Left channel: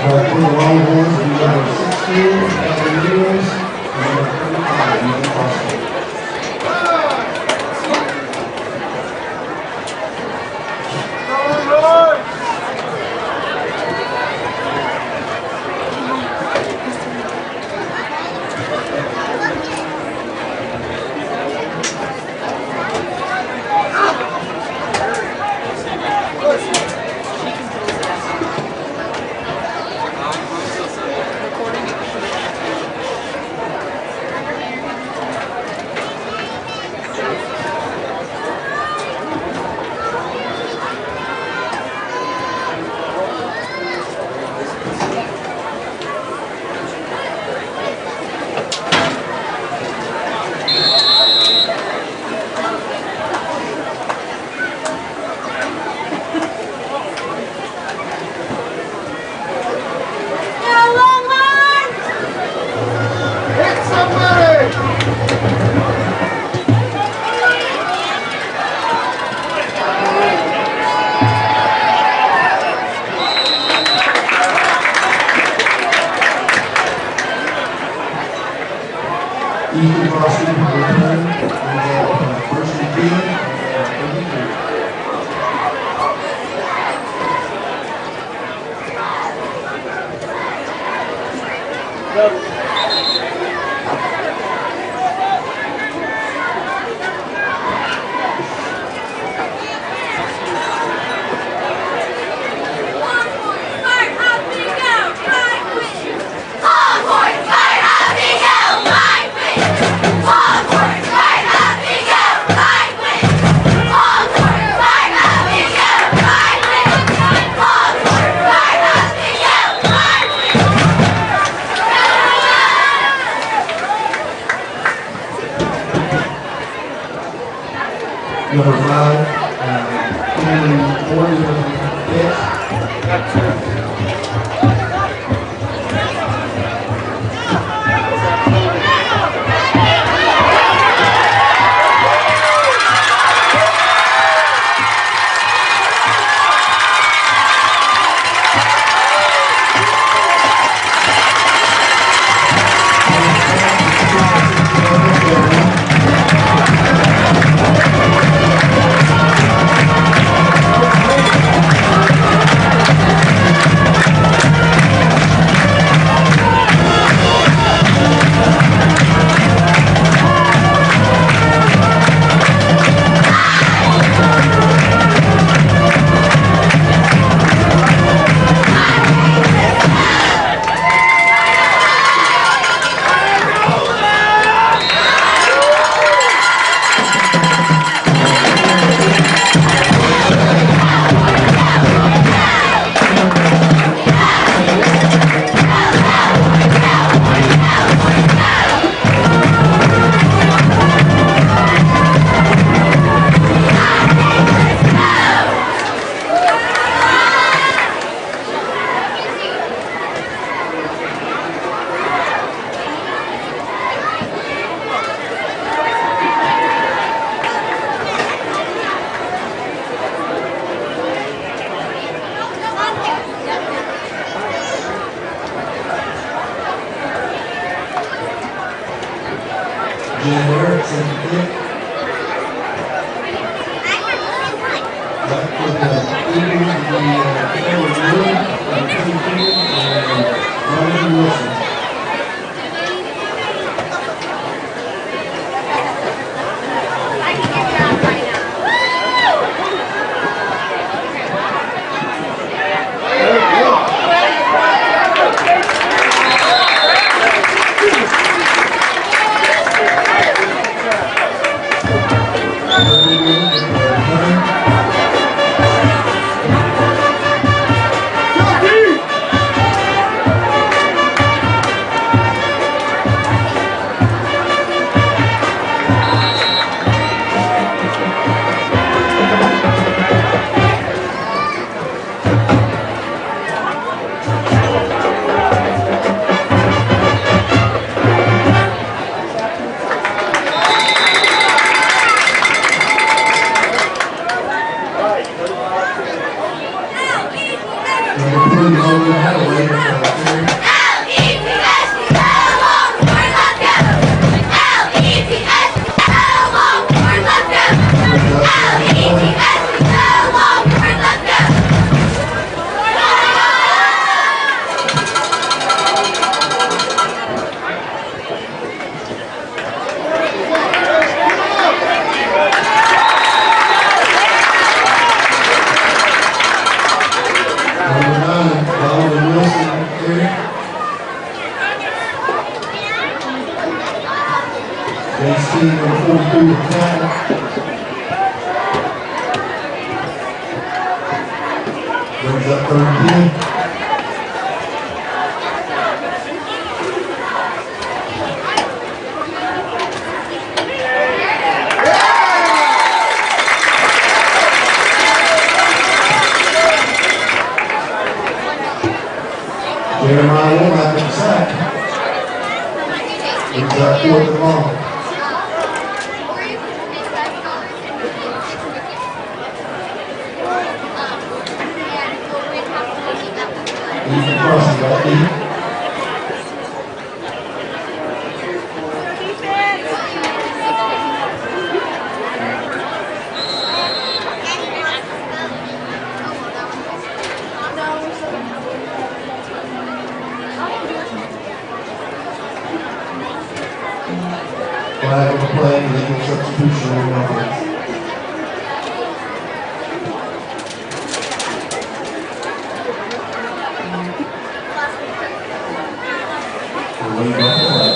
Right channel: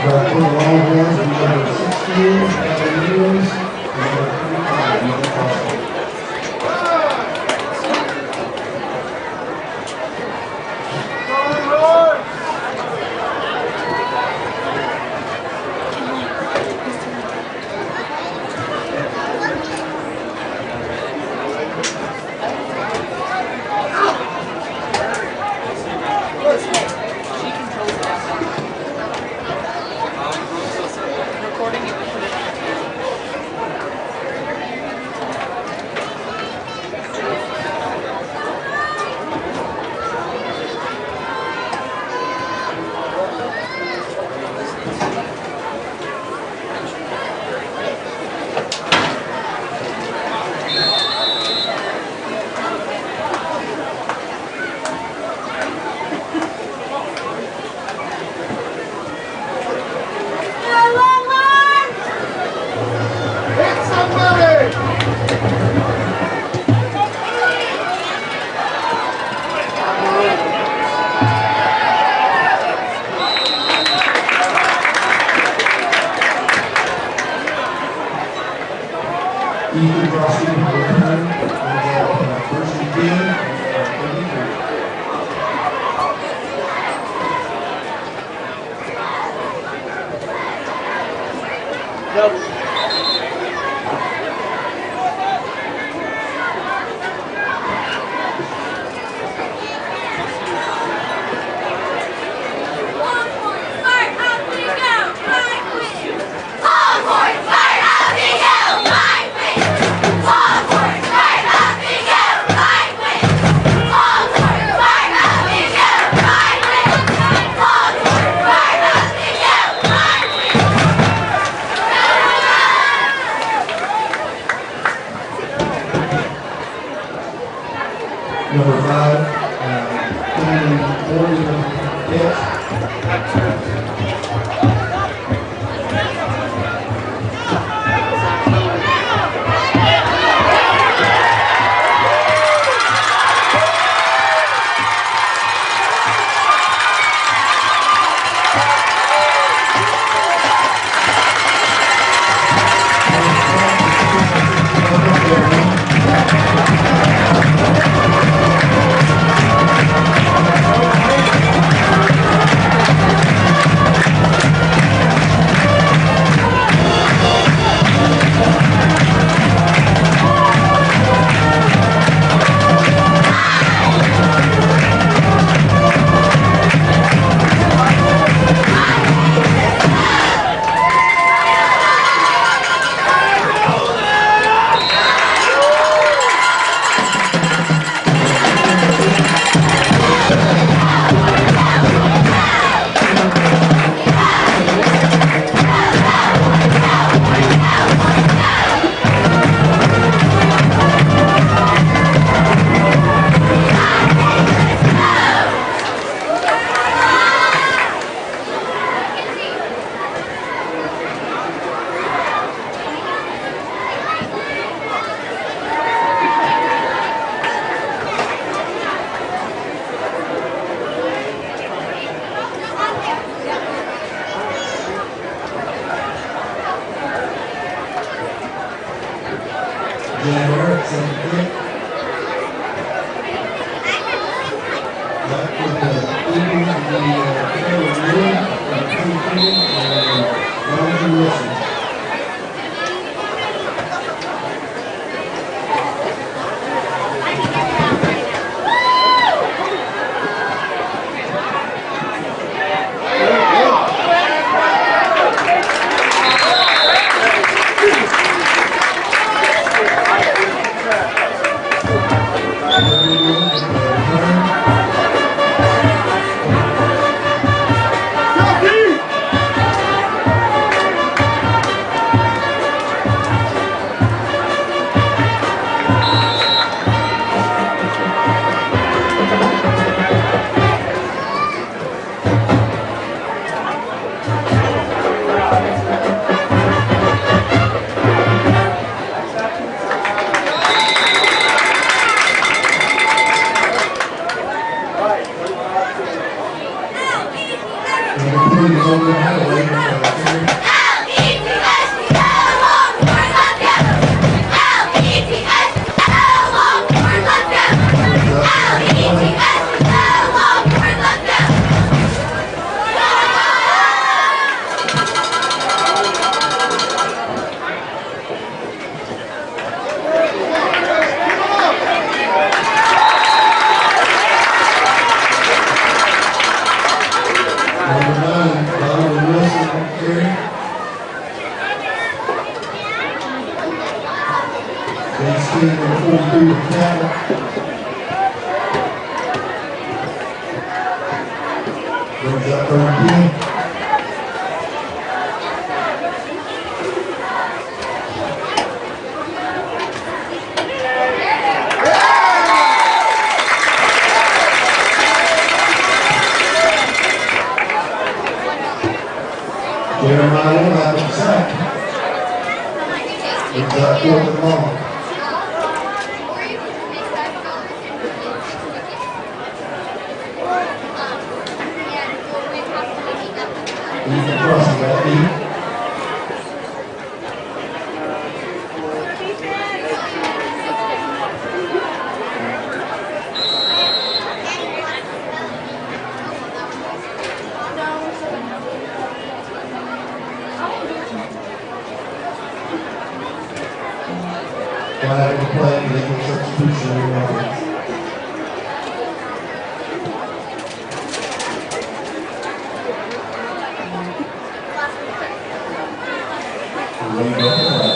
For the Longhorns, number 16, Cavaliers, number 35, Ethan Foster. Ethan Foster, first and 10, number 5, Jeremiah having a sack. It's fourth and long. Ethan Crossing got deep. Flag on the play, legal substitution in the offense. Lead up the play.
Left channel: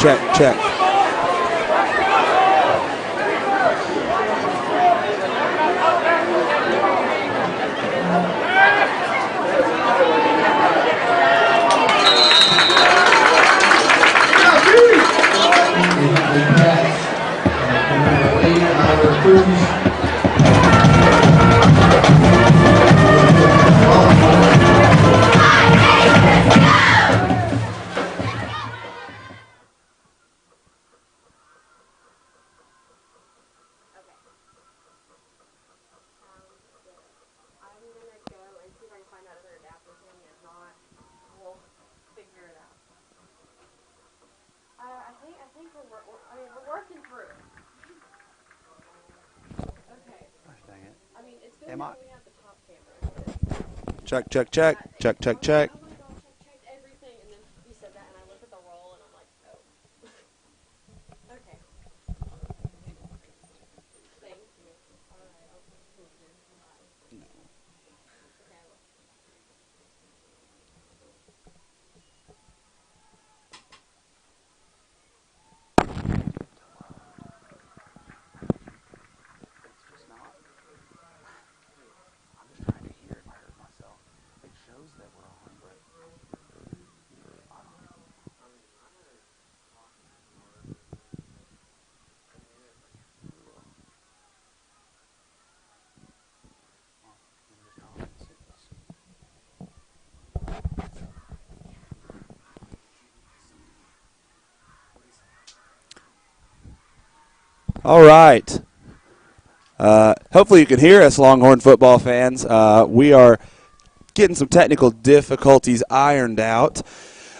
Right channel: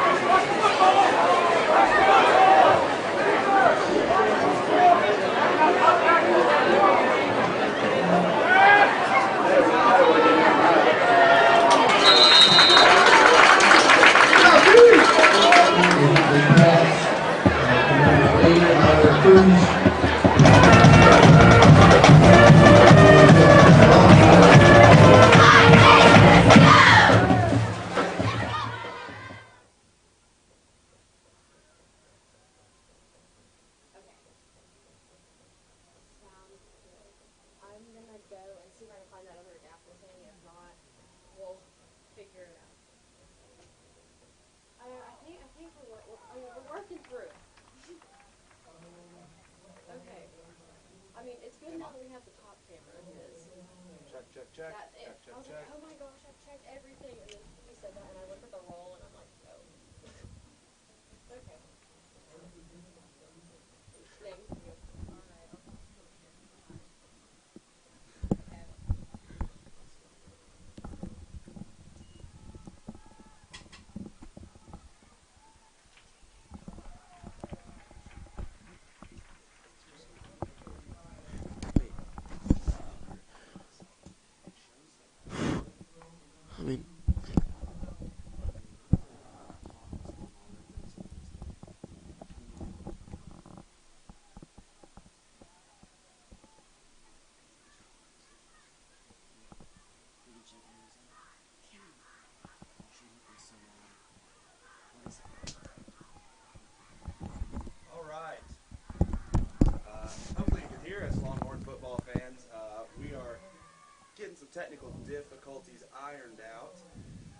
Check. Check, check, check, check, check, check. All right. Hopefully you can hear us, Longhorn football fans. We are getting some technical difficulties ironed out.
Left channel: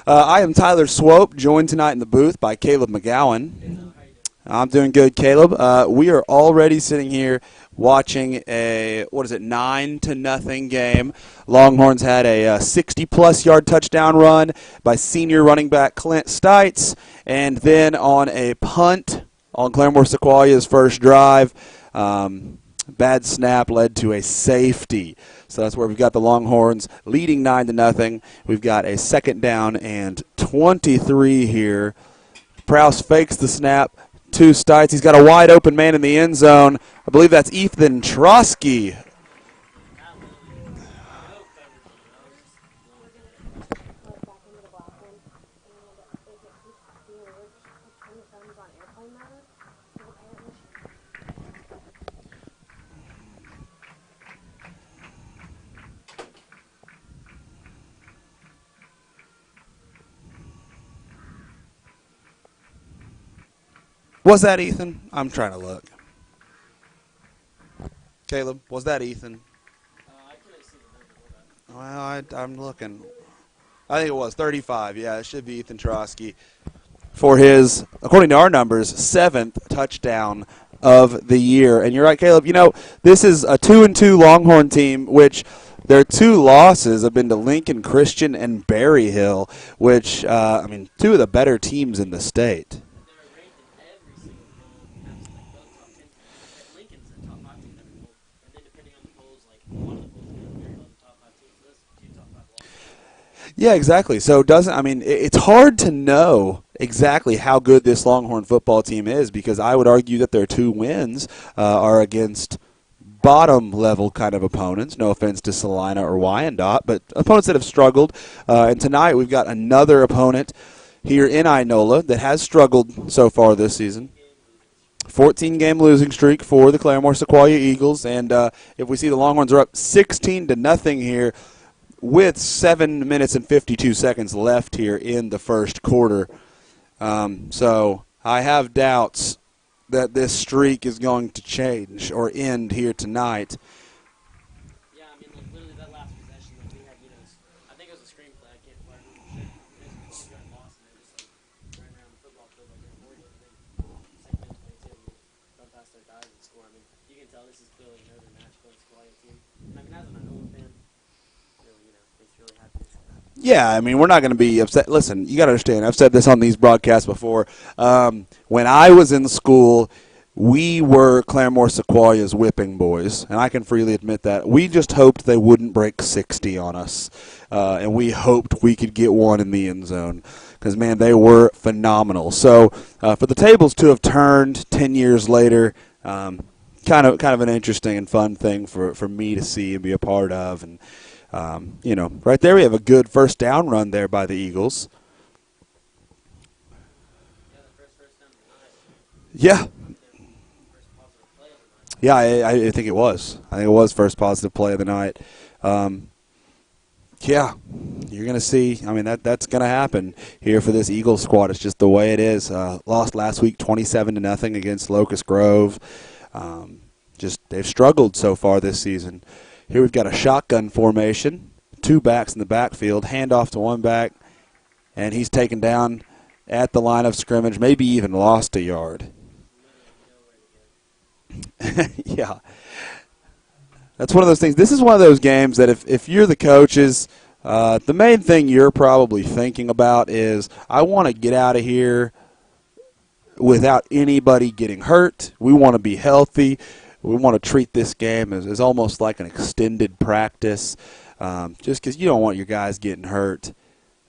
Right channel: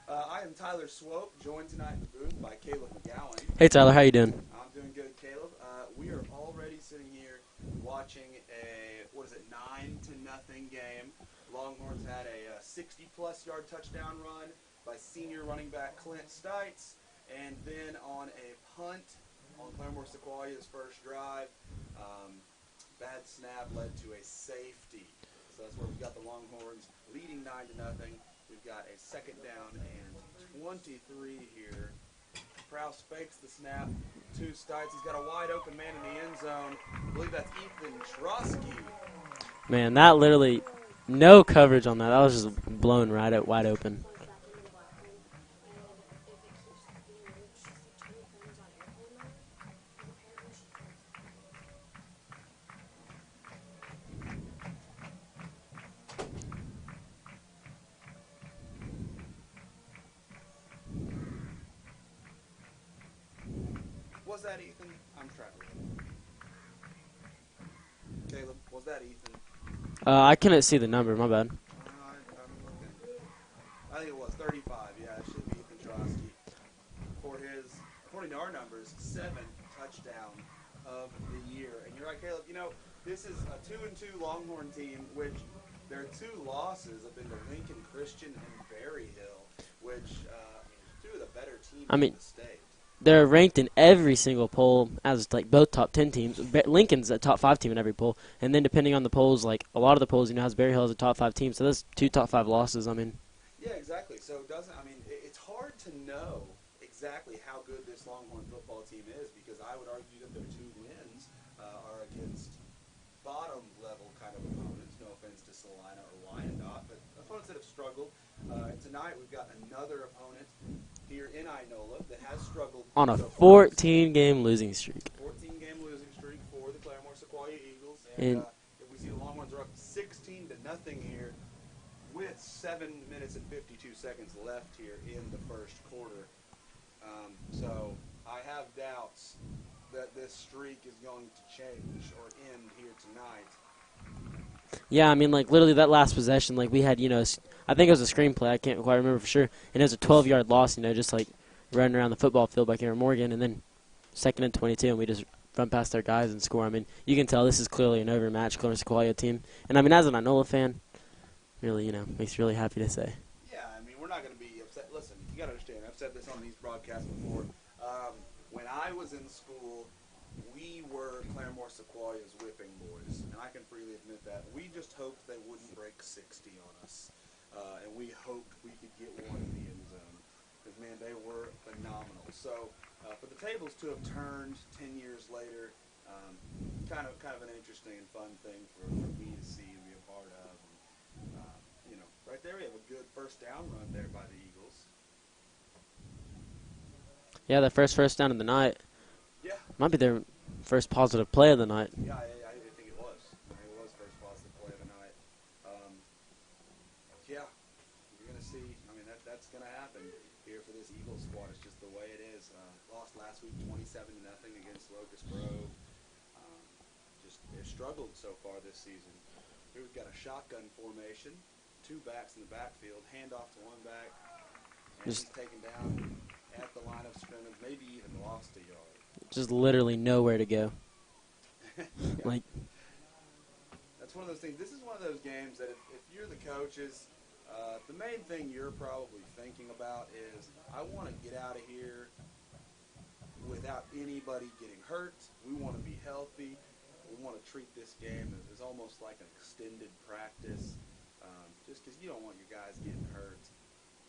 I am Tyler Swope, joined tonight in the booth by Caleb McGowan. Hey, Tyler. How you doing? I'm doing good, Caleb. We are already sitting here watching a 9-0 game. Longhorns had a 60-plus yard touchdown run by senior running back Clint Stites, and then on a punt on Claremore Sequoia's first drive, bad snap led to a safety. So that's where we've got the Longhorns leading 9-0. We've got a 2nd down and 23 here. Prowse fakes the snap to Stites. He's got a wide open man in the end zone. I believe that's Ethan Trotsky. Man, that literally, no coverage on that. That was just blown right out wide open. Was that Ethan? I'm trying to look. Caleb, was that Ethan? I couldn't see the number. My bad. Well, I'm looking. I think it was 35. Yeah, it should be Ethan Trotsky for his, according to our numbers, 7th touchdown of the year. And you're right, Caleb. You know, this is a 2-2 Longhorn team, which their 2 losses have been to Lincoln Christian and Berry Hill, which, 2 of the better teams in the state. They're ranked in every single poll as, like, both top 10 teams. Lincoln's a top 5 team in every poll. And then depending on the polls, like, a lot of the polls, has Berry Hill as a top 5 team. So that's 2 top 5 losses. Yeah, exactly. So it's hard to know exactly how good this Longhorn football team is, because I would argue that their 2 wins are against bottom-level kind of opponents. No offense to Salina or Wyandotte, but opponents that have struggled. And tonight we've got another opponent here in Inola that has struggled so far this season. 14-game losing streak. 14-game losing streak for the Claremore Sequoia Eagles. And if we see the Longhorns are up 16-0 here with 7 minutes and 52 seconds left here in the first quarter. So I have doubts that this streak is going to change or end here tonight. Yeah, literally that last possession, we had, I think it was a screenplay. I can't quite remember for sure. And it was a 12-yard loss, just running around the football field by Cameron Morgan. And then 2nd and 22, and we just run past their guys and score. You can tell this is clearly an overmatched Claremore Sequoia team. And, as an Inola fan, really, makes me really happy to say. Yeah, we're not going to be upset. Listen, you got to understand, I've said this on these broadcasts before. When I was in school, we were Claremore Sequoia's whipping boys, and I can freely admit that. We just hoped they wouldn't break 60 on us, and we hoped we could get one in the end zone because, man, they were phenomenal. So for the tables to have turned 10 years later, kind of an interesting and fun thing for me to see and be a part of. And right there we have a good first down run there by the Eagles. Yeah, the first down of the night. Yeah. Might be their first positive play of the night. Yeah, I think it was. I think it was first positive play of the night. Yeah, you're going to see. That's going to happen here for this Eagles squad. It's just the way it is. Lost last week 27-0 against Locust Grove. They've struggled so far this season. Here we've got a shotgun formation, 2 backs in the backfield, handoff to 1 back, and he's taken down at the line of scrimmage, maybe even lost a yard. Just literally nowhere to go. Yeah. That's one of those things. This is one of those games that if you're the coaches, the main thing you're probably thinking about is, I want to get out of here without anybody getting hurt. We want to be healthy. We want to treat this game as almost like an extended practice, just because you don't want your guys getting hurt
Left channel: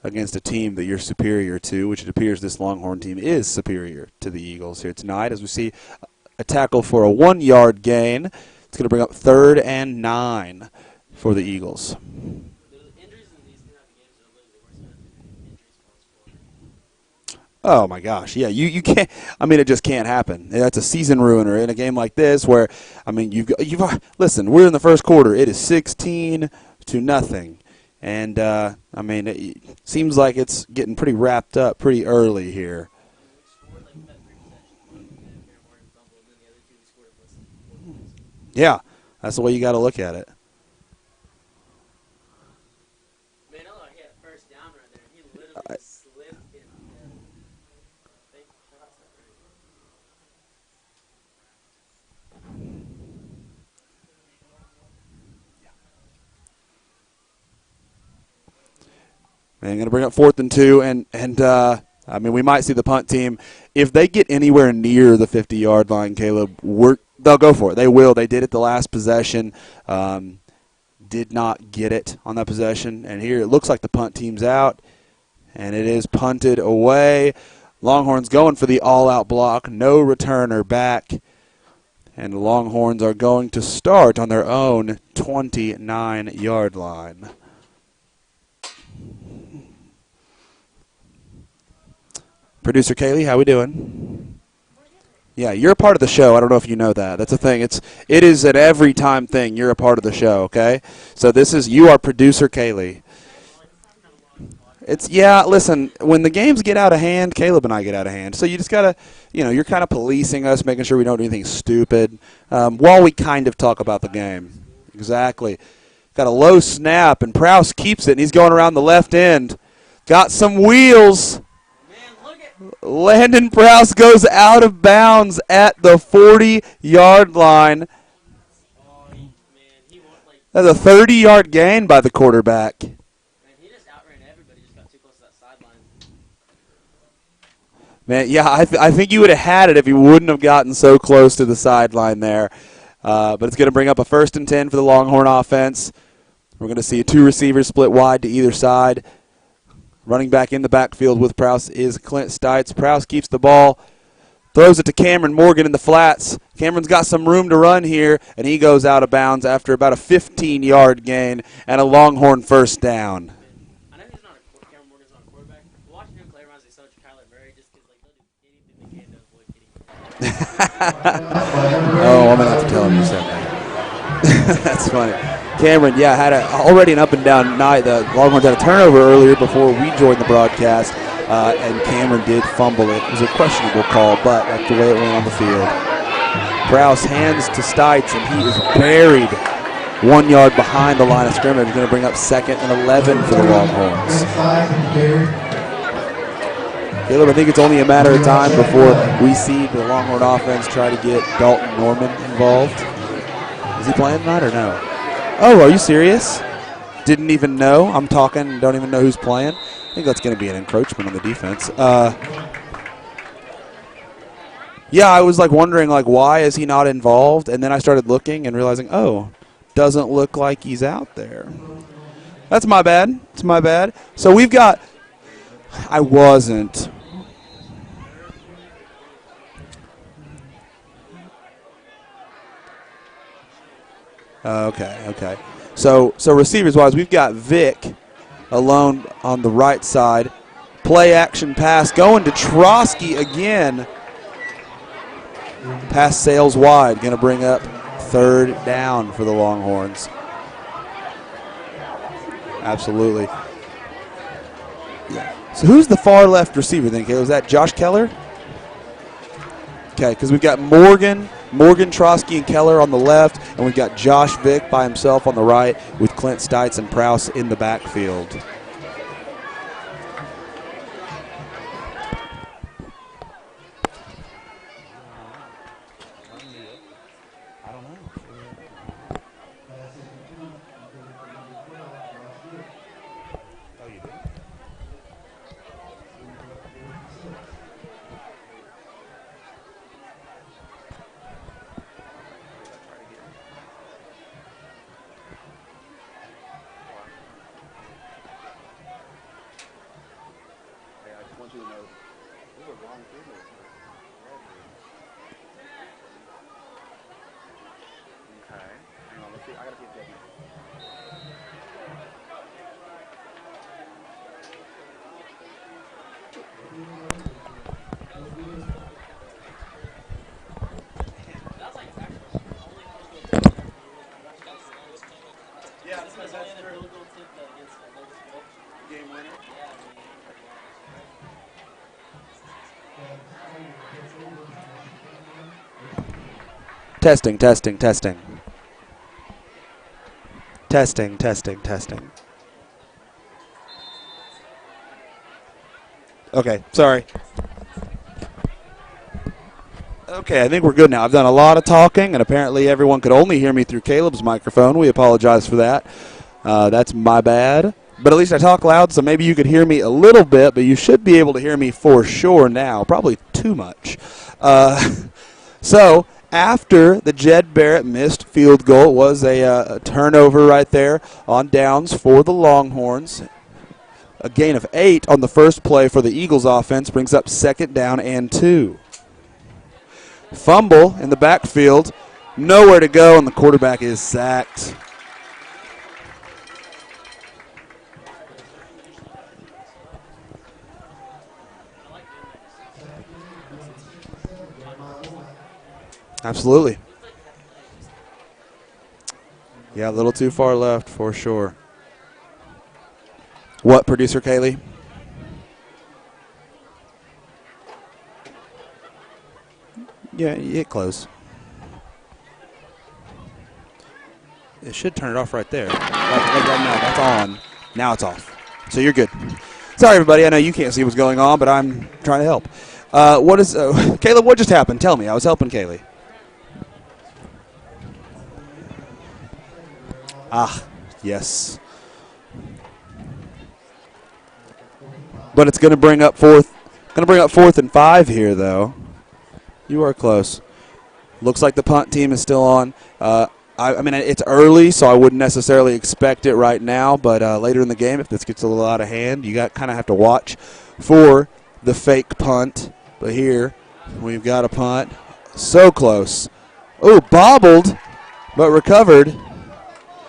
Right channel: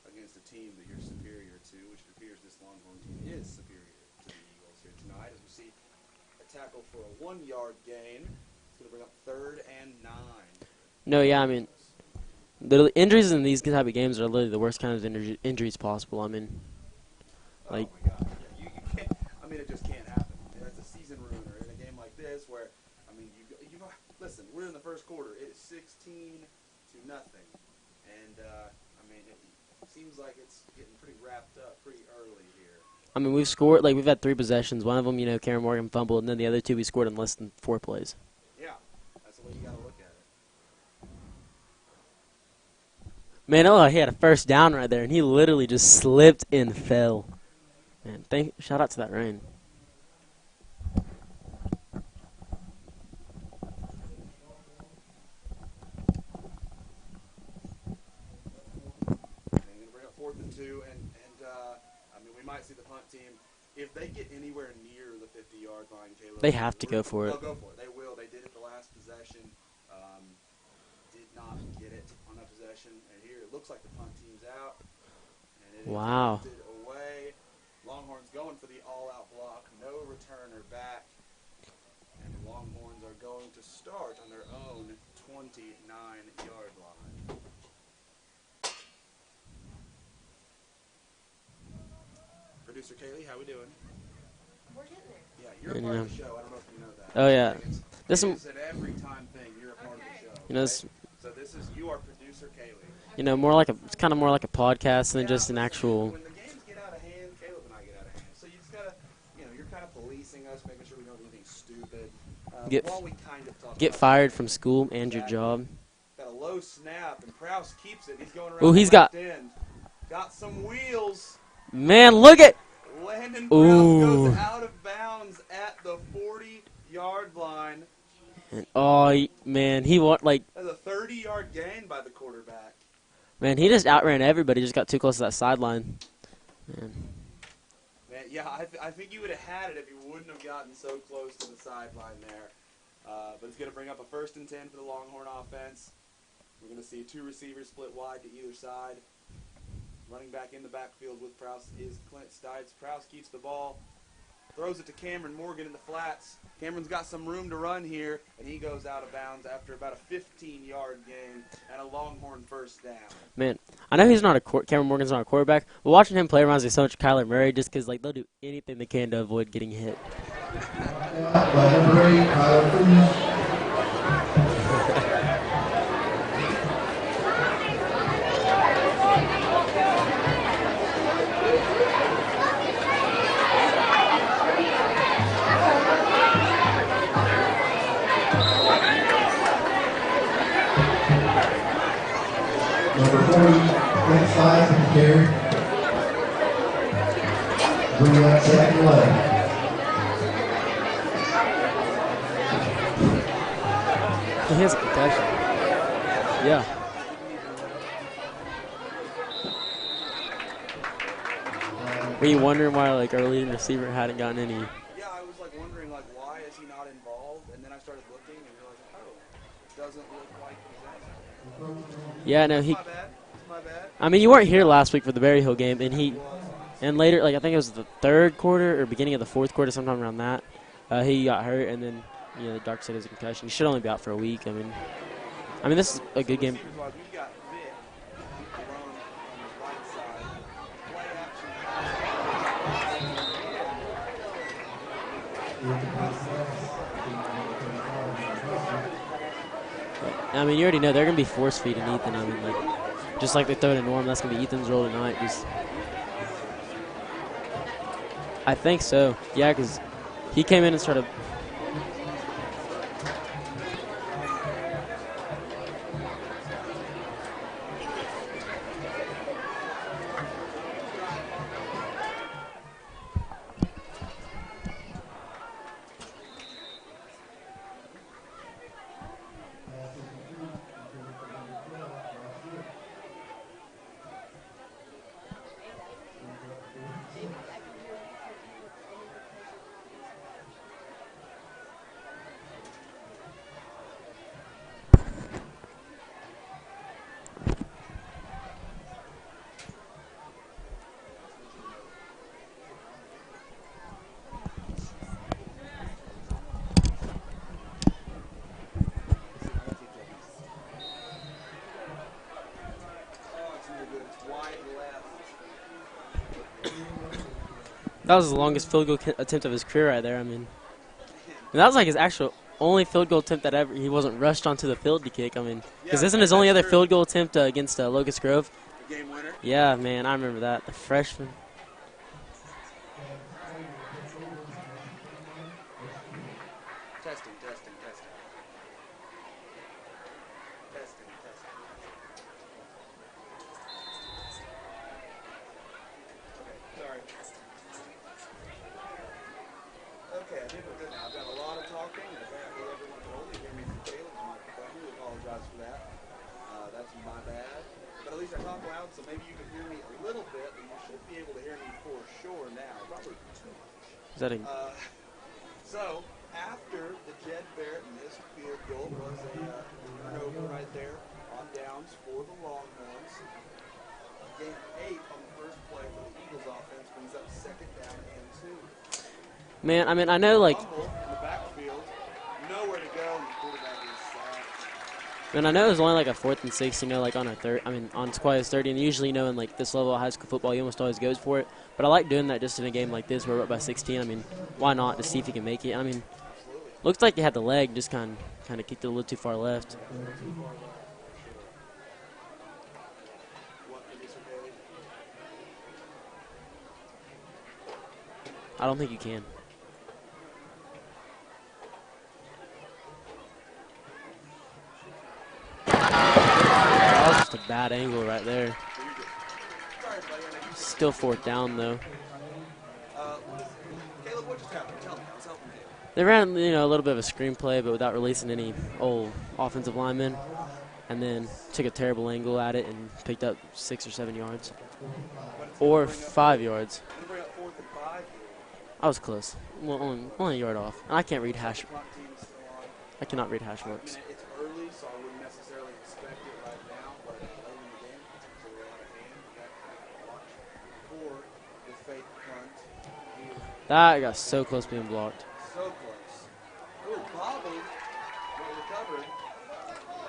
against a team that you're superior to, which it appears this Longhorn team is superior to the Eagles here tonight, as we see a tackle for a 1-yard gain. It's going to bring up 3rd and 9 for the Eagles. The injuries in these type of games are literally the worst kind of injuries possible. I mean, oh my gosh, yeah, you can't. I mean, it just can't happen. That's a season ruiner in a game like this, where I mean, you've listen. We're in the first quarter. It is 16-0, and I mean, it seems like it's getting pretty wrapped up pretty early here. I mean, we've scored we've had 3 possessions. One of them, Cameron Morgan fumbled, and then the other 2 we scored in less than 4 plays. Yeah, that's the way you got to look at it. Man, he had a first down right there, and he literally just slipped and fell. Man, shout out to that rain. And going to bring up 4th and 2, and I mean, we might see the punt team, if they get anywhere near the 50-yard line, Caleb, they have to go for it. They'll go for it. They will. They did it the last possession. Did not get it on that possession. And here it looks like the punt team's out, and it is punted away. Longhorns going for the all-out block. No returner back. And the Longhorns are going to start on their own 29-yard line. Producer Kaylee, how we doing? Yeah, you're a part of the show. I don't know if you know that. That's the thing. It is an every time thing. You're a part of the show, okay? Yes. So you are producer Kaylee. It's kind of more like a podcast. Listen, when the games get out of hand, Caleb and I get out of hand. So you just got to, you're kind of policing us, making sure we don't do anything stupid while we kind of talk about the game. Get fired from school and exactly. your job. Got a low snap, and Prowse keeps it, and he's going around the left end. Got some wheels. Man, look at Landon Prowse goes out of bounds at the 40-yard line. Oh, man, That's a 30-yard gain by the quarterback. Man, he just outran everybody. Just got too close to that sideline. Man, yeah, I think you would have had it if he wouldn't have gotten so close to the sideline there. But it's going to bring up a 1st and 10 for the Longhorn offense. We're going to see 2 receivers split wide to either side. Running back in the backfield with Prowse is Clint Stites. Prowse keeps the ball, throws it to Cameron Morgan in the flats. Cameron's got some room to run here, and he goes out of bounds after about a 15-yard gain and a Longhorn 1st down. Man, I know Cameron Morgan's not a quarterback, but watching him play reminds me so much of Kyler Murray just because they'll do anything they can to avoid getting hit. I'm going to have to tell you something. That's funny. Cameron, had already an up-and-down night. The Longhorns had a turnover earlier before we joined the broadcast, and Cameron did fumble it. It was a questionable call, but that's the way it went on the field. Prowse hands to Stites, and he is buried 1 yard behind the line of scrimmage. Going to bring up 2nd and 11 for the Longhorns. Caleb, I think it's only a matter of time before we see the Longhorn offense try to get Dalton Norman involved. Is he playing tonight or not? Oh, are you serious? Yeah. Didn't even know. I'm talking, don't even know who's playing. I think that's going to be an encroachment on the defense. Were you wondering why, early receiver hadn't gotten any? Yeah, I was, wondering, why is he not involved? And then I started looking and realizing, doesn't look like he's out there. Yeah, no, that's my bad. It's my bad. I mean, so you we've got last week for the Berry Hill game. I wasn't. And later, I think it was the 3rd quarter or beginning of the 4th quarter, sometime around that, he got hurt, and then the doctor said it was a concussion. He should only be out for a week. Okay. I mean, so receivers-wise, we've got Vic alone on the right side. Play action pass going to Trotsky again. Pass sails wide. Going to bring up 3rd down for the Longhorns. I mean, you already know they're going to be force-feeding Ethan. Absolutely. Just like they throw to Norm, that's going to be Ethan's role in 90s. So who's the far left receiver then? Is that Josh Keller? I think so. Yeah, because we've got Morgan, Trotsky, and Keller on the left, and we've got Josh Vick by himself on the right with Clint Stites and Prowse in the backfield. That was the longest field goal attempt of his career right there. I mean, and that was like his actual only field goal attempt that ever he wasn't rushed onto the field to kick. I mean, because isn't his only other field goal attempt against Locust Grove? Game winner. Yeah, man, I remember that. The freshman. Testing, testing, testing. Testing, testing, testing. Okay, sorry. Okay, I think we're good now. I've done a lot of talking, and apparently everyone could only hear me through Caleb's microphone. We apologize for that. That's my bad. But at least I talk loud, so maybe you could hear me a little bit, but you should be able to hear me for sure now. Probably too much. So after the Jed Barrett missed field goal, it was a turnover right there on downs for the Longhorns. A gain of 8 on the first play for the Eagles offense brings up 2nd down and 2. Man, I mean, I know, like, Fumble in the backfield, nowhere to go, and the quarterback is sacked. and I know it was only like a 4th and 6, you know, like on a third. I mean, on Squires 30, and usually, you know, in like this level of high school football, you almost always goes for it. But I like doing that just in a game like this where we're up by 16. I mean, why not to see if you can make it? I mean, Absolutely. looks like you had the leg, just kind of kicked it a little too far left. Yeah, a little too far left for sure. What, producer Kaylee? I don't think you can. Yeah, you hit close. It should turn it off right there. Just a bad Now it's angle off. right there. So you're good. Sorry, everybody. I know you can't see what's going on, but I'm trying to help. Caleb, what just happened? Tell me. I was helping Kaylee. They ran, you know, a little bit of a screenplay, but without releasing any old offensive linemen. And then Yes. took a terrible angle at it and picked up 6 or 7 yards. But it's going to Or bring up 5 fourth. yards. Going to bring up 4th and 5 here, though. I was close. You were Only close. a yard off. I can't read Looks like the hash punt team is still on. marks. I mean, it's early, so I wouldn't necessarily expect it right now. But later in the game, if this gets a little out of hand, you kind of have to watch for the fake punt. But here, we've got a punt. So close. Oh, bobbled, but recovered.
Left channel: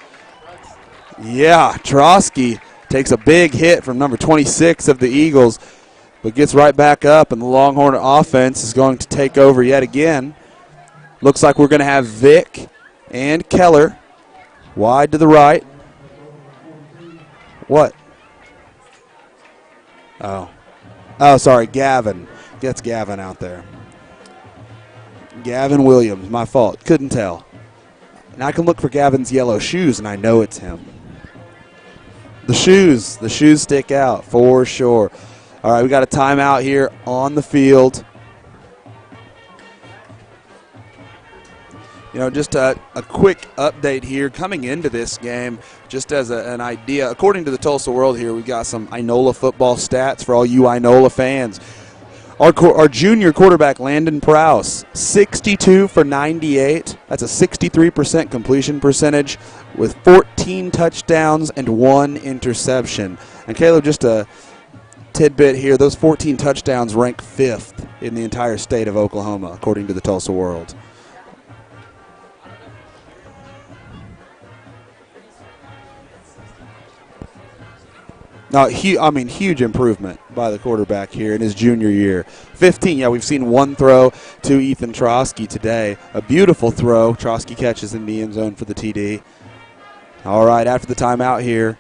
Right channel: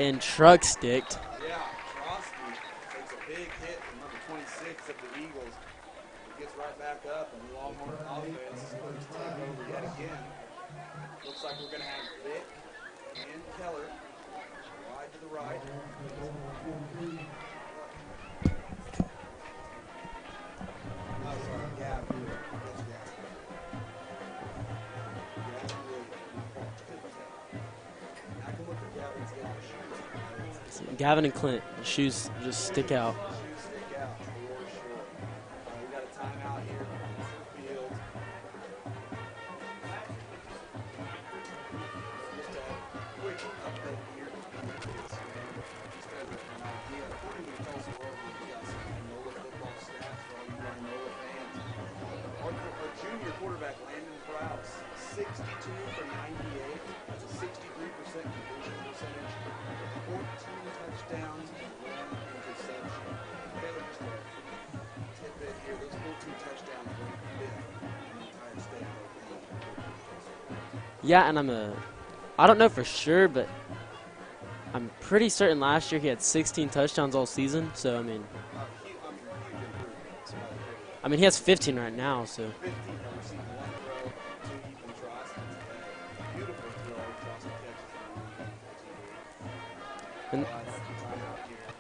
And truck sticked. Yeah, Trotsky takes a big hit from number 26 of the Eagles, but gets right back up, and the Longhorn offense is going to take over yet again. Looks like we're going to have Vic and Keller wide to the right. What? Oh, sorry, Gavin. Gets Gavin out there. Gavin Williams, my fault. Couldn't tell. Now I can look for Gavin's yellow shoes, and I know it's him. Gavin and Clint, shoes. The shoes stick out for sure. All right, we got a timeout here on the field. You know, just a quick update here coming into this game, just as an idea. According to the Tulsa World here, we've got some Inola football stats for all you Inola fans. Our junior quarterback, Landon Prowse, 62 for 98. That's a 63% completion percentage with 14 touchdowns and 1 interception. And Caleb, just a tidbit here, those 14 touchdowns rank 5th in the entire state of Oklahoma, according to the Tulsa World. Yeah, and I don't know for sure, but I'm pretty certain last year he had 16 touchdowns all season. So Huge improvement by the quarterback here in his 15 junior right year. now, so. 15, yeah, we've seen one throw to Ethan Trotsky today. A beautiful throw. Trotsky catches in the end zone for the TD. All right, after the timeout here.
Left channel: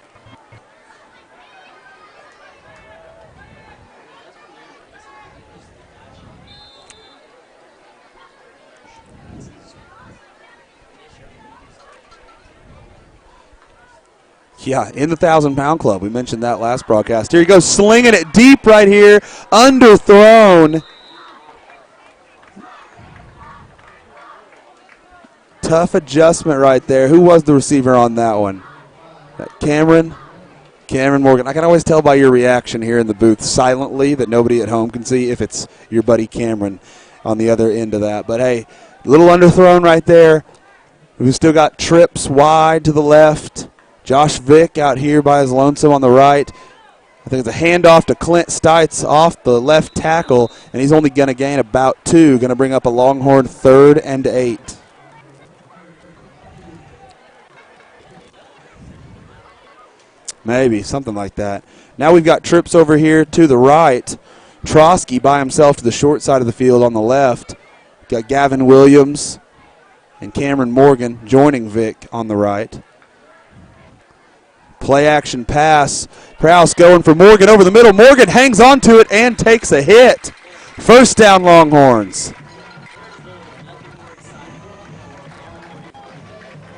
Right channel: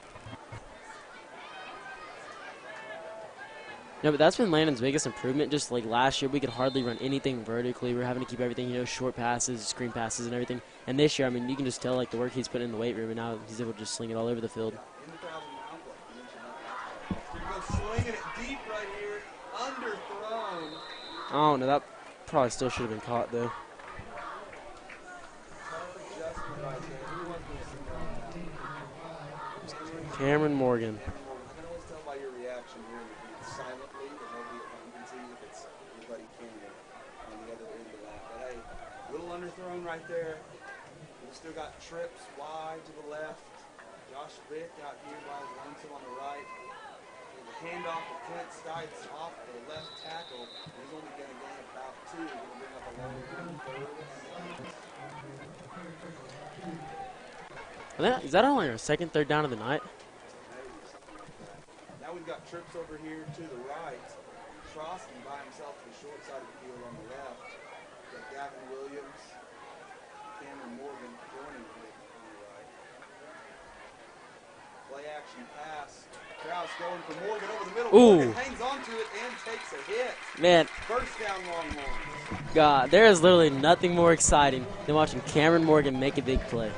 No, but that's been Landon's biggest improvement. Just like last year, we could hardly run anything vertically. We were having to keep everything, short passes, screen passes, and everything. And this year, I mean, you can just tell like the work he's putting in the weight room, and now he's able to just sling it all over the field. Yeah, in the 1,000-pound club. We mentioned that last broadcast. Here he goes, slinging it deep right here, underthrown. Oh no, that probably still should have been caught though. Tough adjustment right there. Who was the receiver on that one? Cameron Morgan. I can always tell by your reaction here in the booth silently that nobody at home can see if it's your buddy Cameron on the other end of that. But, hey, a little underthrown right there. We've still got trips wide to the left. Josh Vick out here by his lonesome on the right. I think it's a handoff to Clint Stites off the left tackle, and he's only going to gain about 2, going to bring up a Longhorn 3rd and 8. Is that only our second, third down of the night? Maybe, something like that. Now we've got trips over here to the right Trotsky by himself to the short side of the field on the left. Got Gavin Williams and Cameron Morgan joining Vic on the right. Play action pass. Prowse going for Morgan over the middle. Morgan hangs on to it and takes a hit. Man. First down, Longhorns. God, there is literally nothing more exciting than watching Cameron Morgan make a big play.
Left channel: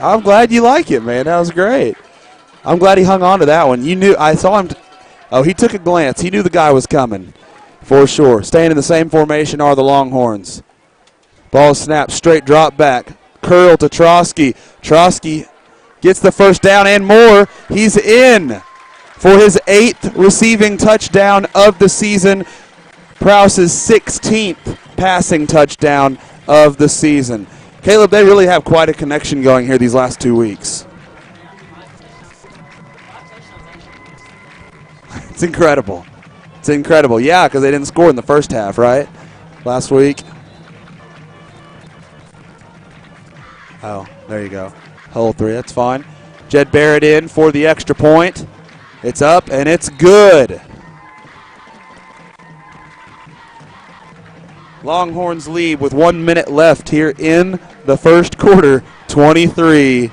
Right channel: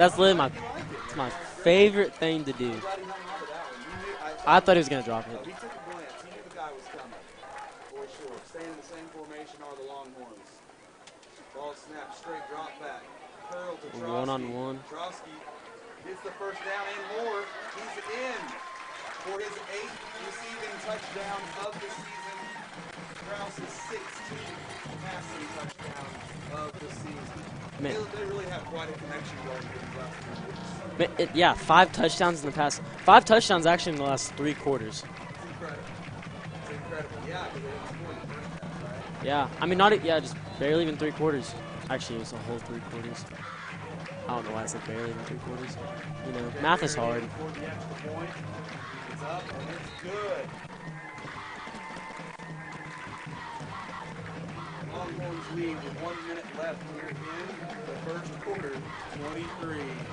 I'm glad you like it, man. That was great. Favorite thing to do. I'm glad he hung on to that one. You knew. I saw him. I thought he was going to drop it. Oh, he took a glance. He knew the guy was coming for sure. Staying in the same formation are the Longhorns. Ball snapped, straight drop back. Curl to Trotsky. Trotsky gets the first down and more. He's in for his 8th receiving touchdown of the season. Prowse's 16th passing touchdown of the season. Caleb, they really have quite a connection going here these last 2 weeks. Yeah, 5 touchdowns in the past. 5 touchdowns actually in the last 3 quarters. It's incredible. It's incredible. Yeah, because they didn't score in the first half, right? Yeah. Last week. Barely even 3 quarters. Actually, it was some whole 3 quarters. Oh, there you go. Whole 3, that's fine. Jed Barrett in for the extra point. It's up, and it's good. Longhorns lead with 1 minute left here in the first quarter, 23-0.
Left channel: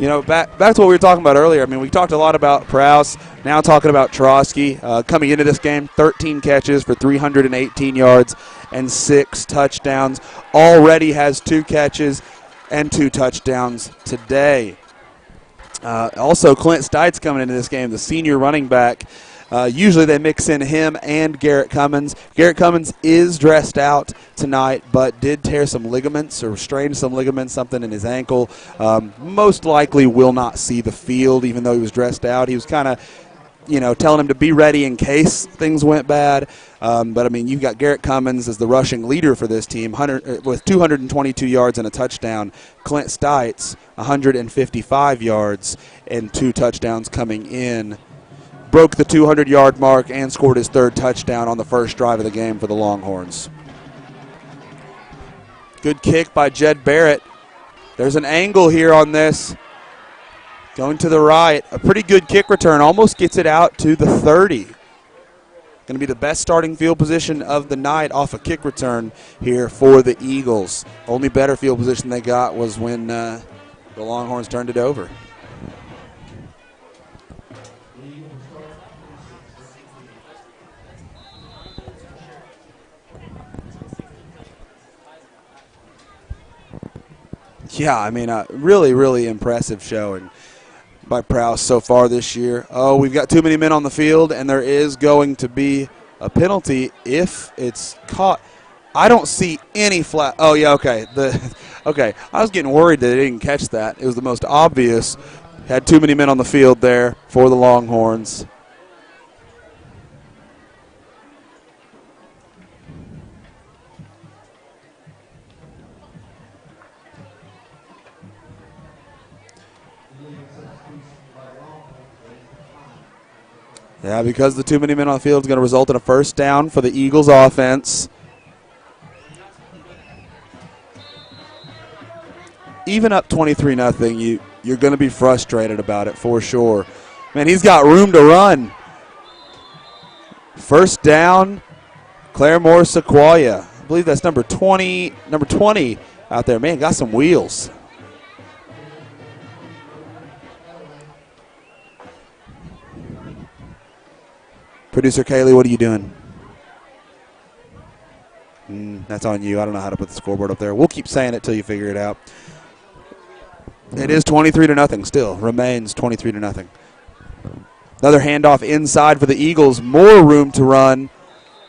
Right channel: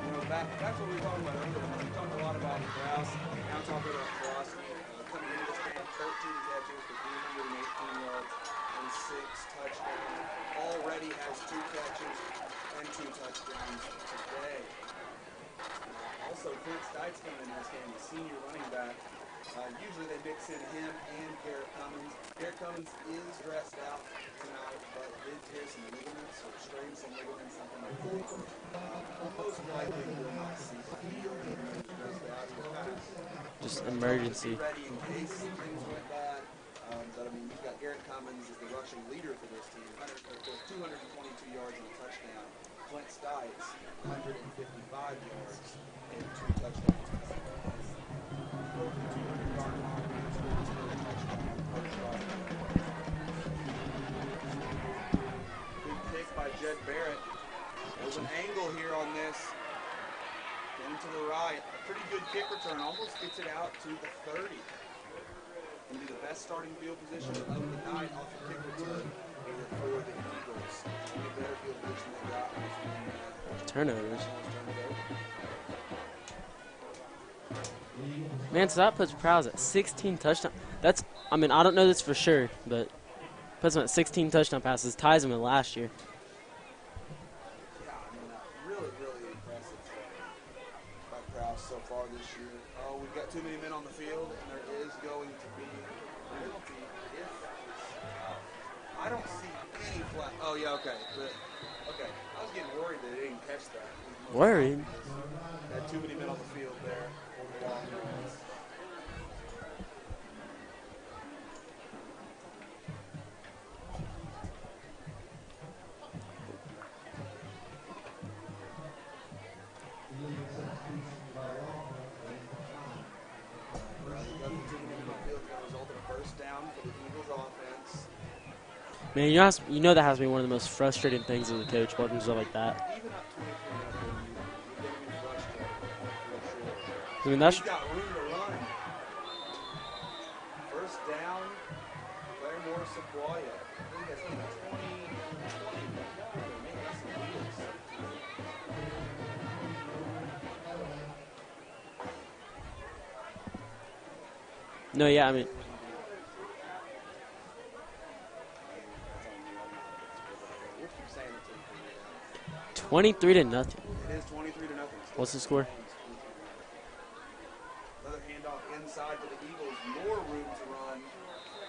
You know, back to what we were talking about earlier. I mean, we talked a lot about Prowse, now talking about Trotsky. Coming into this game, 13 catches for 318 yards and 6 touchdowns. Already has 2 catches and 2 touchdowns today. Also, Clint Stites coming into this game, the senior running back. Usually they mix in him and Garrett Cummins. Garrett Cummins is dressed out tonight, but did tear some ligaments or strain some ligaments, something in his ankle. Most likely will not see the field, even though he was dressed out. He was kind of, telling him to be ready in case things went bad. But, I mean, you've got Garrett Cummins as the rushing leader for this team with 222 yards and a touchdown. Clint Stites, 155 yards and 2 touchdowns coming in. Broke the 200-yard mark and scored his 3rd touchdown on the first drive of the game for the Longhorns. Good kick by Jed Barrett. There's an angle here on this. Going to the right. A pretty good kick return. Almost gets it out to the 30. Going to be the best starting field position of the night off a kick return here for the Eagles. Only better field position they got was when the Longhorns turned it over. Man, so that puts Prowse at 16 touchdowns. I don't know this for sure, but puts him at 16 touchdown passes, ties him in last year. Yeah, I mean, really, really impressive showing by Prowse so far this year. Oh, we've got too many men on the field, and there is going to be a penalty if it's caught. I don't see any flag. Oh, yeah, okay. Okay, I was getting worried that they didn't catch that. It was the most obvious. Had too many men on the field there for the Longhorns. Yeah, because the too many men on the field is going to result in a first down for the Eagles offense. Man, you know that has to be one of the most frustrating things in the coach, watching stuff like that. Even up 23-0, you're going to be frustrated about it for sure. Man, he's got room to run. First down, Claremore Sequoia. I believe that's number 20 out there. Man, got some wheels. Producer Kaylee, what are you doing? That's on you. I don't know how to put the scoreboard up there. We'll keep saying it till you figure it out. 23-0. It is 23-0 still. Remains 23-0. Another handoff inside for the Eagles. More room to run.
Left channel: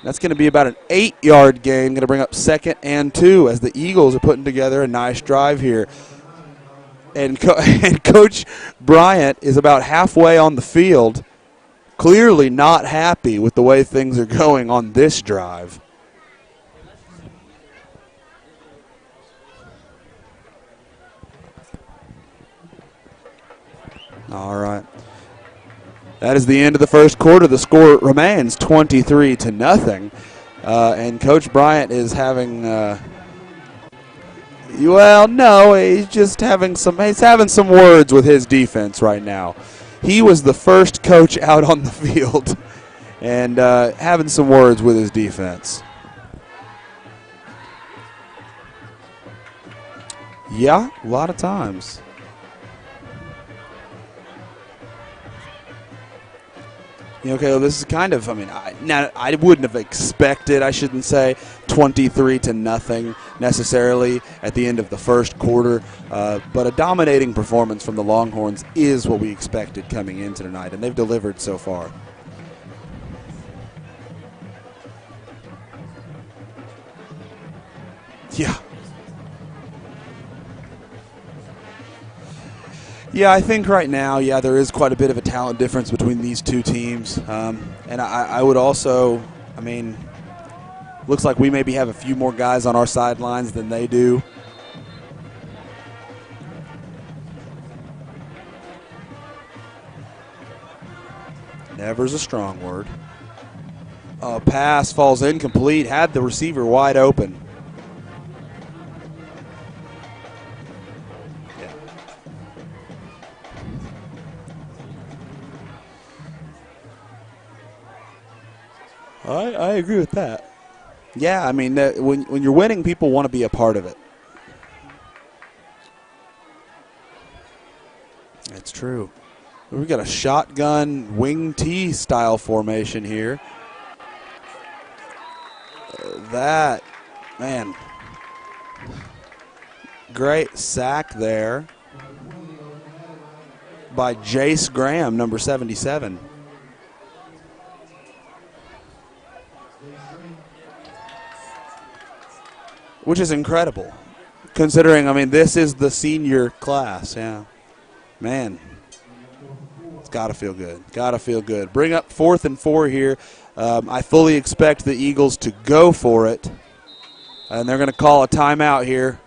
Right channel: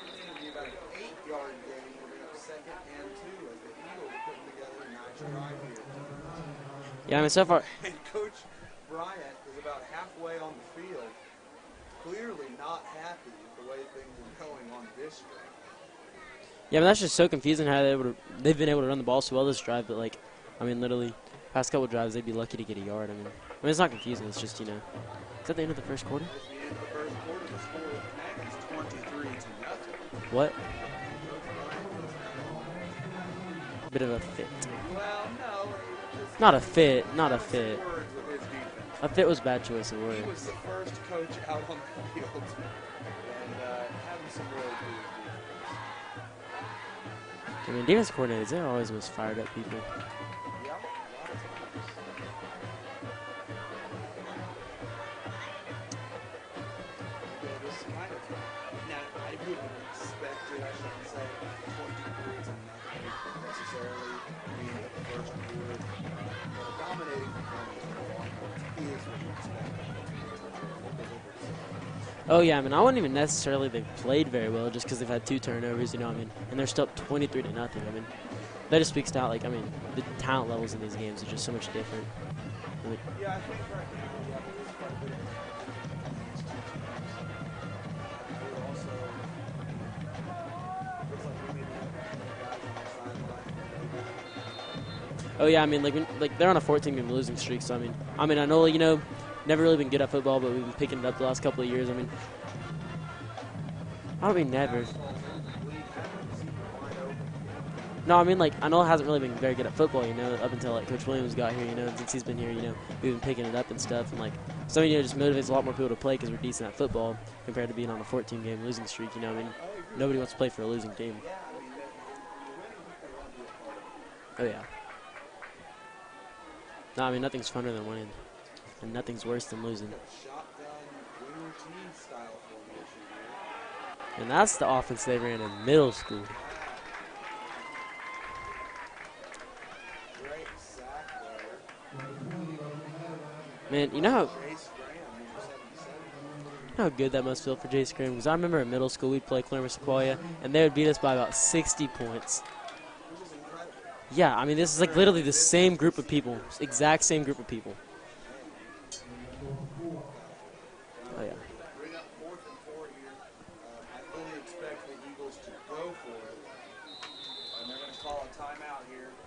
That's going to be about an 8-yard gain. Going to bring up 2nd and 2 as the Eagles are putting together a nice drive here. Yeah, and Coach Bryant is about halfway on the field, clearly not happy with the way things are going on this drive. Yeah, but that's just so confusing how they've been able to run the ball so well this drive. But, literally, past couple drives, they'd be lucky to get a yard. I mean it's not confusing. It's all right. Is that the end of the first quarter? That is the end of the first quarter. The score remains 23-0. What? And Coach Bryant is having a bit of a fit. Well, no, he's just having some. He's having some words with his defense right now. he was the first coach out on the field and having some words with his defense. I mean, defense coordinators, they're always fired up people. Yeah, a lot of times. Okay, this is kind of, I wouldn't have expected, I shouldn't say, 23-0 necessarily at the end of the first quarter, but a dominating performance from the Longhorns is what we expected coming into tonight, and they've delivered so far. Oh, yeah, I wouldn't even necessarily they've played very well just because they've had 2 turnovers, and they're still up 23-0. Yeah. That just speaks to how, the talent levels of those games are just so much different. Yeah, I think right now, there is quite a bit of a talent difference between these two teams. And I would also, looks like we maybe have a few more guys on our sidelines than they do. Oh, yeah, they're on a 14-game losing streak, so, I know, never really been good at football, but we've been picking it up the last couple of years. Never's a strong word. Pass falls incomplete, had the receiver wide open. No, I know it hasn't really been very good at football, up until Coach Williams got here, since he's been here, we've been picking it up and stuff, and so it just motivates a lot more people to play because we're decent at football compared to being on a 14-game losing streak. I agree with that. Just play for a losing team. Yeah, when you're winning, people want to be a part of it. Oh yeah. No, nothing's funner than winning. That's true. Nothing's worse than losing. We've got a shotgun wing T style formation here. And that's the offense they ran in middle school. Man. Great sack there by Jace Graham, number 77. You know how good that must feel for Jace Graham? Because I remember in middle school we'd play Claremont Sequoia, and they would beat us by about 60 points. Which is incredible. Yeah, considering, this is the senior class. Exact same group of people. Man, it's got to feel good. Got to feel good. Bring up 4th and 4 here. I fully expect the Eagles to go for it. And they're going to call a timeout here.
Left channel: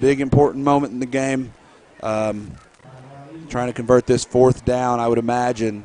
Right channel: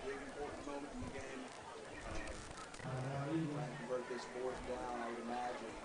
Big, important moment in the game. Trying to convert this 4th down, I would imagine.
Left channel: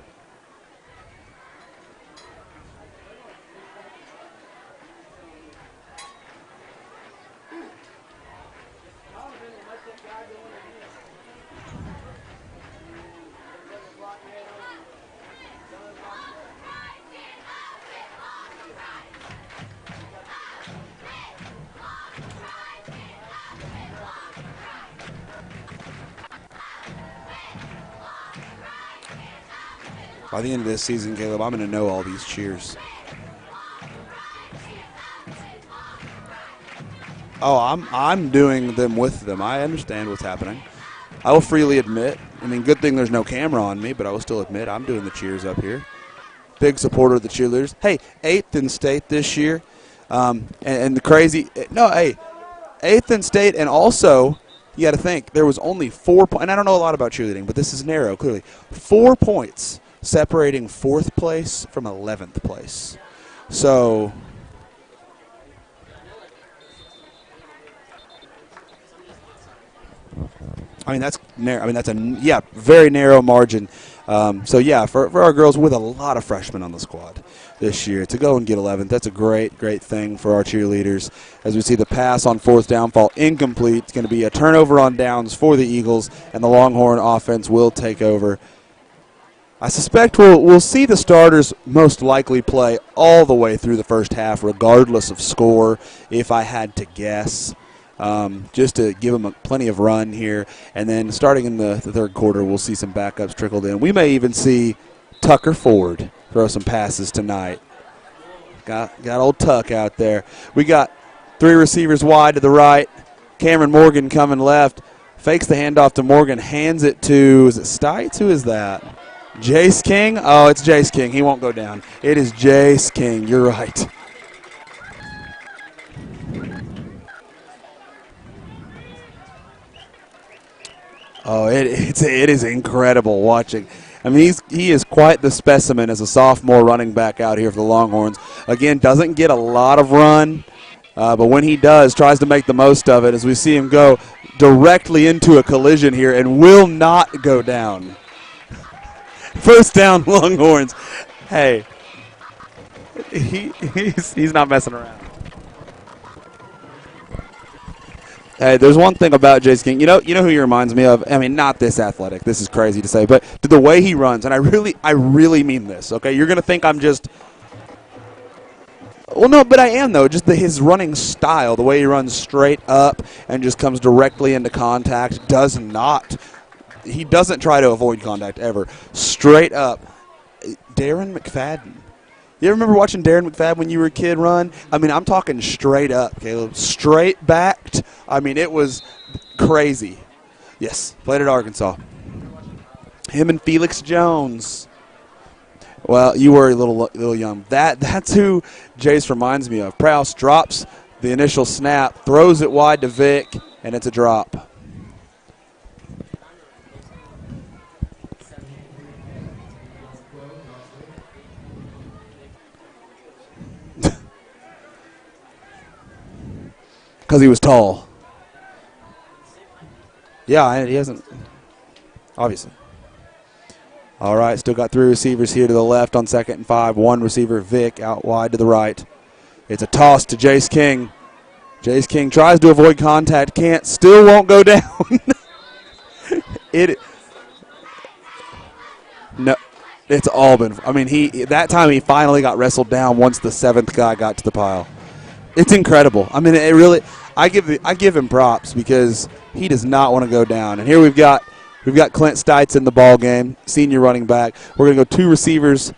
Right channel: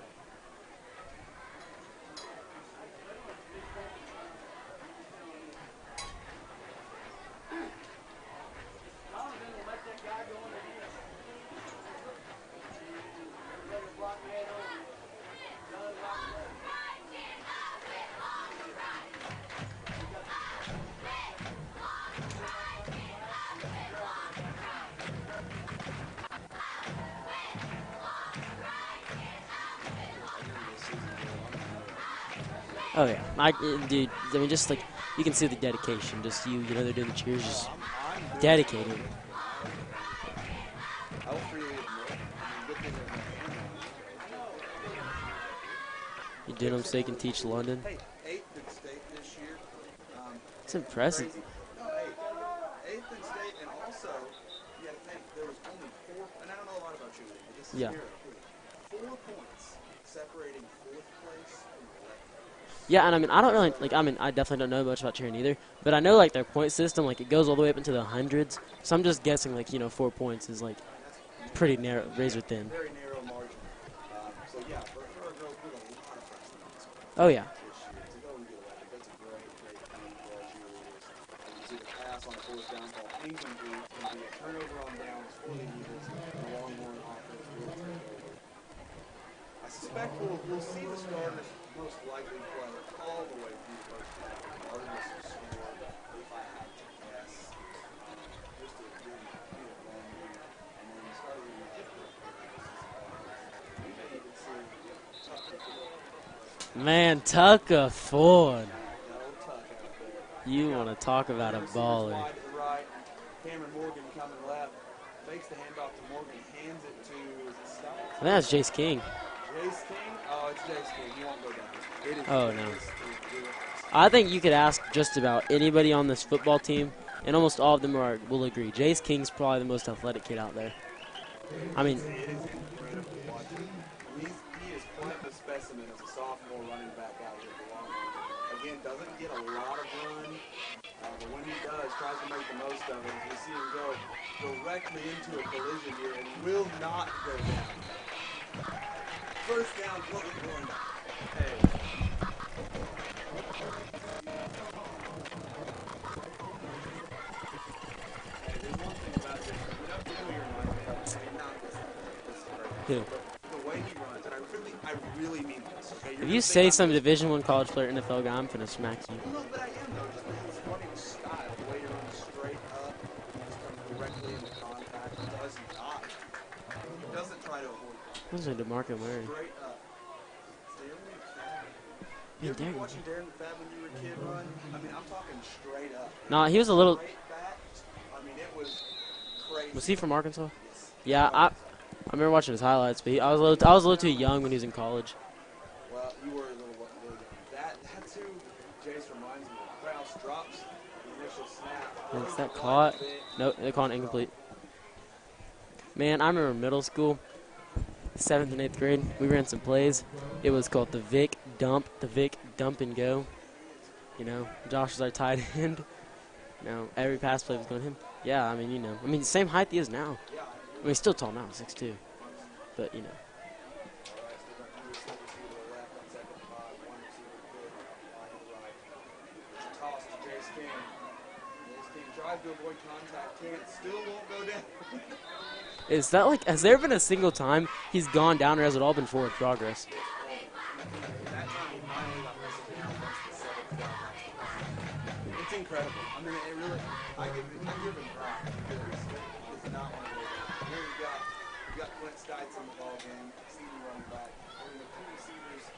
By the end of this season, Caleb, I'm going to know all these cheers. Oh, yeah. Dude, just you can see the dedication. Just they're doing the cheers. Oh, I'm doing them with them. I understand what's happening. I will freely admit, good thing there's no camera on me, but I will still admit I'm doing the cheers up here. Big supporter of the cheerleaders. Hey, 8th in state this year. And the crazy, 8th in state, and also, you got to think, there was only 4 points, and I don't know a lot about cheerleading, but this is narrow, clearly. 4 points separating 4th place from 11th place. Yeah, and I don't know. I definitely don't know much about cheering either. But I know their point system, it goes all the way up into the hundreds. So I'm just guessing 4 points is that's narrow. That's narrow, very narrow margin. For our girls with a lot of freshmen on the squad. Oh yeah. This year to go and get 11th, that's a great thing for our cheerleaders. As we see the pass on 4th down fall incomplete, it's going to be a turnover on downs for the Eagles, and the Longhorn offense will take over. I suspect we'll see the starters most likely play all the way through the first half, regardless of score, if I had to guess, just to give them plenty of run here. And then starting in the third quarter, we'll see some backups trickled in. We may even see Tucker Ford throw some passes tonight. Tucker Ford. Got old Tuck out there. We got 3 receivers wide to the right. Cameron Morgan coming left. Fakes the handoff to Morgan, hands it to, is it Stites? Who is that? Jace King? Oh, it's Jace King. He won't go down. It is Jace King. You're right. I think you could ask just about anybody on this football team, and almost all of them will agree. Jace King's probably the most athletic kid out there. Oh, it is incredible watching. He is quite the specimen as a sophomore running back out here for the Longhorns. Again, doesn't get a lot of run, but when he does, tries to make the most of it as we see him go directly into a collision here and will not go down. First down, Longhorns. Hey, he's not messing around. Hey, there's one thing about Jace King. You know who he reminds me of? I mean, not this athletic. This is crazy to say, but the way he runs, and I really mean this. Okay, you're gonna think I'm just Division I college player NFL guy. I'm gonna smack you. well, no, but I am though. Just his running style, the way he runs straight up and just comes directly into contact, he doesn't try to avoid contact ever. Straight up. Darren McFadden. You ever remember watching Darren McFadden when you were a kid run? I mean, I'm talking straight up, Caleb. Straight backed. I mean, it was crazy. Is he from Arkansas? Yes, played at Arkansas. I remember watching his highlights. But Him and Felix I was a little too young when he was in college. Well, you were a little young. That's who Jace reminds me of. Prowse drops the initial snap, throws it wide to Vic, and it's a drop. Man, I remember middle school, 7th and 8th grade, we ran some plays. It was called the Vic Dump and Go. Josh was our tight end. Because he was tall. Yeah, I mean, same height he is now. Yeah, he hasn't. He's still tall now, 6'2". Obviously. But All right, still got 3 receivers here to the left on 2nd and 5. 1 receiver, Vic, out wide to the right. It's a toss to Jace King. Jace King tries to avoid contact, still won't go down. Is that has there been a single time he's gone down, or has it all been forward progress? It's all been. I mean, that time he finally got wrestled down once the 7th guy got to the pile. It's incredible. I mean, it really. I give him props because he does not want to go down. And here we've got Clint Stites in the ball game, senior running back. We're going to go 2 receivers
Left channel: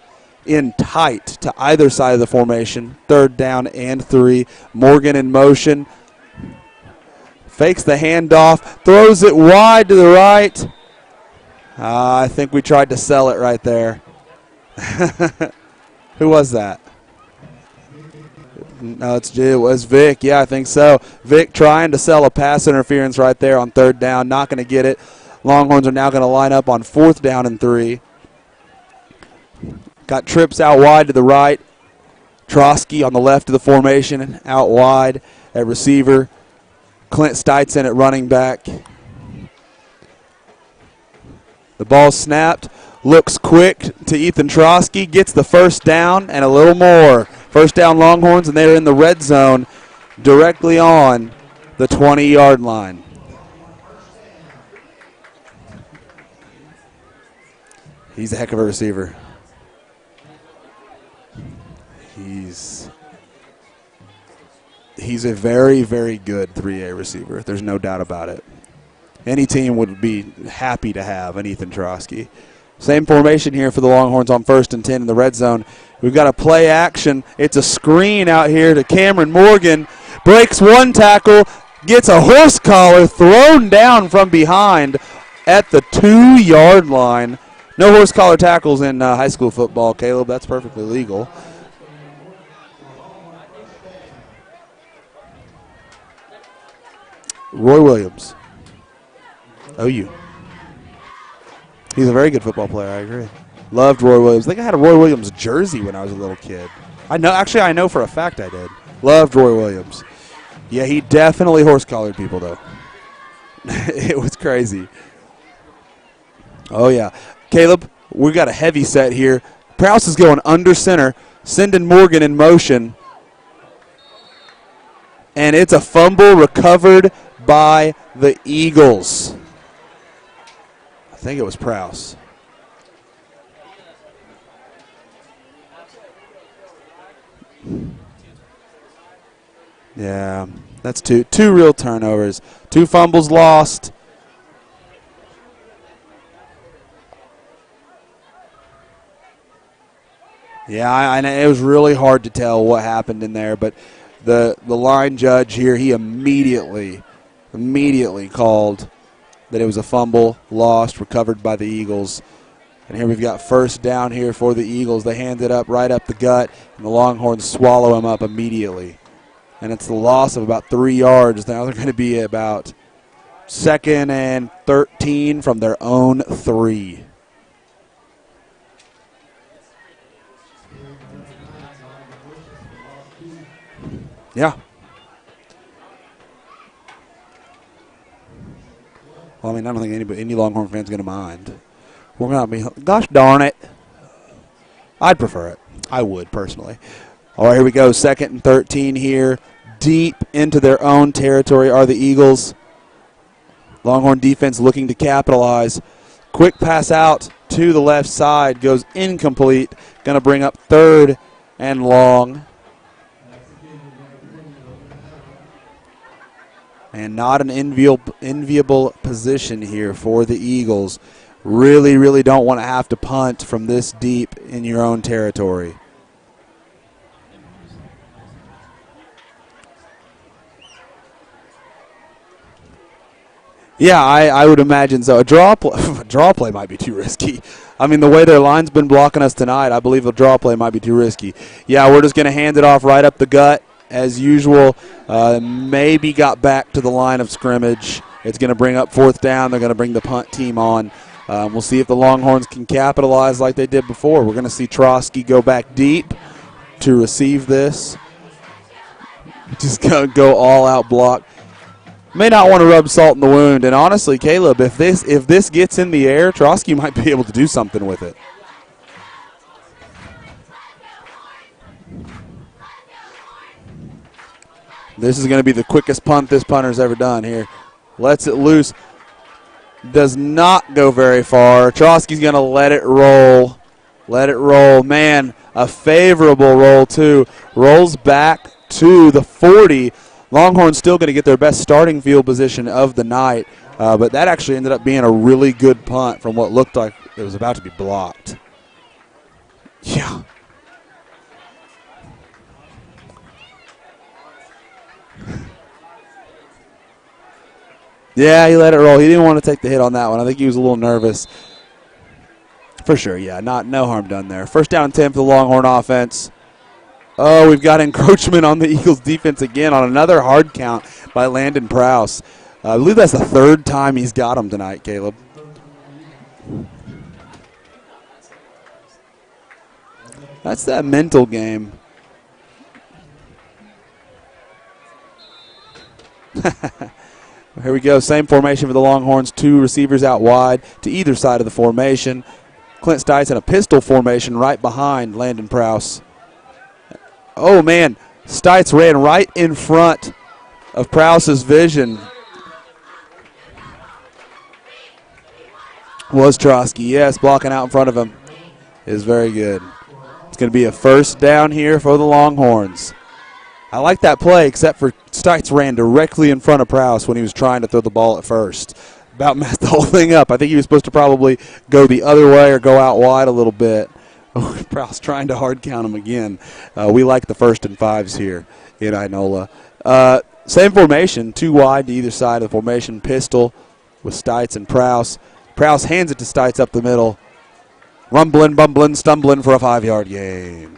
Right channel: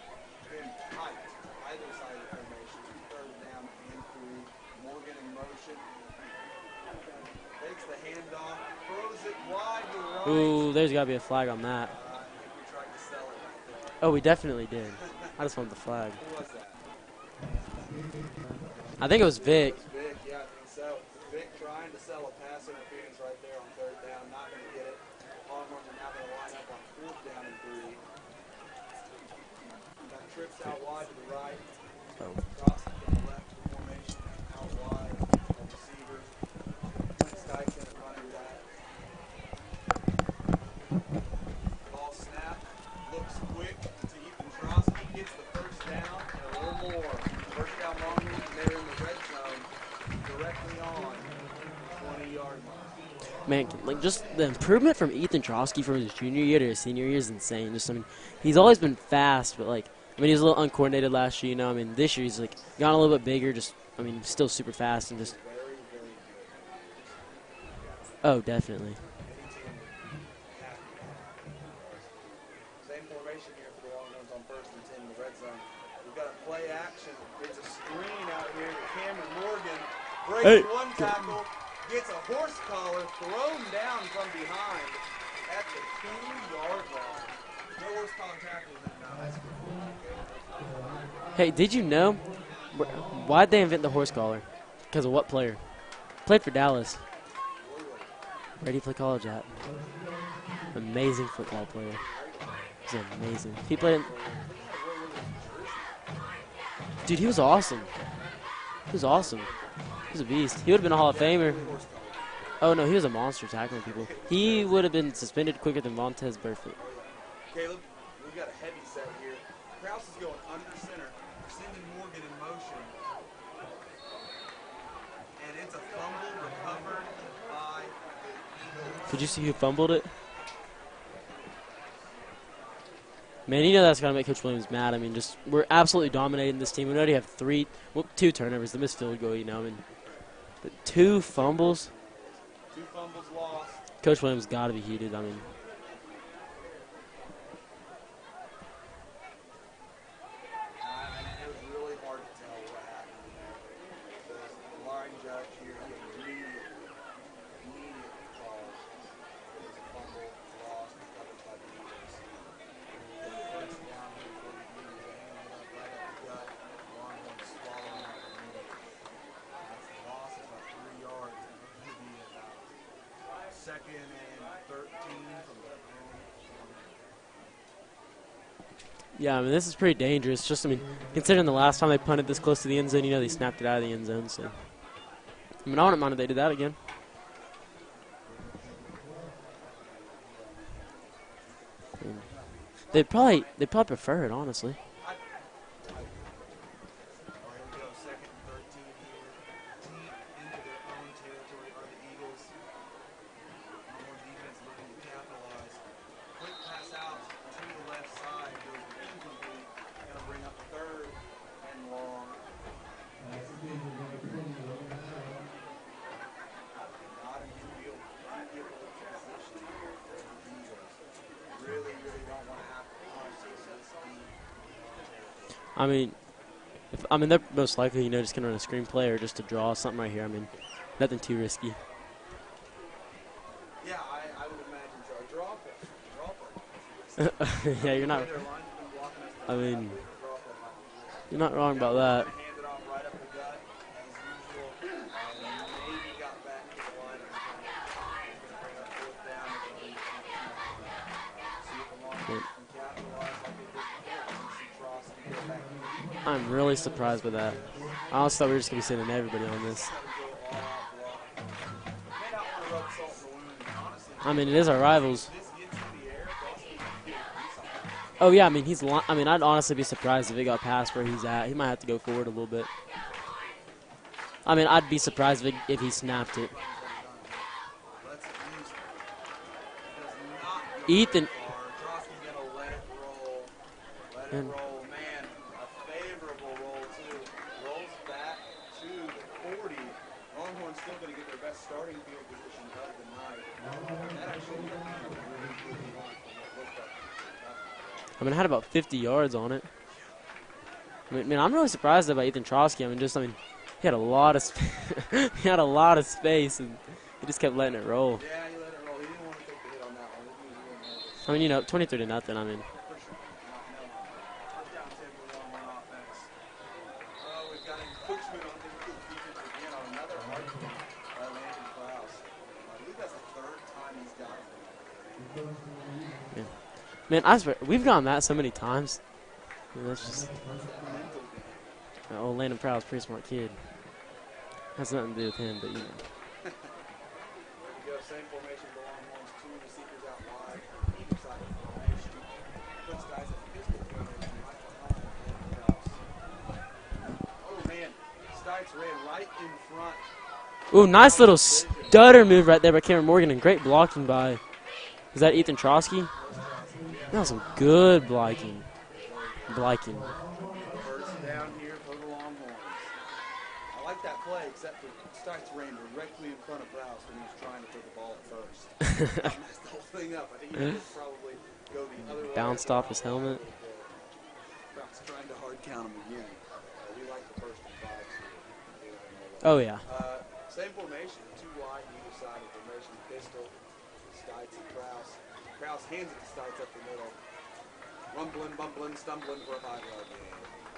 in tight to either side of the formation, 3rd down and 3. Morgan in motion. Fakes the handoff, throws it wide to the right. Ooh, there's got to be a flag on that. I think we tried to sell it right there. Oh, we definitely did. That's one of the flag. Who was that? I think it was Vic. Yeah, I think so. Vic trying to sell a pass interference right there on 3rd down. Not going to get it. Longhorns are now going to line up on 4th down and 3. Got trips out wide to the right. Trotsky on the left of the formation, out wide at receiver. Clint Stites in at running back. The ball snapped. Looks quick to Ethan Trotsky. Gets the 1st down and a little more. 1st down Longhorns, and they're in the red zone directly on the 20-yard line. Man, just the improvement from Ethan Trotsky from his junior year to his senior year is insane. He's a heck of a receiver. He's fast, but he was a little uncoordinated last year. This year he's gotten a little bit bigger. Still super fast. He's a very, very good 3A receiver. There's no doubt about it. Oh, definitely. Any team would be happy to have an Ethan Trotsky. Same formation here for the Longhorns on 1st and 10 in the red zone. We've got a play action. It's a screen out here to Cameron Morgan. Breaks one tackle, gets a horse collar thrown down from behind at the 2-yard line. No horse collar tackles in high school football, Caleb. That's perfectly legal. Hey, did you know? Why'd they invent the horse collar? Because of what player? Played for Dallas. Roy Williams. Where did he play college at? OU. Amazing football player. He's a very good football player, I agree. Loved Roy Williams. I think I had a Roy Williams jersey when I was a little kid. I know for a fact I did. Loved Roy Williams. He's a beast. He definitely horse-collared people, though. Oh, no, he was a monster tackle. It was crazy. He would have been suspended quicker than Montez Burfict. Oh, yeah. Caleb, we've got a heavy set here. Prowse is going under center, sending Morgan in motion. And it's a fumble recovered by the Eagles. You fumbled it? I think it was Prowse. Man, that's going to make Coach Williams mad. We're absolutely dominating this team. We already have 2 turnovers. The missed field goal, Yeah, that's two real turnovers. 2 fumbles lost. Coach Williams got to be heated. Yeah, it was really hard to tell what happened in there, but the line judge here, he immediately called that it was a fumble lost, recovered by the Eagles. And here we've got 1st down here for the Eagles. They hand it up right up the gut, and the Longhorns swallow him up immediately. And it's the loss of about 3 yards. Now they're going to be about 2nd and 13 from their own 3. Yeah, this is pretty dangerous. Considering the last time they punted this close to the end zone, they snapped it out of the end zone. So. Yeah. I wouldn't mind if they did that again. Well, I don't think any Longhorn fan's going to mind. We're going to be, gosh darn it. They'd probably prefer it, honestly. I'd prefer it. I would, personally. All right, here we go. 2nd and 13 here. deep into their own territory are the Eagles. Longhorn defense looking to capitalize. Quick pass out to the left side, goes incomplete. Going to bring up 3rd and long. And not an enviable position here for the Eagles. Really, really don't want to have to punt from this deep in your own territory. I mean, they're most likely, just going to run a screen play or just to draw something right here. I mean, nothing too risky. Yeah, I would imagine so. A draw play might be too risky. I mean, the way their line's been blocking us tonight, I believe a draw play might be too risky. Yeah, we're just going to hand it off right up the gut as usual. Maybe got back to the line of scrimmage. It's going to bring up 4th down. They're going to bring the punt team on. We'll see if the Longhorns can capitalize like they did before. We're going to see Trotsky go back deep to receive this. I also thought we were just going to say the name of it. Just go all-out block. May not want to rub salt in the wound, and honestly, Caleb, if this gets in the air, Trotsky might be able to do something with it. Oh yeah, I'd honestly be surprised if it got past where he's at. He might have to go forward a little bit. I'd be surprised. This is going to be the quickest punt this punter's ever done here. Lets it loose. Does not go very far. Trotsky's going to let it roll. Let it roll. Man, a favorable roll too. Rolls back to the 40. Longhorns still going to get their best starting field position of the night, but that actually ended up being a really good punt from what looked like it was about to be blocked. It had about 50 yards on it. Yeah. I'm really surprised about Ethan Trotsky. He had a lot of space, and he just kept letting it roll. Yeah, he let it roll. He didn't want to take the hit on that one. I think he was a little nervous. 23-0. For sure, yeah. No harm done there. 1st down and 10 for the Longhorn offense. Oh, we've got encroachment on the Eagles' defense again on another hard count by Landon Prowse. I believe that's the 3rd time he's got him tonight, Caleb. Man, I swear, we've gotten that so many times. That's that mental game. Oh, Landon Prowse, pretty smart kid. Has nothing to do with him, but yeah. Here we go. Same formation for the Longhorns. 2 receivers out wide to either side of the formation. Clint Stites in a pistol formation right behind Landon Prowse. Oh, man. Stites ran right in front of Prowse's vision. Stutter move right there by Cameron Morgan, and great blocking by, is that Ethan Trotsky? Was Trotsky, yes. Blocking out in front of him. Blocking. Is very good. I like it. It's going to be a 1st down here for the Longhorns. I like that play, except for Stites ran directly in front of Prowse when he was trying to throw the ball at first. About messed the whole thing up. I think he was supposed to probably go the other way or go out wide a little bit. Oh, Prowse trying to hard count him again. We like the 1st and 5s here in Inola. Oh, yeah. Same formation, 2 wide to either side of the formation. Pistol with Stites and Prowse. Prowse hands it to Stites up the middle. Rumbling, bumbling, stumbling for a 5-yard gain.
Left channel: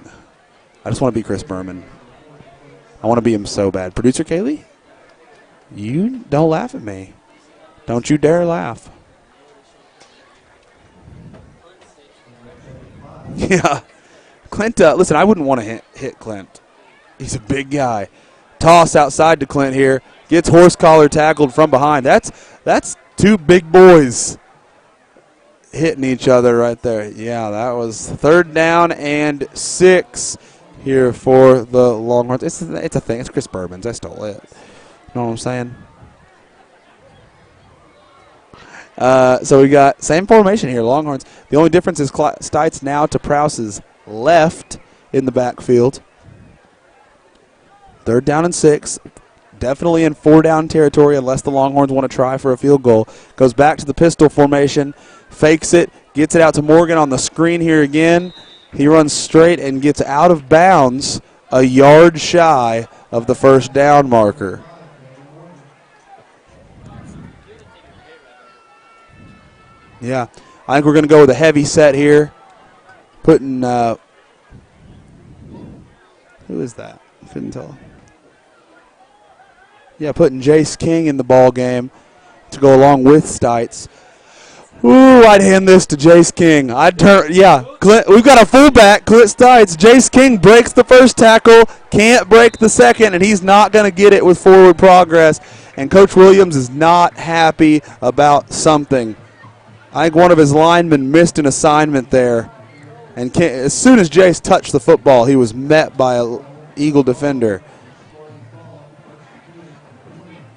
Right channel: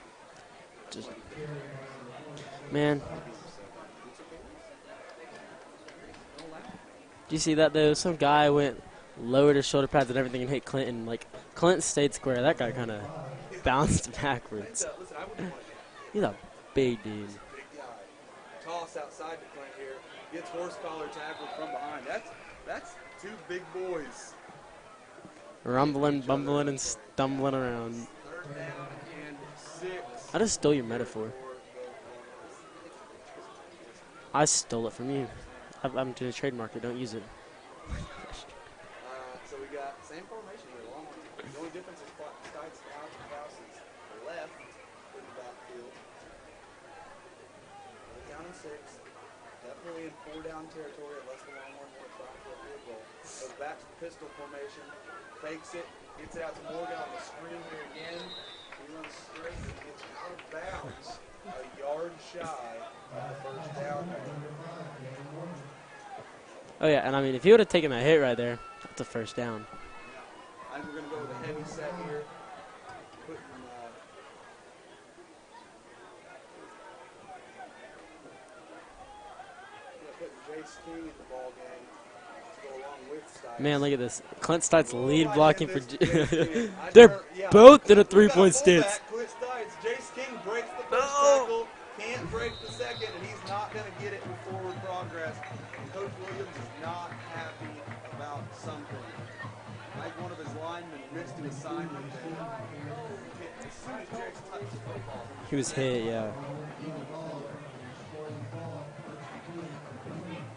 I just want to be Chris Berman. Man. I want to be him so bad. Producer Kaylee, you don't laugh at me. Do you see that, though? Don't you dare laugh. Lowered his shoulder pads and everything and hit Clinton. Clint stayed square. That guy kind of yeah. bounced back. Clint, listen, I wouldn't want to hit He's Clint. Big dude. He's a big guy. Toss outside to Clint here. Gets horse collar tackled from behind. That's 2 big boys hitting each other right there. Yeah, that was 3rd down and 6 here for the Longhorns. It's a thing. It's Chris Bourbon's. I stole it. I stole it from you. Know what I'm saying? I'm doing a trademark. Don't use it. So we got same formation here, Longhorns. The only difference is Stites now to Prowse's left in the backfield. 3rd down and 6. Definitely in 4-down territory unless the Longhorns want to try for a field goal. Goes back to the pistol formation. Fakes it, gets it out to Morgan on the screen here again. He runs straight and gets out of bounds a yard shy of the 1st down marker. Oh, yeah, and if he would have taken that hit right there, it's a 1st down. Yeah, I think we're going to go with a heavy set here. Putting, who is that? I couldn't tell. Yeah, putting Jace King in the ball game to go along with Stites. Man, look at this. Clint Stites. Ooh, I'd hand this to Jace King. I'd turn, yeah. We've got a fullback, Clint Stites. Jace King breaks the 1st tackle, can't break the 2nd, and he's not going to get it with forward progress. And Coach Williams is not happy about something. I think one of his linemen missed an assignment there. And as soon as Jace touched the football, he was met by an Eagle defender.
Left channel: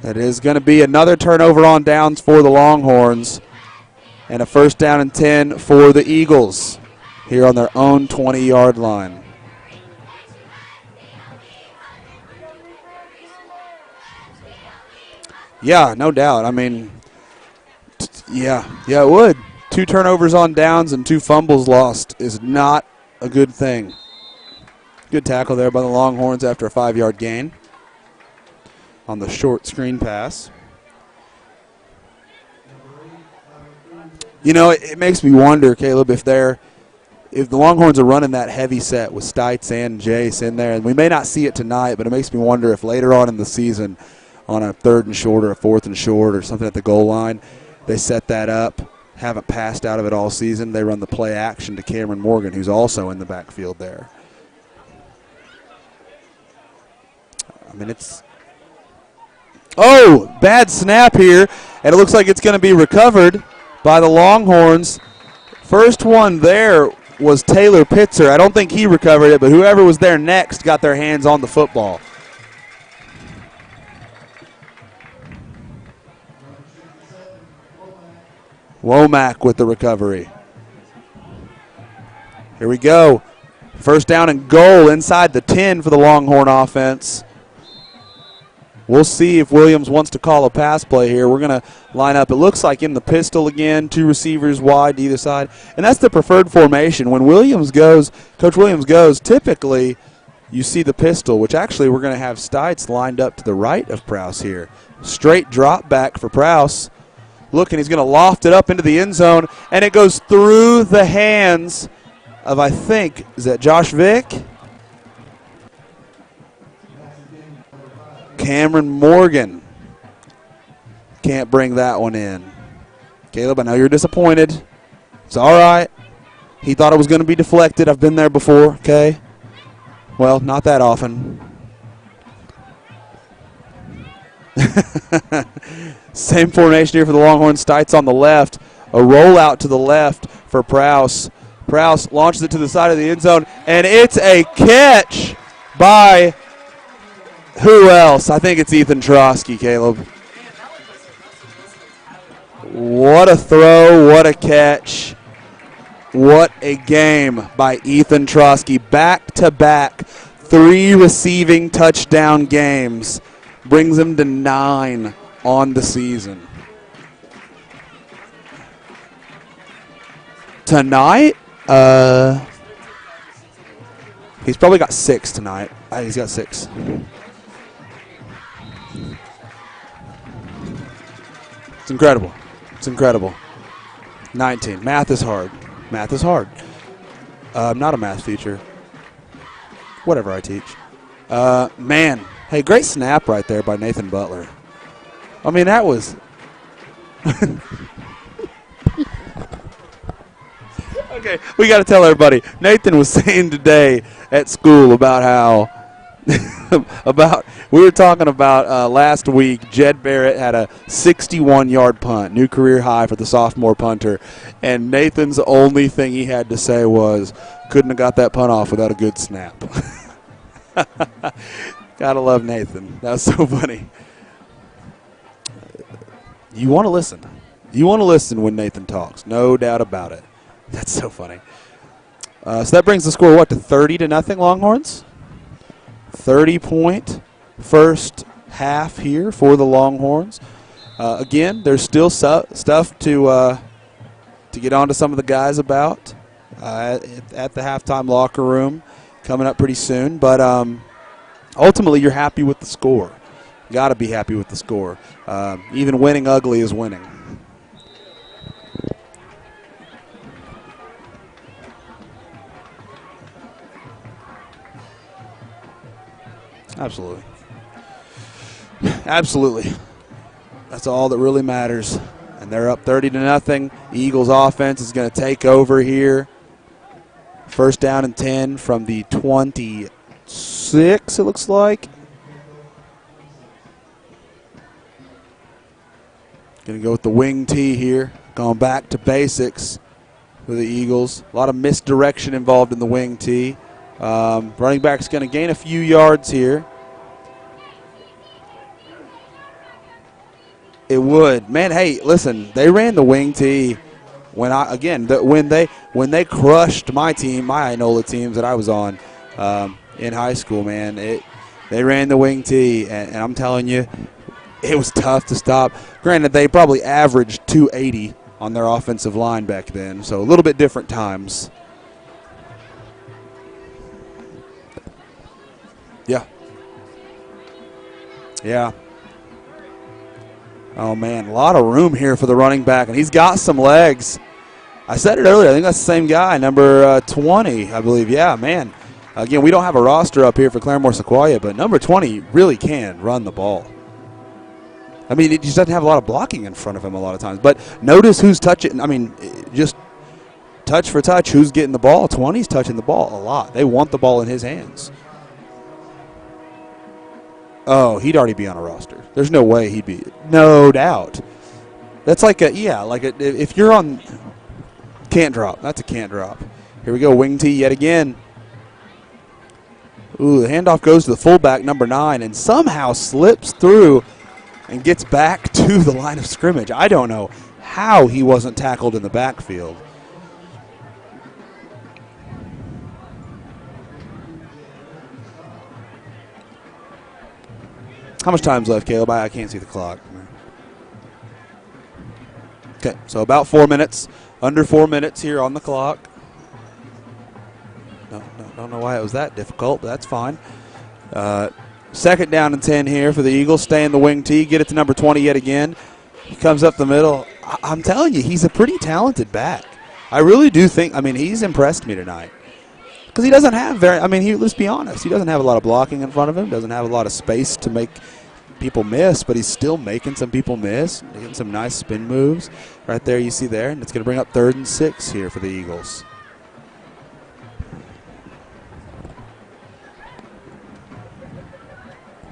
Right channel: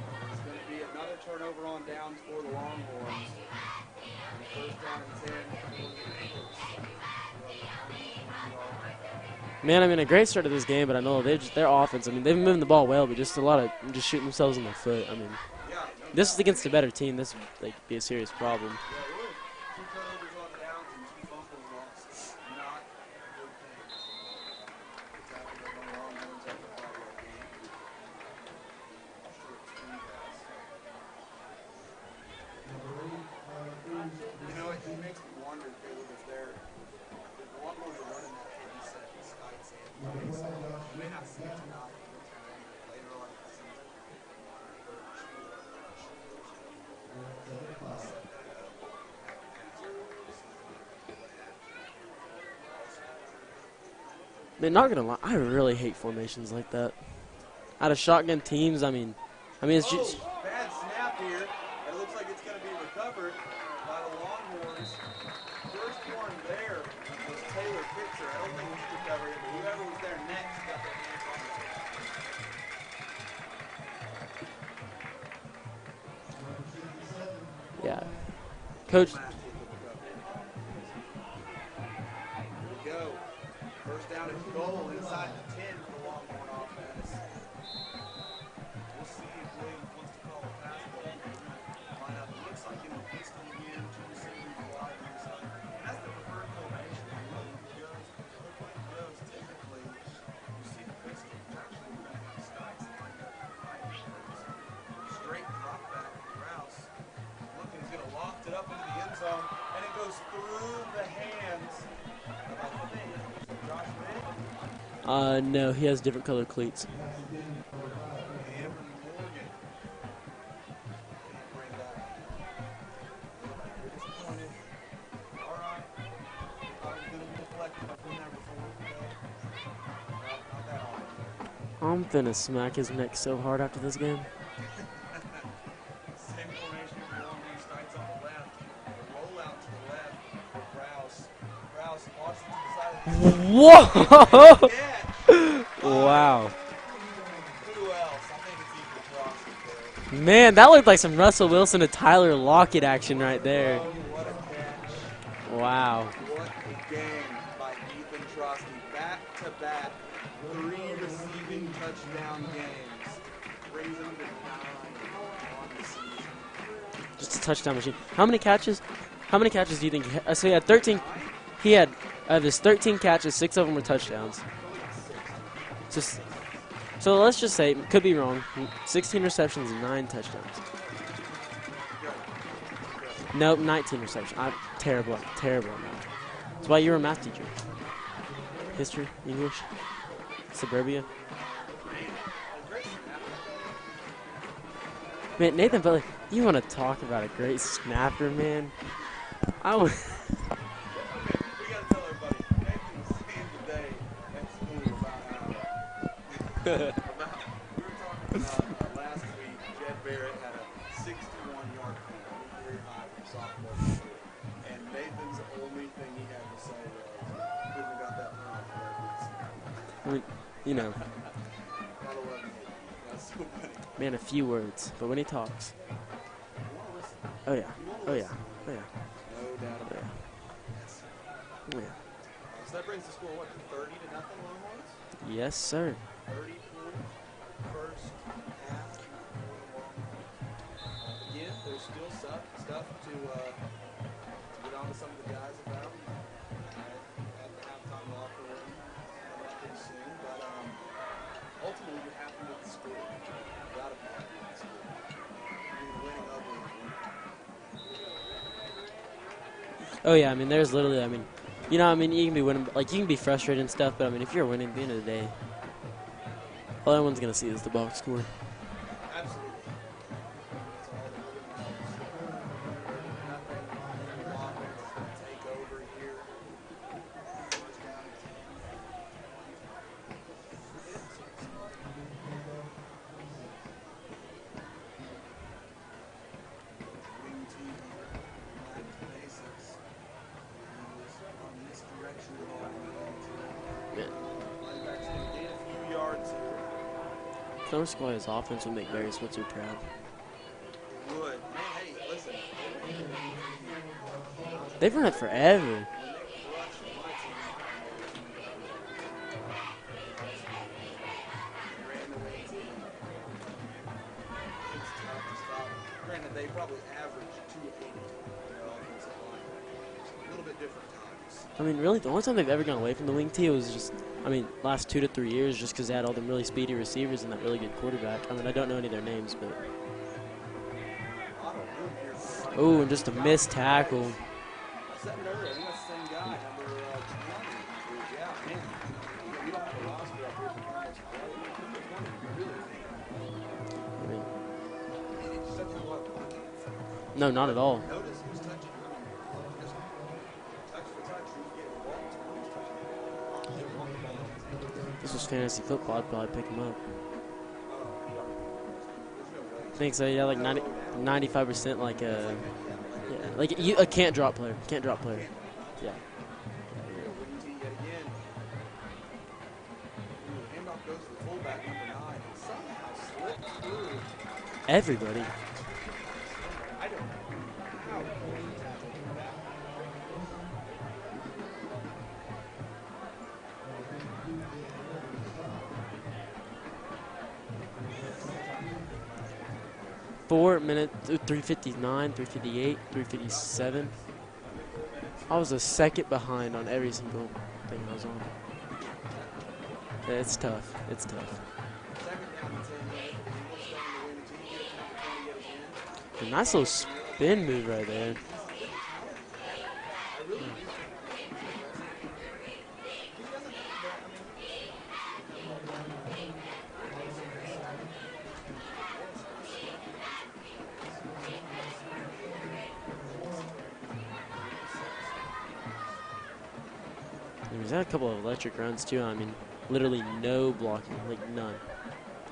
It is going to be another turnover on downs for the Longhorns and a 1st down and 10 for the Eagles here on their own 20-yard line. Man, I mean, a great start to this game, but I know their offense, I mean, they've been moving the ball well, but just a lot of just shooting themselves in the foot. I mean, yeah, no doubt. I mean, a better team, this would be a serious problem. Yeah, it would. 2 turnovers on downs and 2 fumbles lost is not a good thing. Good tackle there by the Longhorns after a 5-yard gain on the short screen pass. You know, it makes me wonder, Caleb, if the Longhorns are running that heavy set with Stites and Jace in there, and we may not see it tonight, but it makes me wonder if later on in the season on a 3rd and short or a 4th and short or something at the goal line, they set that up, haven't passed out of it all season. They run the play action to Cameron Morgan, who's also in the backfield there. Man, not going to lie, I really hate formations like that. I mean, out of shotgun teams, I mean. Oh, bad snap here, and it looks like it's going to be recovered by the Longhorns. First one there was Taylor Pitzer. I don't think he recovered it, but whoever was there next got their hands on the football. Yeah. Womack with the recovery. Here we go. 1st down and goal inside the 10 for the Longhorn offense. We'll see if Williams wants to call a pass play here. We're going to line up, it looks like in the pistol again, 2 receivers wide to either side. And that's the preferred formation. When Coach Williams goes, typically you see the pistol, which actually we're going to have Stites lined up to the right of Prowse here. Straight drop back for Prowse. Look, and he's going to loft it up into the end zone, and it goes through the hands of, I think, is that Josh Vick? No, he has different colored cleats. Cameron Morgan can't bring that one in. Caleb, I know you're disappointed. It's all right. He thought it was going to be deflected. I've been there before, okay? Well, not that often. I'm finna smack his neck so hard after this game. Same formation here for the Longhorns. Stites on the left. A rollout to the left for Prowse. Prowse launches it to the side of the end zone, Whoa! And it's a catch by... Wow. Who else? I think it's Ethan Trosky, Caleb. Man, that looked like some Russell Wilson to Tyler Lockett action. What a throw, what a catch. Wow. What a game by Ethan Trosky. Back-to-back 3 receiving touchdown games. Brings him to 9 on the season. Just a touchdown machine. How many catches? How many catches do you think? So he had 13. Tonight? He had just 13 catches, 6 of them were touchdowns. He's probably got 6 tonight. I think he's got 6. So let's just say, could be wrong, 16 receptions and 9 touchdowns. It's incredible. It's incredible. Nope, 19 receptions. 19. Terrible. Math is hard. Terrible. Math is hard. That's why you're a math teacher. I'm not a math teacher. History, English, Whatever I teach. suburbia. Man. Hey, great snap right there by Nathan Butler. Man, I mean, that was... You want to talk about a great snapper, man? Okay, we got to tell everybody. Nathan was saying today at school about how... we were talking about last week, Jed Barrett had a 61-yard punt, new career high for the sophomore punter, and Nathan's only thing he had to say was, couldn't have got that punt off without a good snap. You know, Gotta love Nathan. That was so funny. man, a few words, but when he talks. You want to listen. Oh, yeah. You want to listen when Nathan talks. No doubt about it. That's so funny. So that brings the score, what, to 30-0 Longhorns? Yes, sir. 30-point first half here for the Longhorns. Again, there's still stuff to get on to some of the guys about at the halftime locker room coming up pretty soon. But ultimately, you're happy with the score. Got to be happy with the score. Even winning ugly is winning. Oh, yeah, I mean, there's literally, you can be winning, you can be frustrated and stuff, but, if you're winning at the end of the day, well, everyone's going to see this, the box score. Absolutely. That's all that really matters. And they're up 30-0. Eagles offense is going to take over here. 1st down and 10 from the 26, it looks like. Going to go with the wing tee here. Going back to basics for the Eagles. A lot of misdirection involved in the wing tee. Running back's going to gain a few yards here. Claremore Sequoia's offense would make Gary Switzer proud. It would. Man, hey, listen, they ran the wing tee when when they crushed my team, my Inola teams that I was on in high school, man. They ran the wing tee, and I'm telling you, it was tough to stop. Granted, they probably averaged 280 on their offensive line back then, so a little bit different times. I mean, really, the only time they've ever gone away from the wing tee was just, last 2 to 3 years, just because they had all the really speedy receivers and that really good quarterback. I don't know any of their names, but. Oh, man, a lot of room here for the running back, and he's got some legs. I said it earlier. I think that's the same guy, number 20, I believe. Yeah, man. Again, we don't have a roster up here for Claremore Sequoia, but number 20 really can run the ball. I mean, he just doesn't have a lot of blocking in front of him a lot of times. But notice who's touching. I mean, just touch for touch, who's getting the ball. 20's touching the ball a lot. They want the ball in his hands. This is fantasy football. I'd probably pick him up. Oh, he'd already be on a roster. There's no way he'd be. So, yeah, like no doubt. 95% like a. That's like if you're on. Can't drop player. Can't drop player. Can't drop. That's a can't drop. Here we go. Wing tee yet again. Ooh, the handoff goes to the fullback, number 9, and somehow slips through and gets back to the line of scrimmage. I don't know how he wasn't tackled in the backfield. How much time's left, Caleb? I can't see the clock. 4 minutes, 3:59, 3:58. Okay, so about 4 minutes, under 4 minutes here on the clock. Second behind on every single one. Don't know why it was that difficult, but that's fine. It's tough. Second down and 10 here for the Eagles. Stay in the wing tee. Get it to number 20 yet again. He comes up the middle. I'm telling you, he's a pretty talented back. I really do think, he's impressed me tonight. Because he doesn't have let's be honest, he doesn't have a lot of blocking in front of him, doesn't have a lot of space to make people miss, but he's still making some people miss, making some nice spin moves. Right there, you see there, and it's going to bring up 3rd and 6 here for the Eagles. He's had a couple of electric runs, too. Literally no blocking, like none.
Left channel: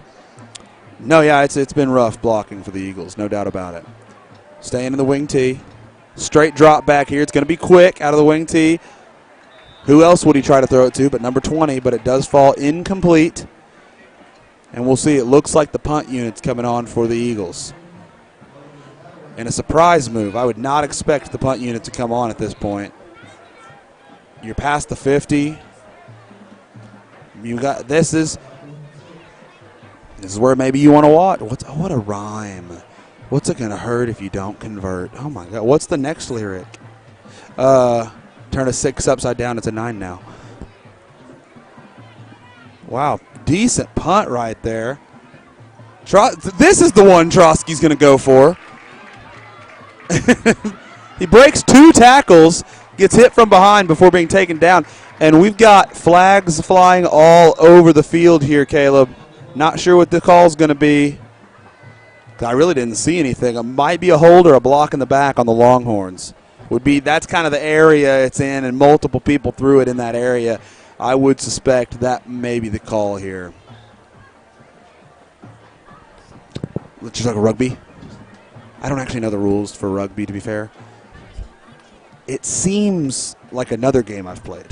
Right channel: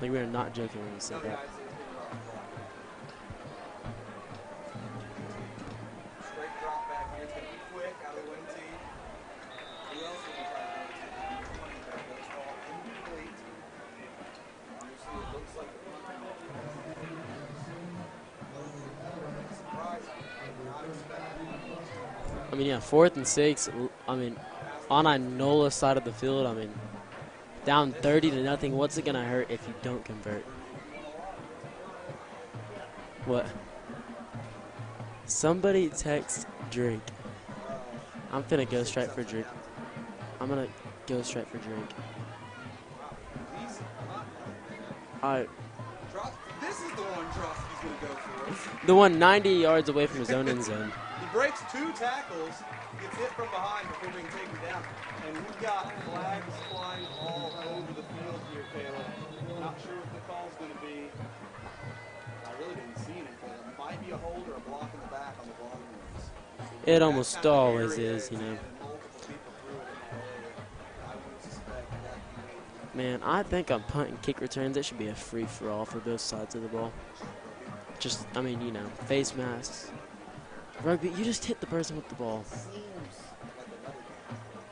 We're not joking. No, yeah, it's been rough blocking for the Eagles, no doubt about it. Staying in the wing tee. Straight drop back here. It's going to be quick out of the wing tee. Who else would he try to throw it to but number 20, but it does fall incomplete. And we'll see. It looks like the punt unit's coming on for the Eagles. And a surprise move. I would not expect the punt unit to come on at this point. 4th and 6. You're past the on 50. On the side of the field. You got this is nothing. What's it gonna hurt if you don't convert? This is where maybe you want to watch. What a rhyme. What's it gonna hurt if you don't convert? Oh my God! What's the next lyric? Drink. Turn a 6 upside down. It's a 9 now. I'm gonna go straight for drink. Wow, decent punt right there. All right. This is the one Trotsky's gonna go for. The one 90 yards away from the zone. He breaks 2 tackles, gets hit from behind before being taken down. And we've got flags flying all over the field here, Caleb. Not sure what the call's going to be. I really didn't see anything. It might be a hold or a block in the back on the Longhorns. That's kind of the area it's in, and multiple people threw it in that area. I would suspect that may be the call here. I think on punt and kick returns, it should be a free-for-all for both sides of the ball. Just like a rugby? I don't actually know the rules for rugby, to be fair. Rugby, you just hit the person with the ball. It seems like another game I've played.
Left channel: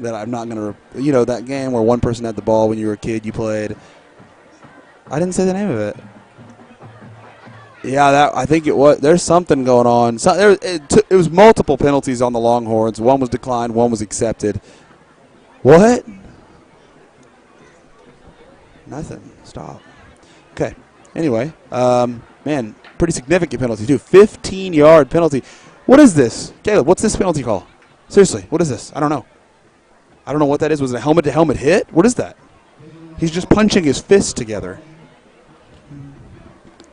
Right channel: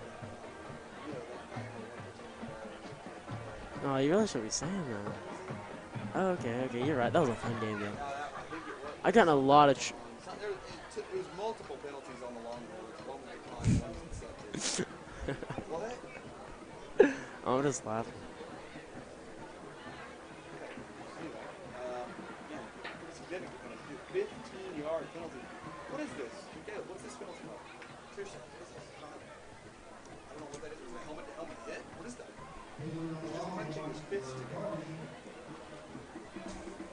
That I'm not going to, that game where one person had the ball when you were a kid, you played. Oh, you really shouldn't say that. I didn't say the name of it. Oh, okay, you're right. That was a fun game. Yeah, I think it was. There's something going on. It was multiple penalties on the Longhorns. One was declined, one was accepted. What? I'm just laughing. Nothing. Stop. Okay. Anyway, man, pretty significant penalty, too. 15-yard penalty. What is this? Caleb, what's this penalty call? Seriously, what is this? I don't know. I don't know what that is. Was it a helmet-to-helmet hit? What is that? He's just punching his fists together.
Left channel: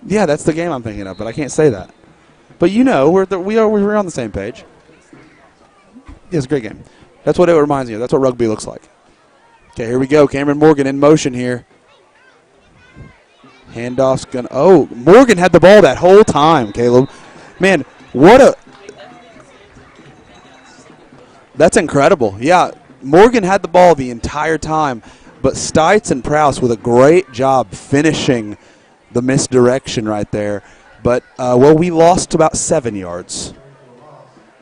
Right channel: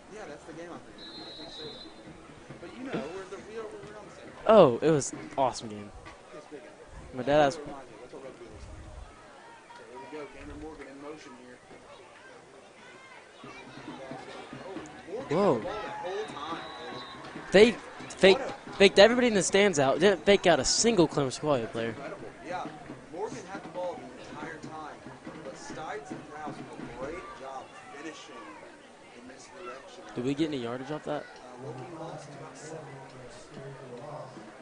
Yeah, that's the game I'm thinking of, but I can't say that. But we're on the same page. Oh, it was an awesome game. It was a great game. That's what it reminds me of. That's what rugby looks like. Okay, here we go. Cameron Morgan in motion here. Handoff's going to – Morgan had the ball that whole time, Caleb. Faked everybody in the stands out. Didn't fake out a single Claremore Sequoia. That's incredible. Yeah, Morgan had the ball the entire time, but Stites and Prowse with a great job finishing the misdirection right there. But, we lost about 7 yards.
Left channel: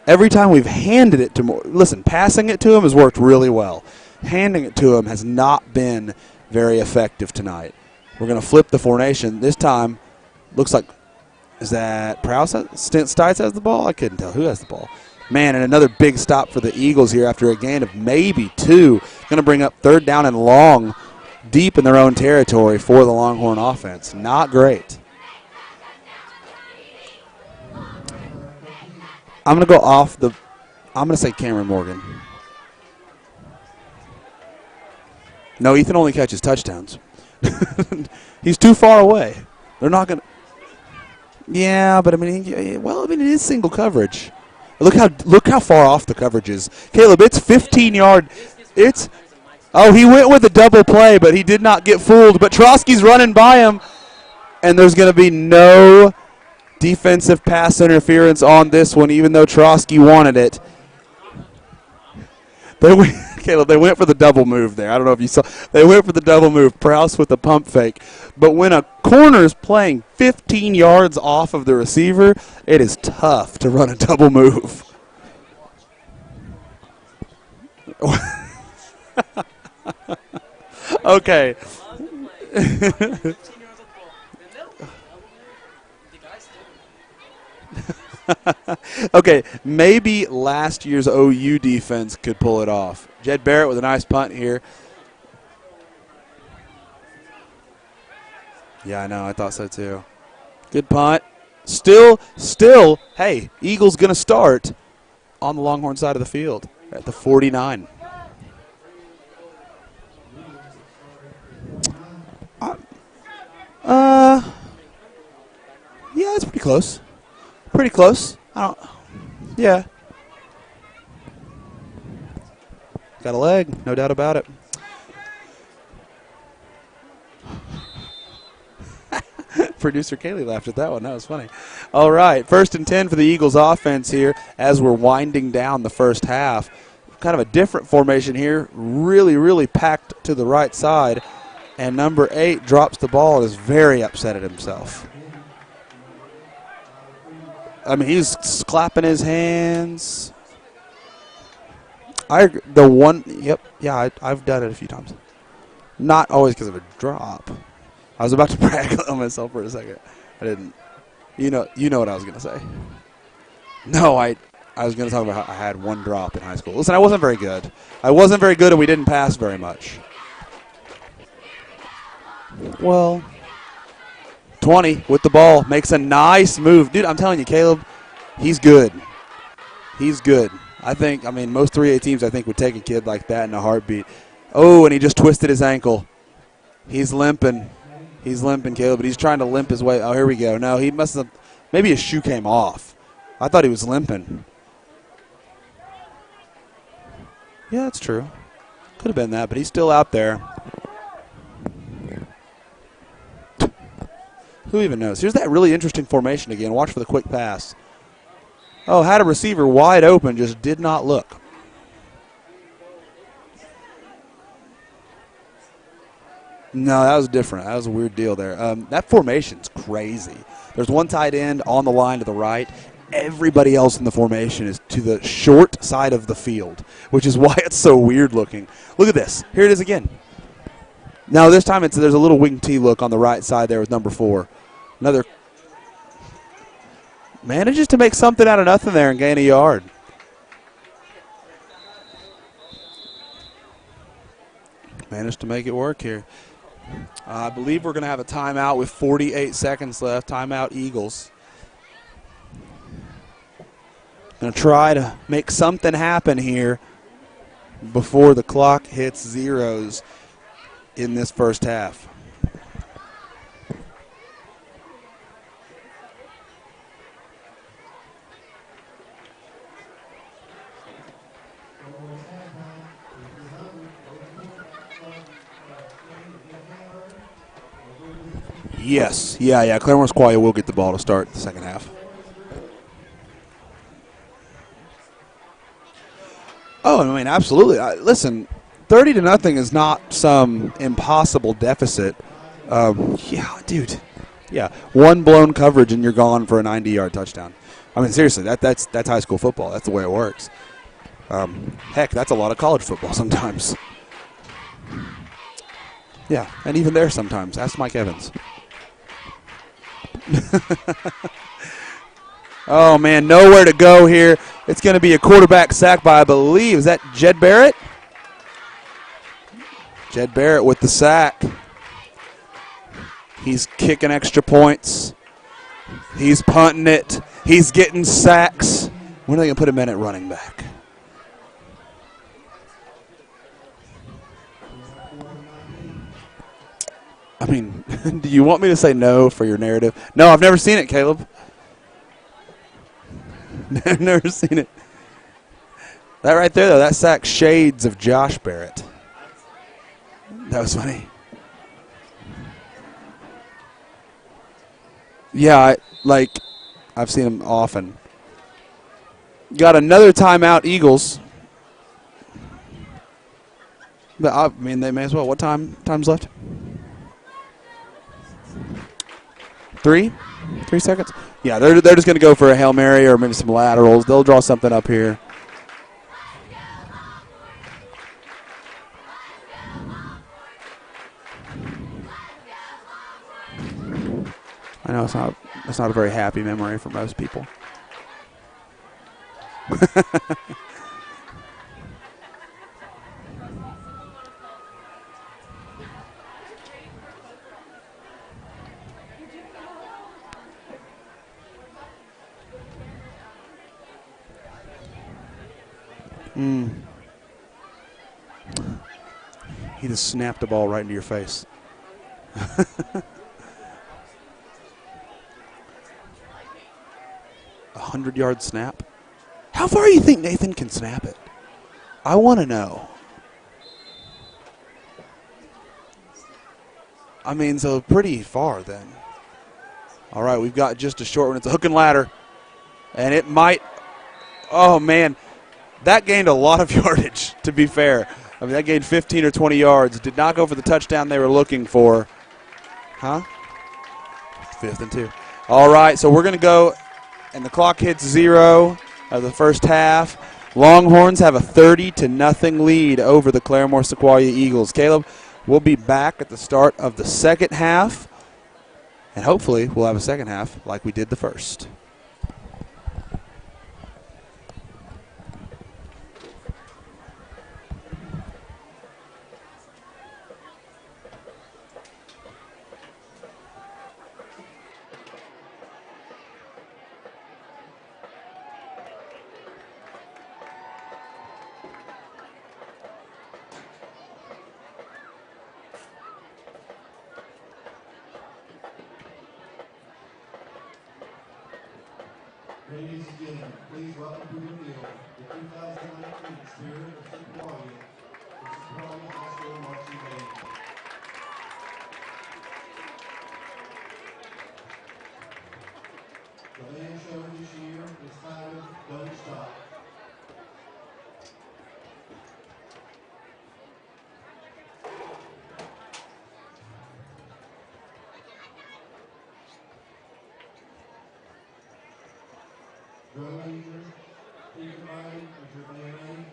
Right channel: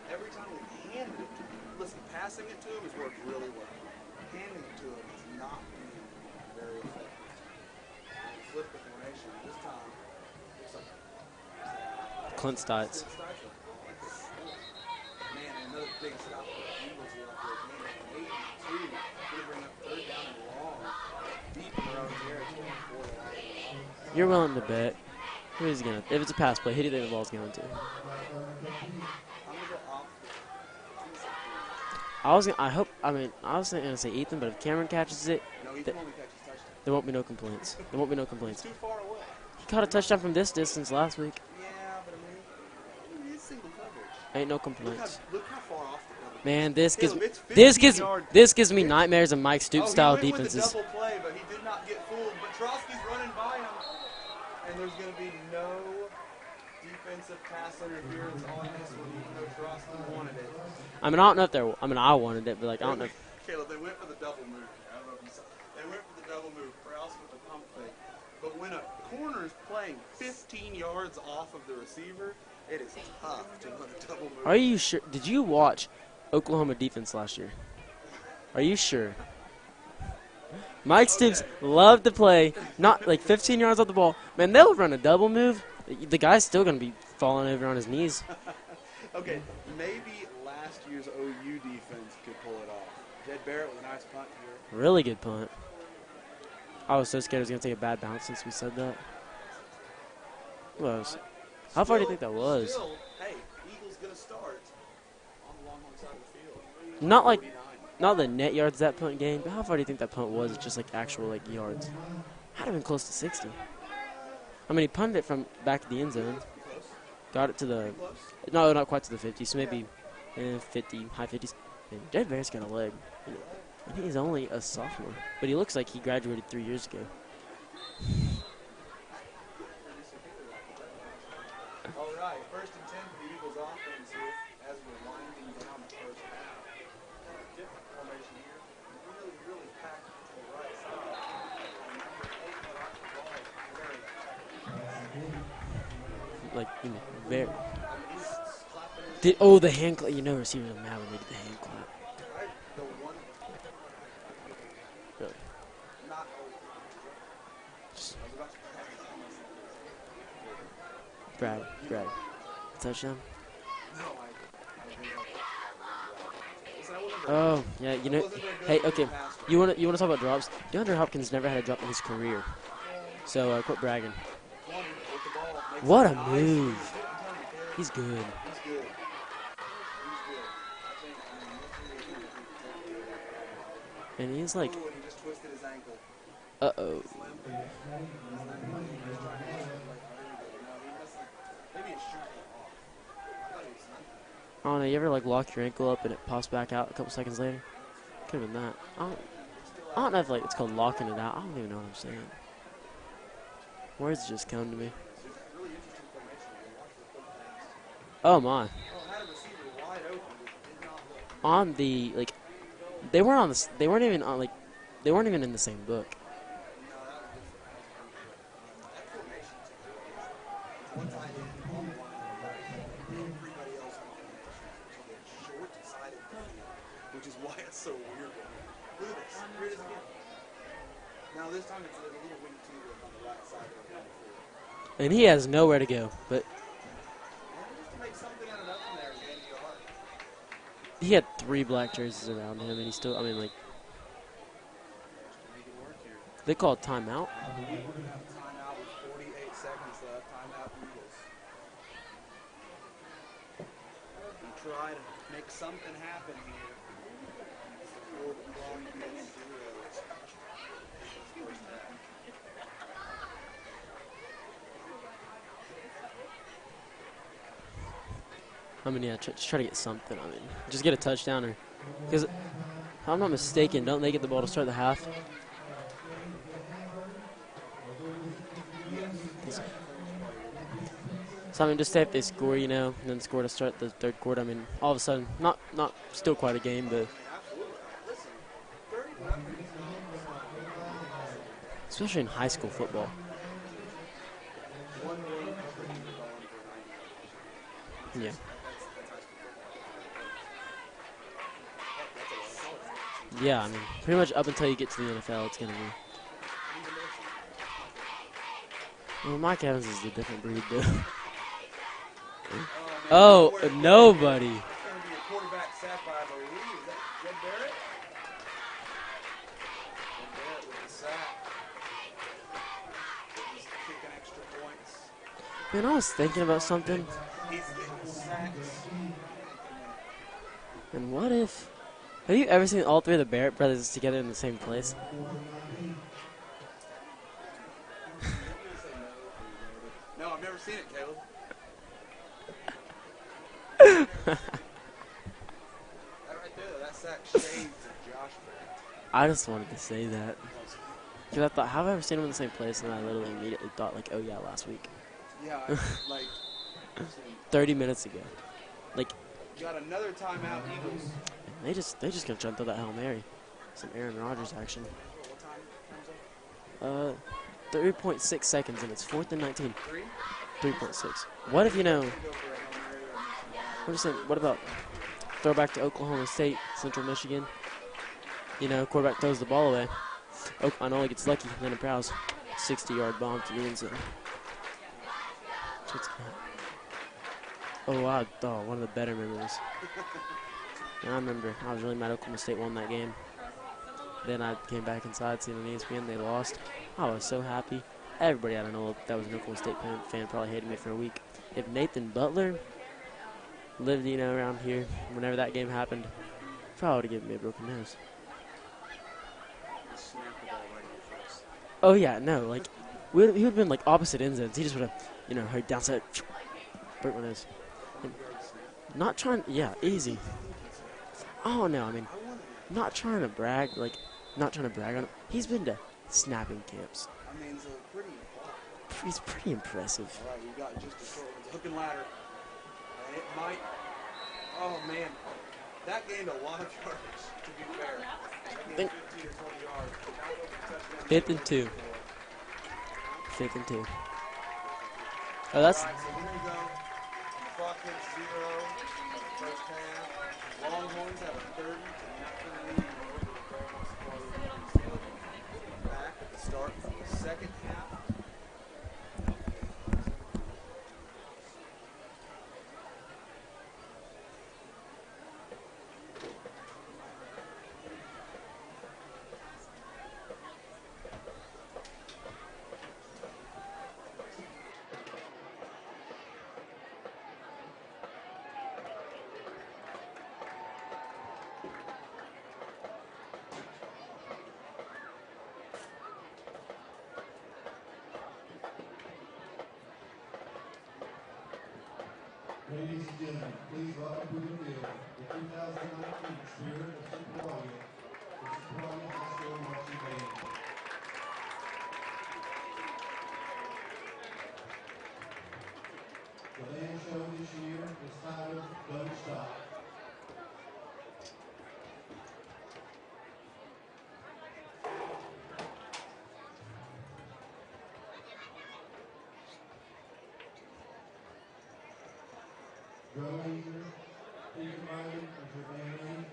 Every time we've handed it to Morgan – listen, passing it to him has worked really well. Handing it to him has not been very effective tonight. We're going to flip the formation. This time, looks like, is that Prowse? Stites has the ball? I couldn't tell who has the ball. Man, and another big stop for the Eagles here after a gain of maybe 2. Going to bring up 3rd down and long deep in their own territory for the Longhorn offense. Not great. If it's a pass play, who do you think the ball's going to? I'm going to go off the – I'm going to say Cameron Morgan. I was going to say Ethan, but if Cameron catches it. No, Ethan only catches touchdowns. There won't be no complaints. He's too far away. Caught a touchdown from this distance last week. Yeah, but I mean, it is single coverage. Ain't no complaints. Look how far off the coverage is. This Caleb, it's 15 yard. This gives me nightmares of Mike Stewart. Oh, he went with a double play, but he did not get fooled. But Trotsky's running by him, and there's going to be no defensive pass interference on this one, even though Trotsky wanted it. I mean, I don't know if they're. I mean, I wanted it. But Caleb, they went for the double move there. I don't know if you saw. They went for the double move. Prowse with the pump fake. But when a corner's playing 15 yards off of the receiver, it is tough to run a double move. Are you sure? Did you watch Oklahoma defense last year? Are you sure? Mike Stoops loved to play not like 15 yards off the ball. Man, they'll run a double move. The guy's still going to be falling over on his knees. Okay, maybe last year's OU defense could pull it off. Jed Barrett with a nice punt here. Really good punt. I was so scared it was going to take a bad bounce since we said that. Yeah, I know. I thought so too. Good punt. Still, hey, Eagles going to start on the Longhorn side of the field at the 49. Not the net yards that punt gained, but how far do you think that punt was? Just like actual yards. Probably close to 60. I mean, he punted it from back to the end zone. Yeah, it's pretty close. Got it to the. Pretty close. No, not quite to the 50s. Yeah. 50, high 50s. Jed Barrett's got a leg. Got a leg, no doubt about it. A sophomore, but he looks like he graduated 3 years ago. Producer Kaylee laughed at that one. That was funny. All right, 1st and 10 for the Eagles offense here as we're winding down the first half. Kind of a different formation here. Really, really packed to the right side. And number 8 drops the ball and is very upset at himself. I mean, he's clapping his hands. You never seen him now. I've done it a few times. Not always because of a drop. I was about to brag on myself for a second. I didn't. You know what I was going to say. Touchdown? No, I was going to talk about how I had one drop in high school. Listen, I wasn't very good. Yeah, I wasn't very good, and we didn't pass very much. You want to talk about drops? DeAndre Hopkins never had a drop in his career. Well. So quit bragging. 20 with the ball. Makes a nice move. Dude, I'm telling you, Caleb, he's good. He's good. I mean, most 3A teams, I think, would take a kid like that in a heartbeat. And he just twisted his ankle. He's limping. He's limping, Caleb, but he's trying to limp his way. Oh, here we go. No, he must have. Maybe his shoe came off. I thought he was limping. Oh, no, you ever, lock your ankle up and it pops back out a couple seconds later? Yeah, that's true. Could have been that. Could have been that, but he's still out there. It's called locking it out. I don't even know what you're saying. Words just come. Who even knows? Here's that really interesting formation again. Watch for the quick pass. Oh, my. Oh, had a receiver wide open, just did not look. On the, they weren't even in the same book. No, that was different. That was a weird deal there. That formation's crazy. There's one tight end on the line to the right. Everybody else in the formation is to the short side of the field, which is why it's so weird looking. Look at this. Here it is again. Now this time there's a little wing T look on the right side there with number 4. He has nowhere to go. But manages to make something out of nothing there and gain a yard. He had 3 black jerseys around him, and he still, managed to make it work here. They call it timeout. I believe we're going to have a timeout with 48 seconds left. Timeout Eagles. Going to try to make something happen here before the clock hits zeros in this first half. Just try to get something on it. Just get a touchdown, because if I'm not mistaken, don't they get the ball to start the half? Yes. Yeah. Claremore Squire will get the ball to start the second half. Just say if they score, and then score to start the third quarter. I mean, all of a sudden, not still quite a game. Oh, I mean, absolutely. Listen, 30-0 is not some impossible deficit. Especially in high school. Yeah, dude. Yeah, one blown coverage and you're gone for a 90-yard touchdown. I mean, seriously, that's high school football. That's the way it works. Heck, that's a lot of college football Yeah, sometimes. pretty much up until you get to the NFL, it's going to be. Yeah, and even there sometimes. Ask Mike Evans. Well, Mike Evans is the difference. Oh, man, Oh, nowhere to go here. nobody. It's going to be a quarterback sack by, I believe, is that Jed Barrett? Jed Barrett with the sack. He's kicking extra points. Man, I was thinking He's about punting something. it. He's getting sacks. When are they going to put him in at running back? And what if? Have you ever seen all three of the Barrett brothers together in the same place? I mean, do you want me to say no for your narrative? No, I've never seen it, Caleb. I've never seen it. That right there, though, that sack shades of Josh Barrett. I just wanted to say that. That was funny. Because I thought, have I ever seen them in the same place? And I literally immediately thought, like, oh, yeah, last week. Yeah, I've seen him 30 often. minutes ago. Like, Got another timeout, Eagles. they just going to jump to that Hail Mary. Some Aaron But, Rodgers I mean, action. they may as well. What time's left? 3.6 seconds, and it's 4th and 19. 3 3.6. seconds? Yeah, What they're if just going to go for a Hail Mary or maybe some laterals. They'll draw something up here. Throw back to Oklahoma State, Central Michigan. You know, quarterback throws the ball away. I know he gets lucky. Henry Prowse, 60-yard bomb to get it. I know it's not a very happy memory for most people. Oh, wow. Oh, one of the better memories. I remember I was really mad Oklahoma State won that game. Then I came back inside, seeing the ESPN, they lost. I was so happy. Everybody I don't know that was an Oklahoma State fan probably hated me for a week. If Nathan Butler lived, you know, around here, whenever that game happened, probably would have given me a broken nose. He just snapped the ball right into your face. Oh, yeah, no. Like, he would have been, like, opposite ends. He just would have, you know, hurt downside, broke my nose. 100-yard snap? Not trying. How far do you think Nathan can snap it? Oh, no. I mean, I want to know. not trying to brag. Like, not trying to brag on it. He's been to snapping camps. I mean, so pretty far then. He's pretty impressive. All right, we've got just a short one. It's a hook and ladder. And it might – oh, man. That gained a lot of yardage, to be fair. I mean, that gained 15 or 20 yards. Did not go for the touchdown they were looking for. Huh? 5th and 2. 5th and 2. All right, so we're going to go – and the clock hits 0 of the first half. Longhorns have a 30-0 lead over the Claremore Sequoia Eagles. Caleb, we'll be back at the start of the second half, and hopefully we'll have a second half like we did the first. Ladies and gentlemen, please welcome to the field the 2019 Spirit of Sequoia, the Sequoia High School Marching Band. The band show this year is titled Don't Stop. Drum major, Peter Riley, and your band.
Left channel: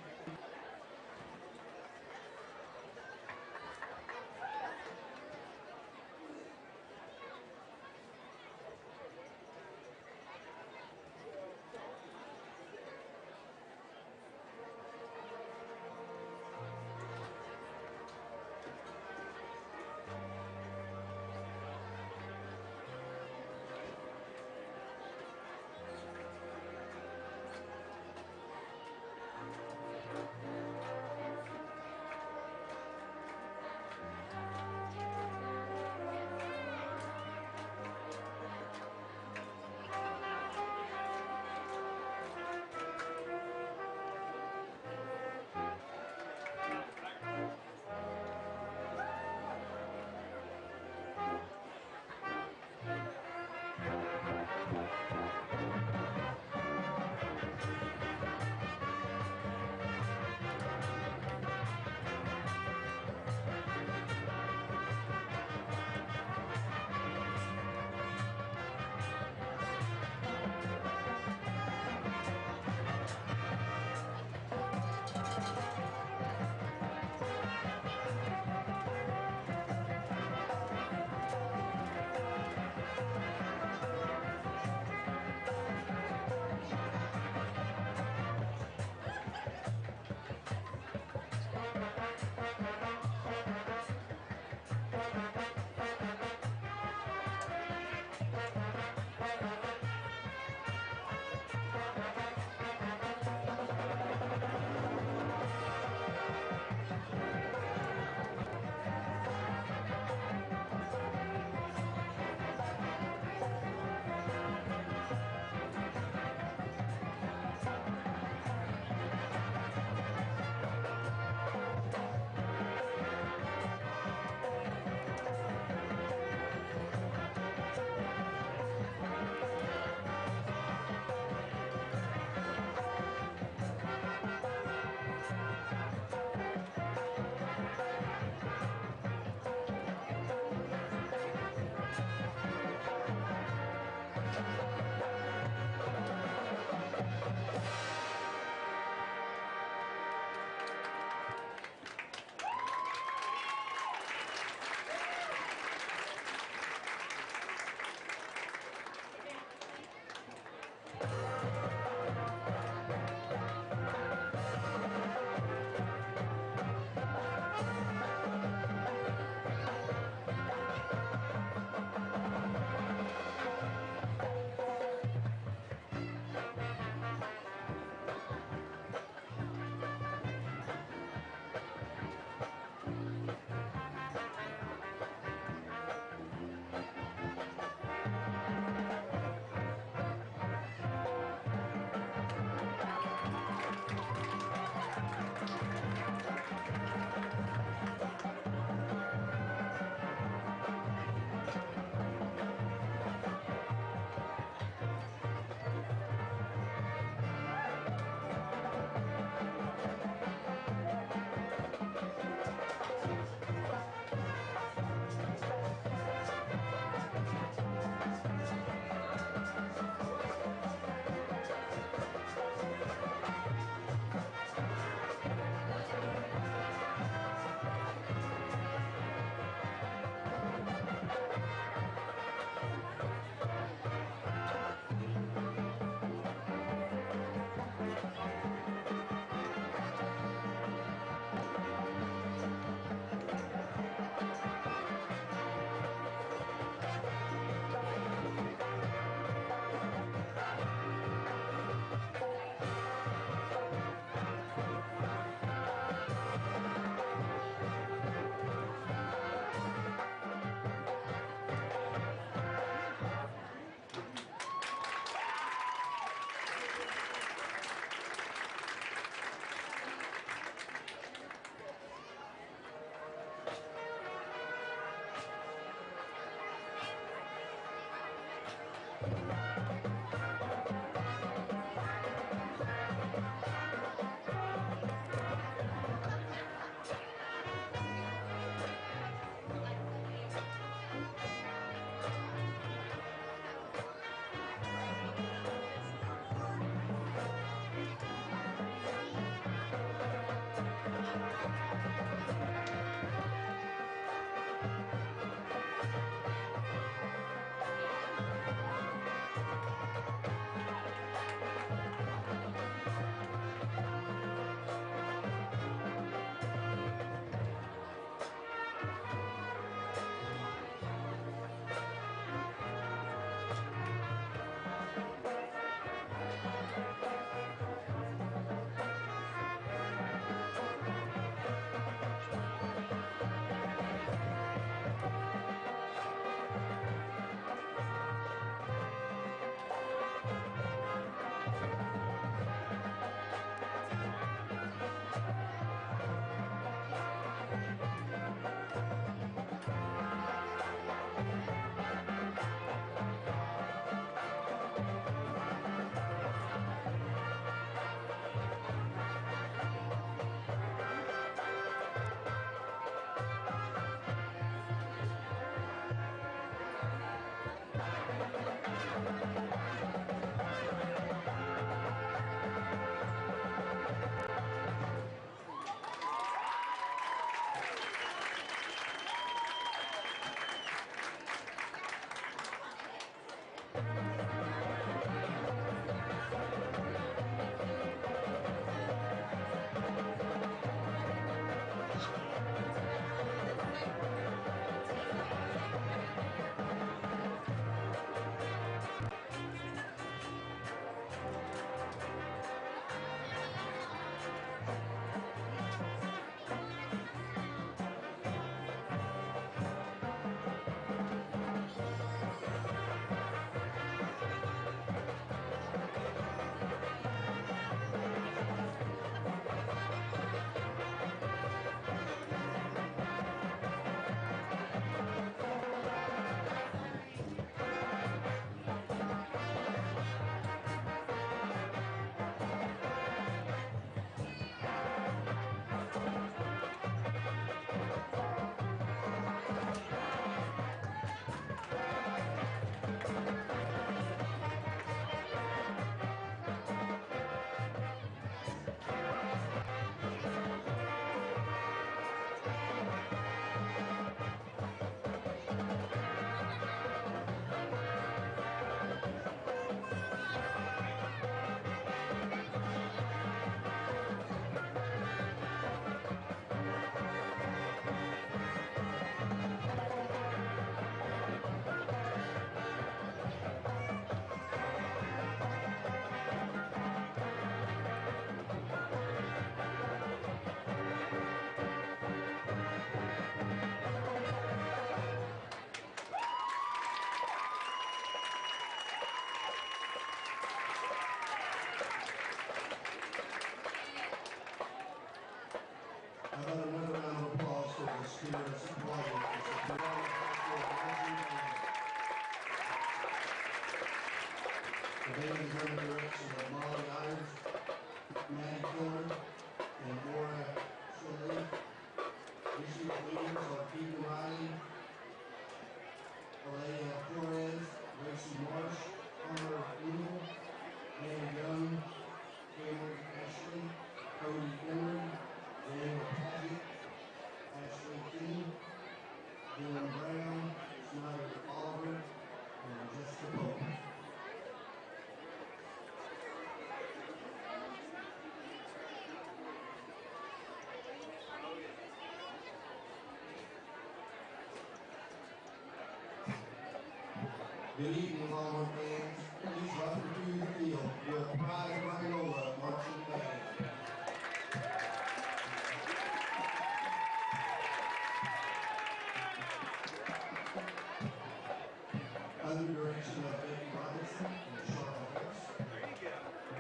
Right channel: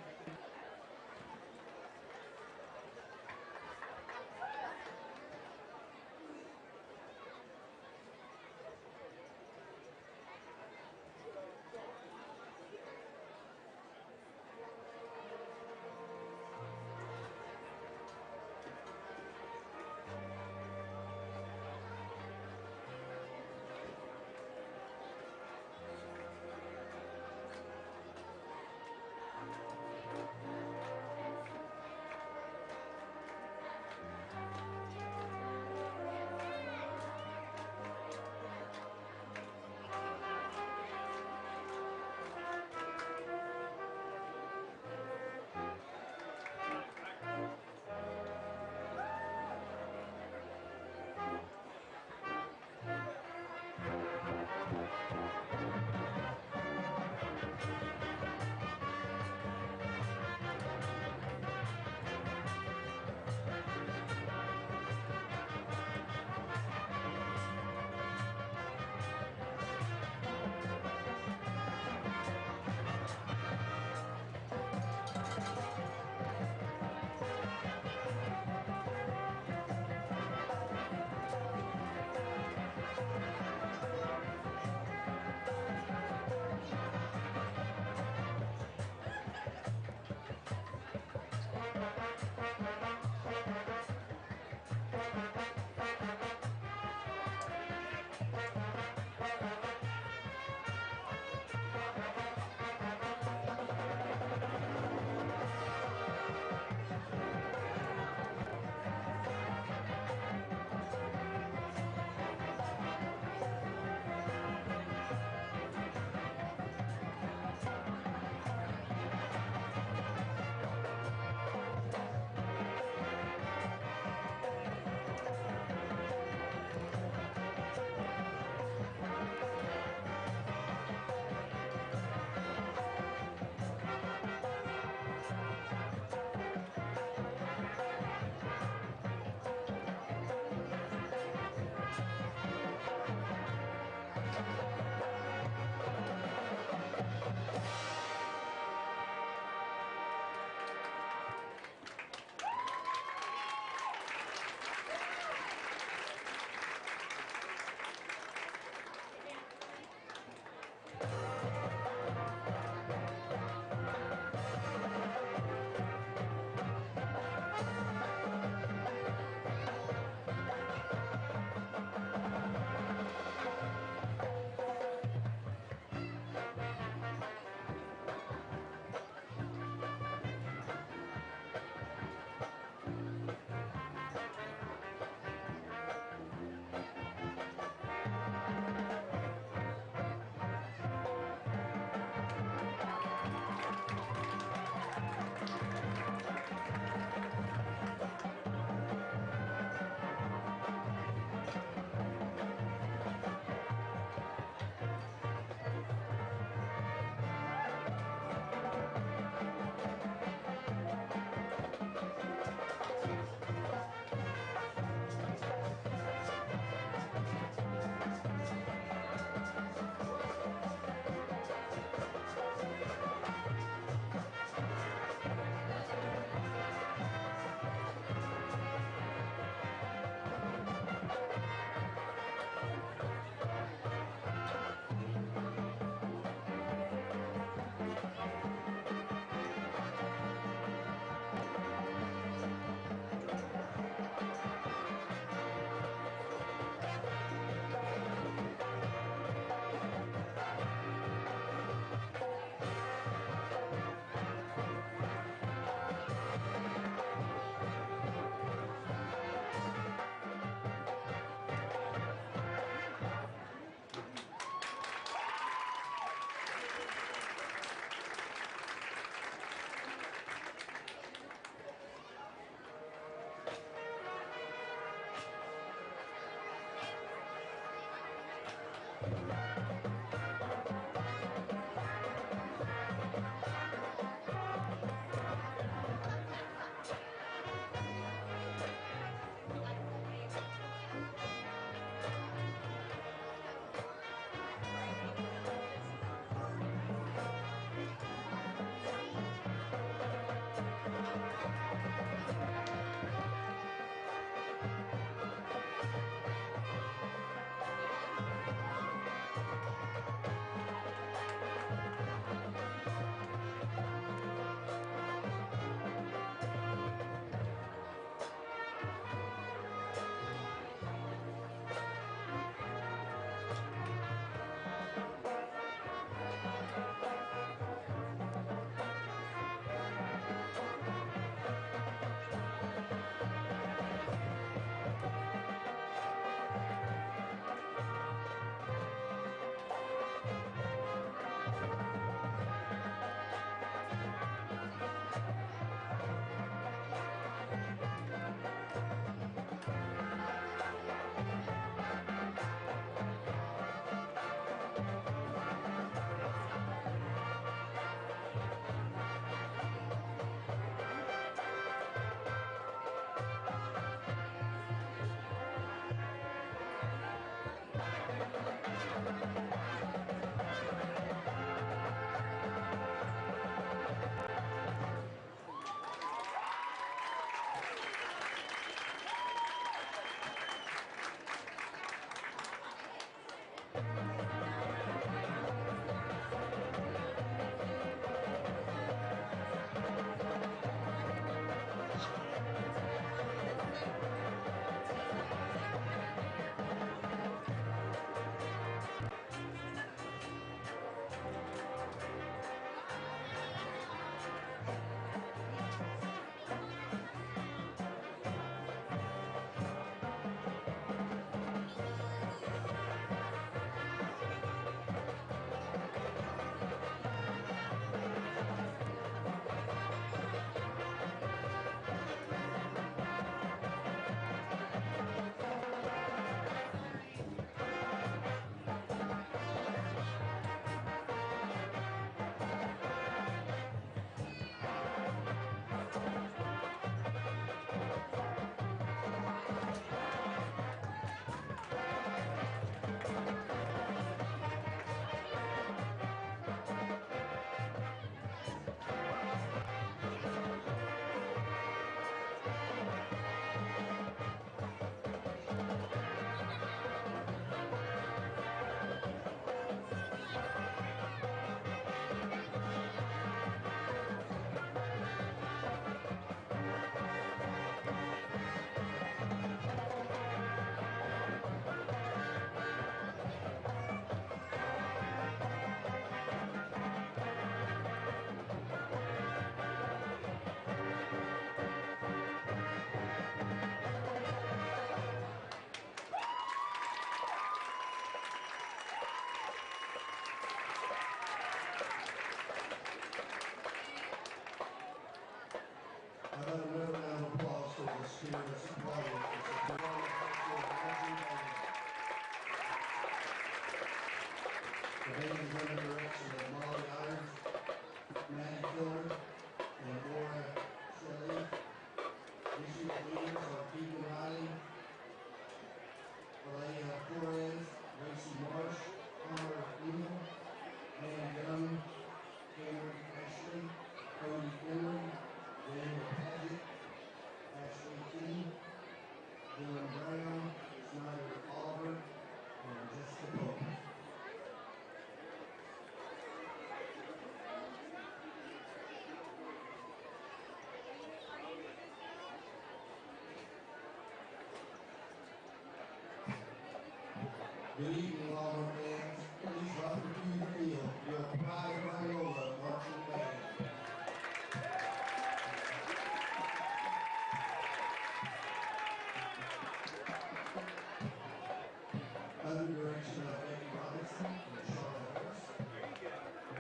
How about another round of applause for the Spirit of Sequoia? It's a Sequoia High School marching band. The band is under the direction of Molly Irons, Maddie Killer, and Laura Shelley. This year's leaders are Keegan Riley, Alea Torres, Lacey Marsh, Connor Eagle, Ann Young, Cameron Ashley, Cody Emery, Daniel Paget, Ashley King, Dylan Brown, Snyder Oliver, and Jessica Pope. Good evening, Longhorn fans. Please welcome to the field your Pride Rhinola marching band. Under direction of Becky Robinson and Charlotte Harris.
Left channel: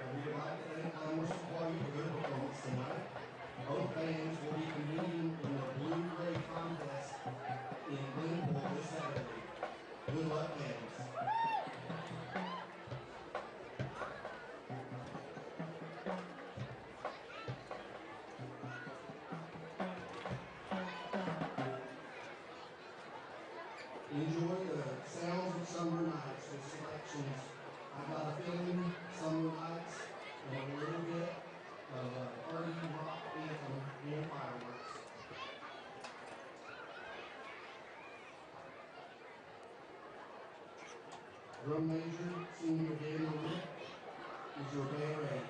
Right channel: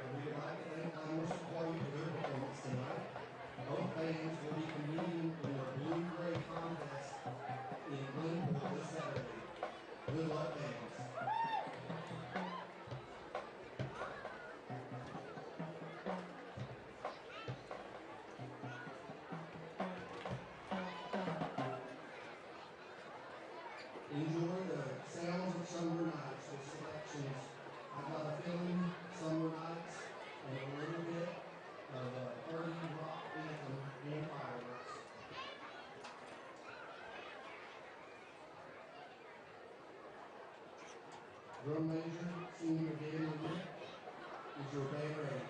We would like to thank Commerce Sequoia for their performance tonight. Both bands will be competing in the Blue-Gray contest in Glenpool this Saturday. Good luck, bands. Enjoy the sounds of summer nights with selections. I Got a Feeling, Summer Nights, and a little bit of a party rock anthem and fireworks. Drum major, senior Daniel Wick, is your band ready?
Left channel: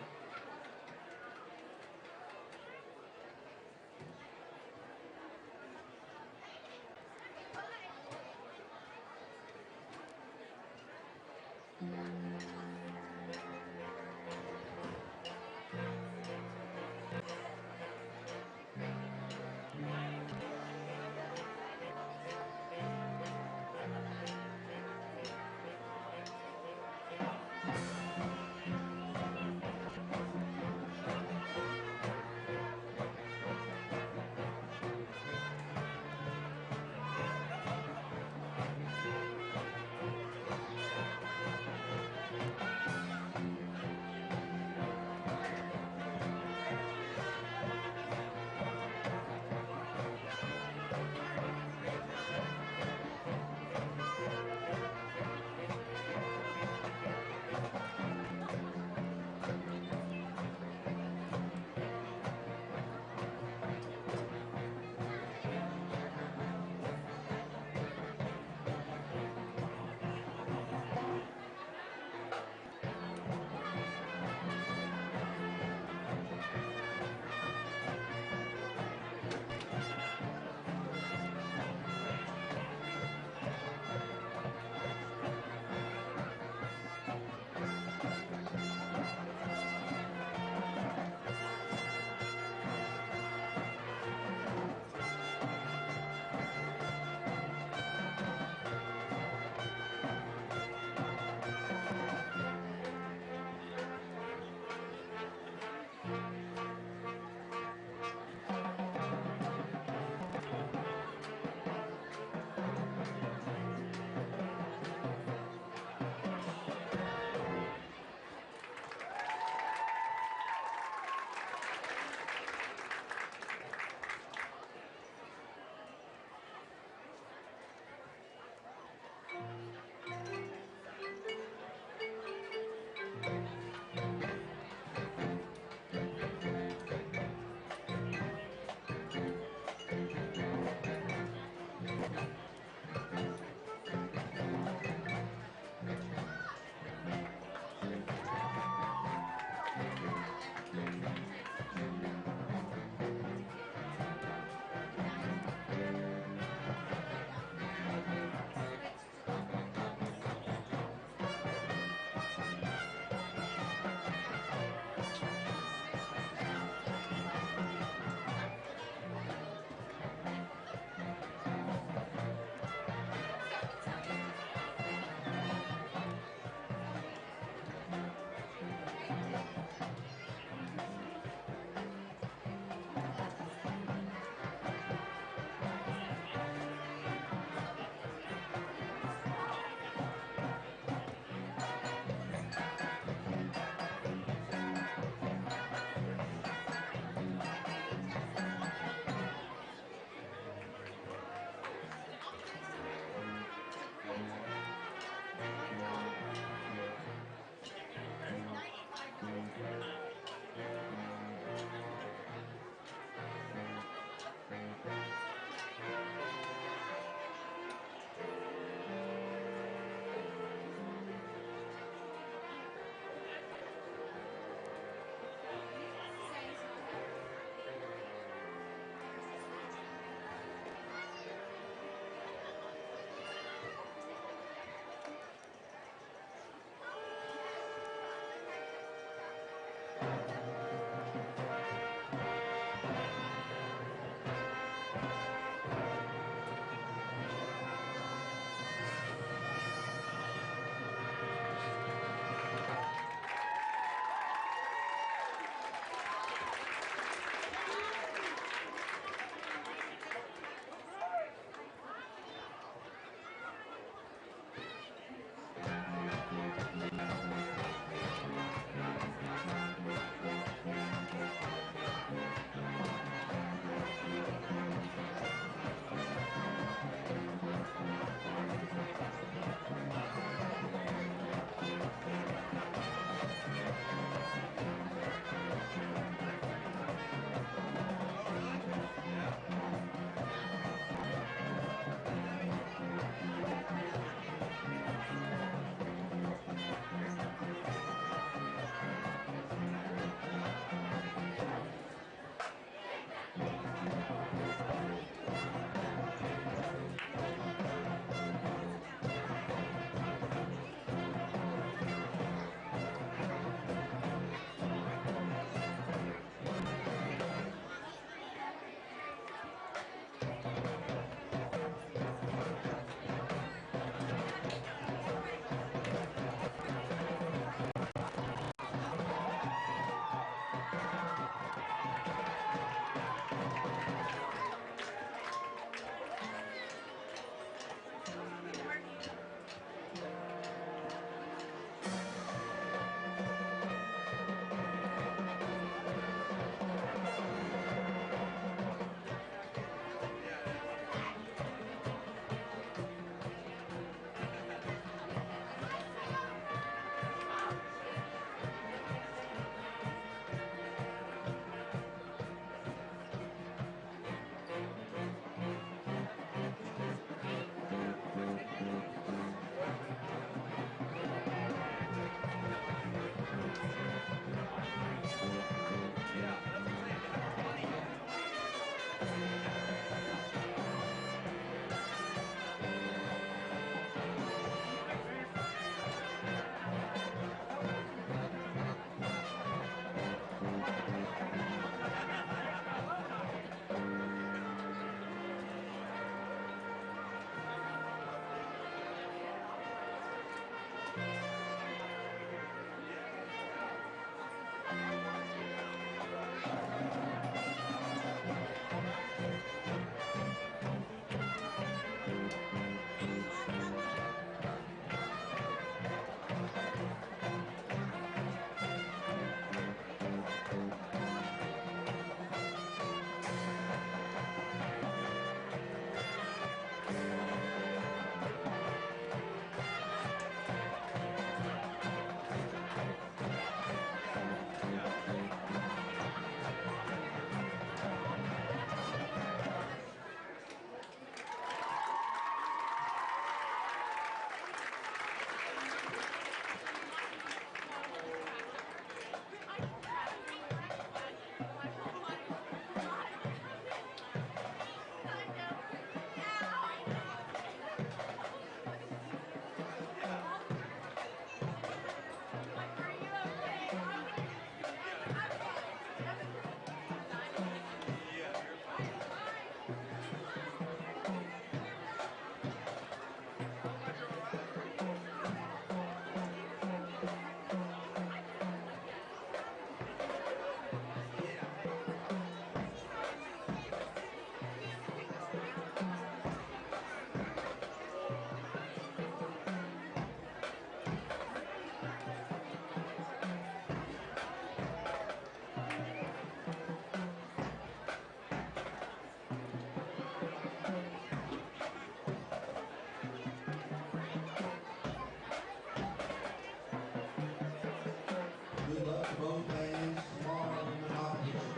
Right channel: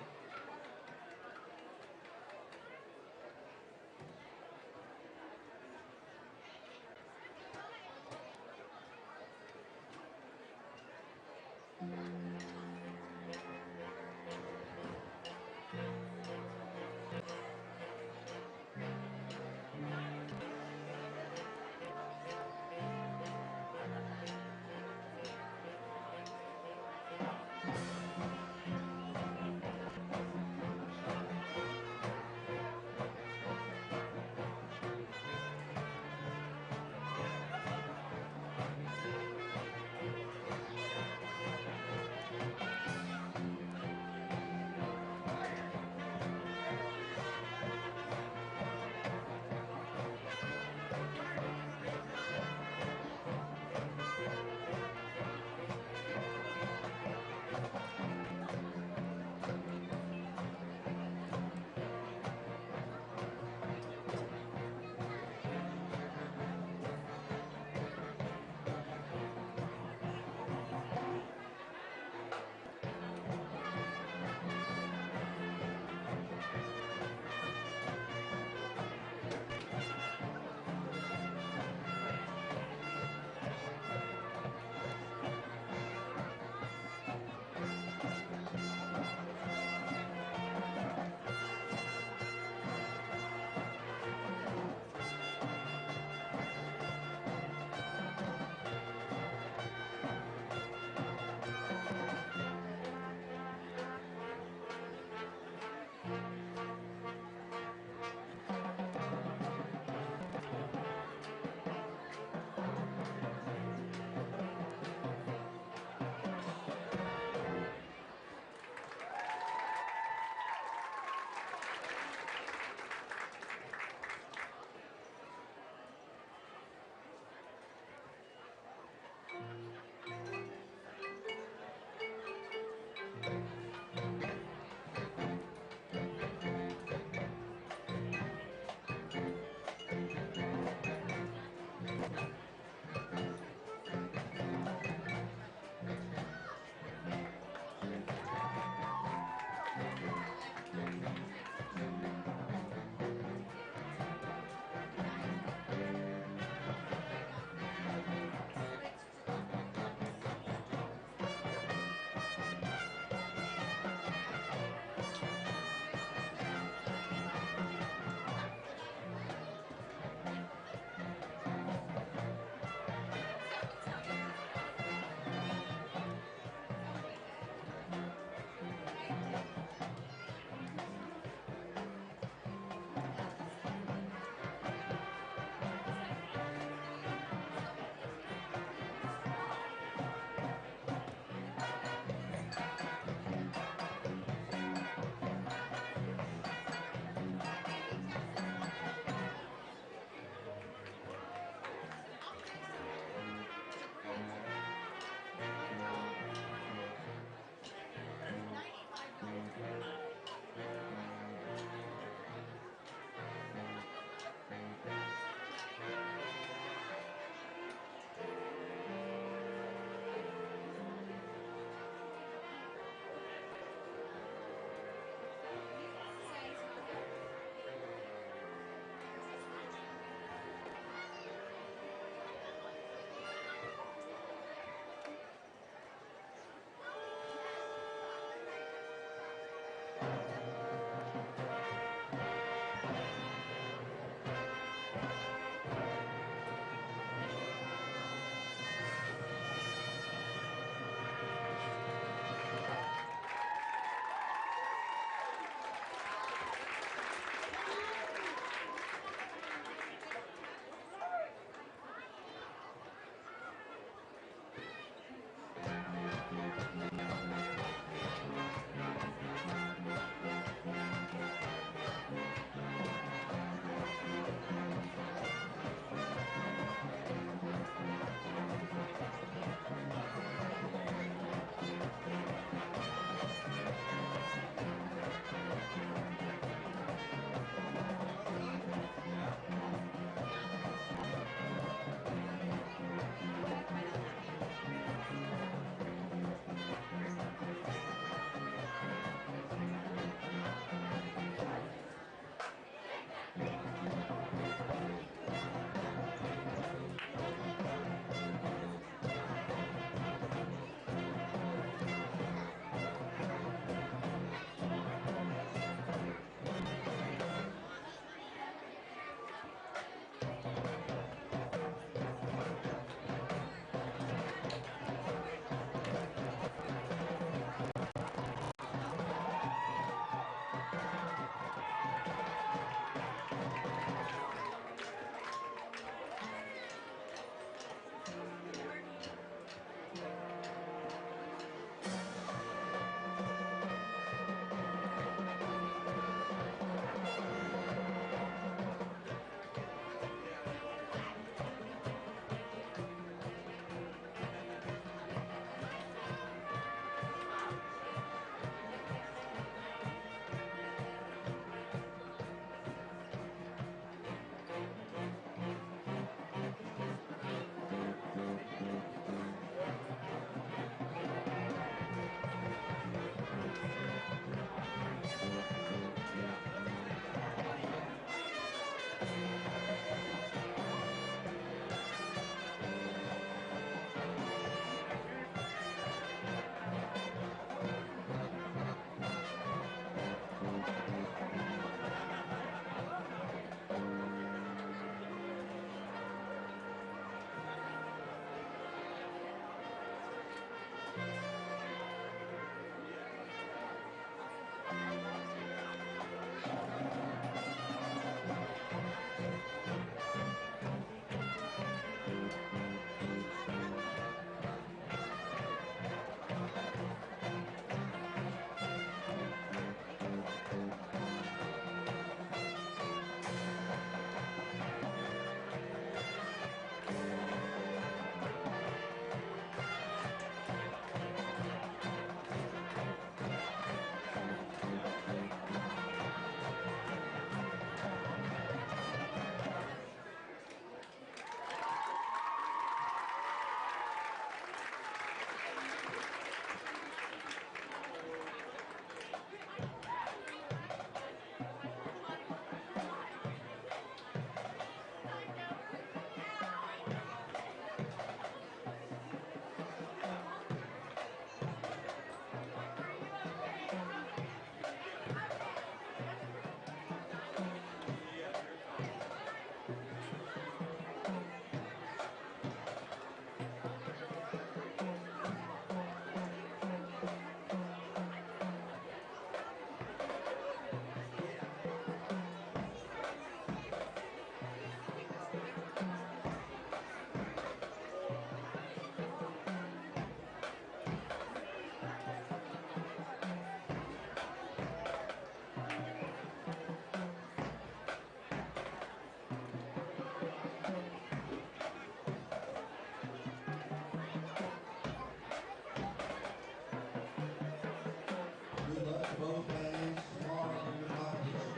both bands tomorrow in the competition.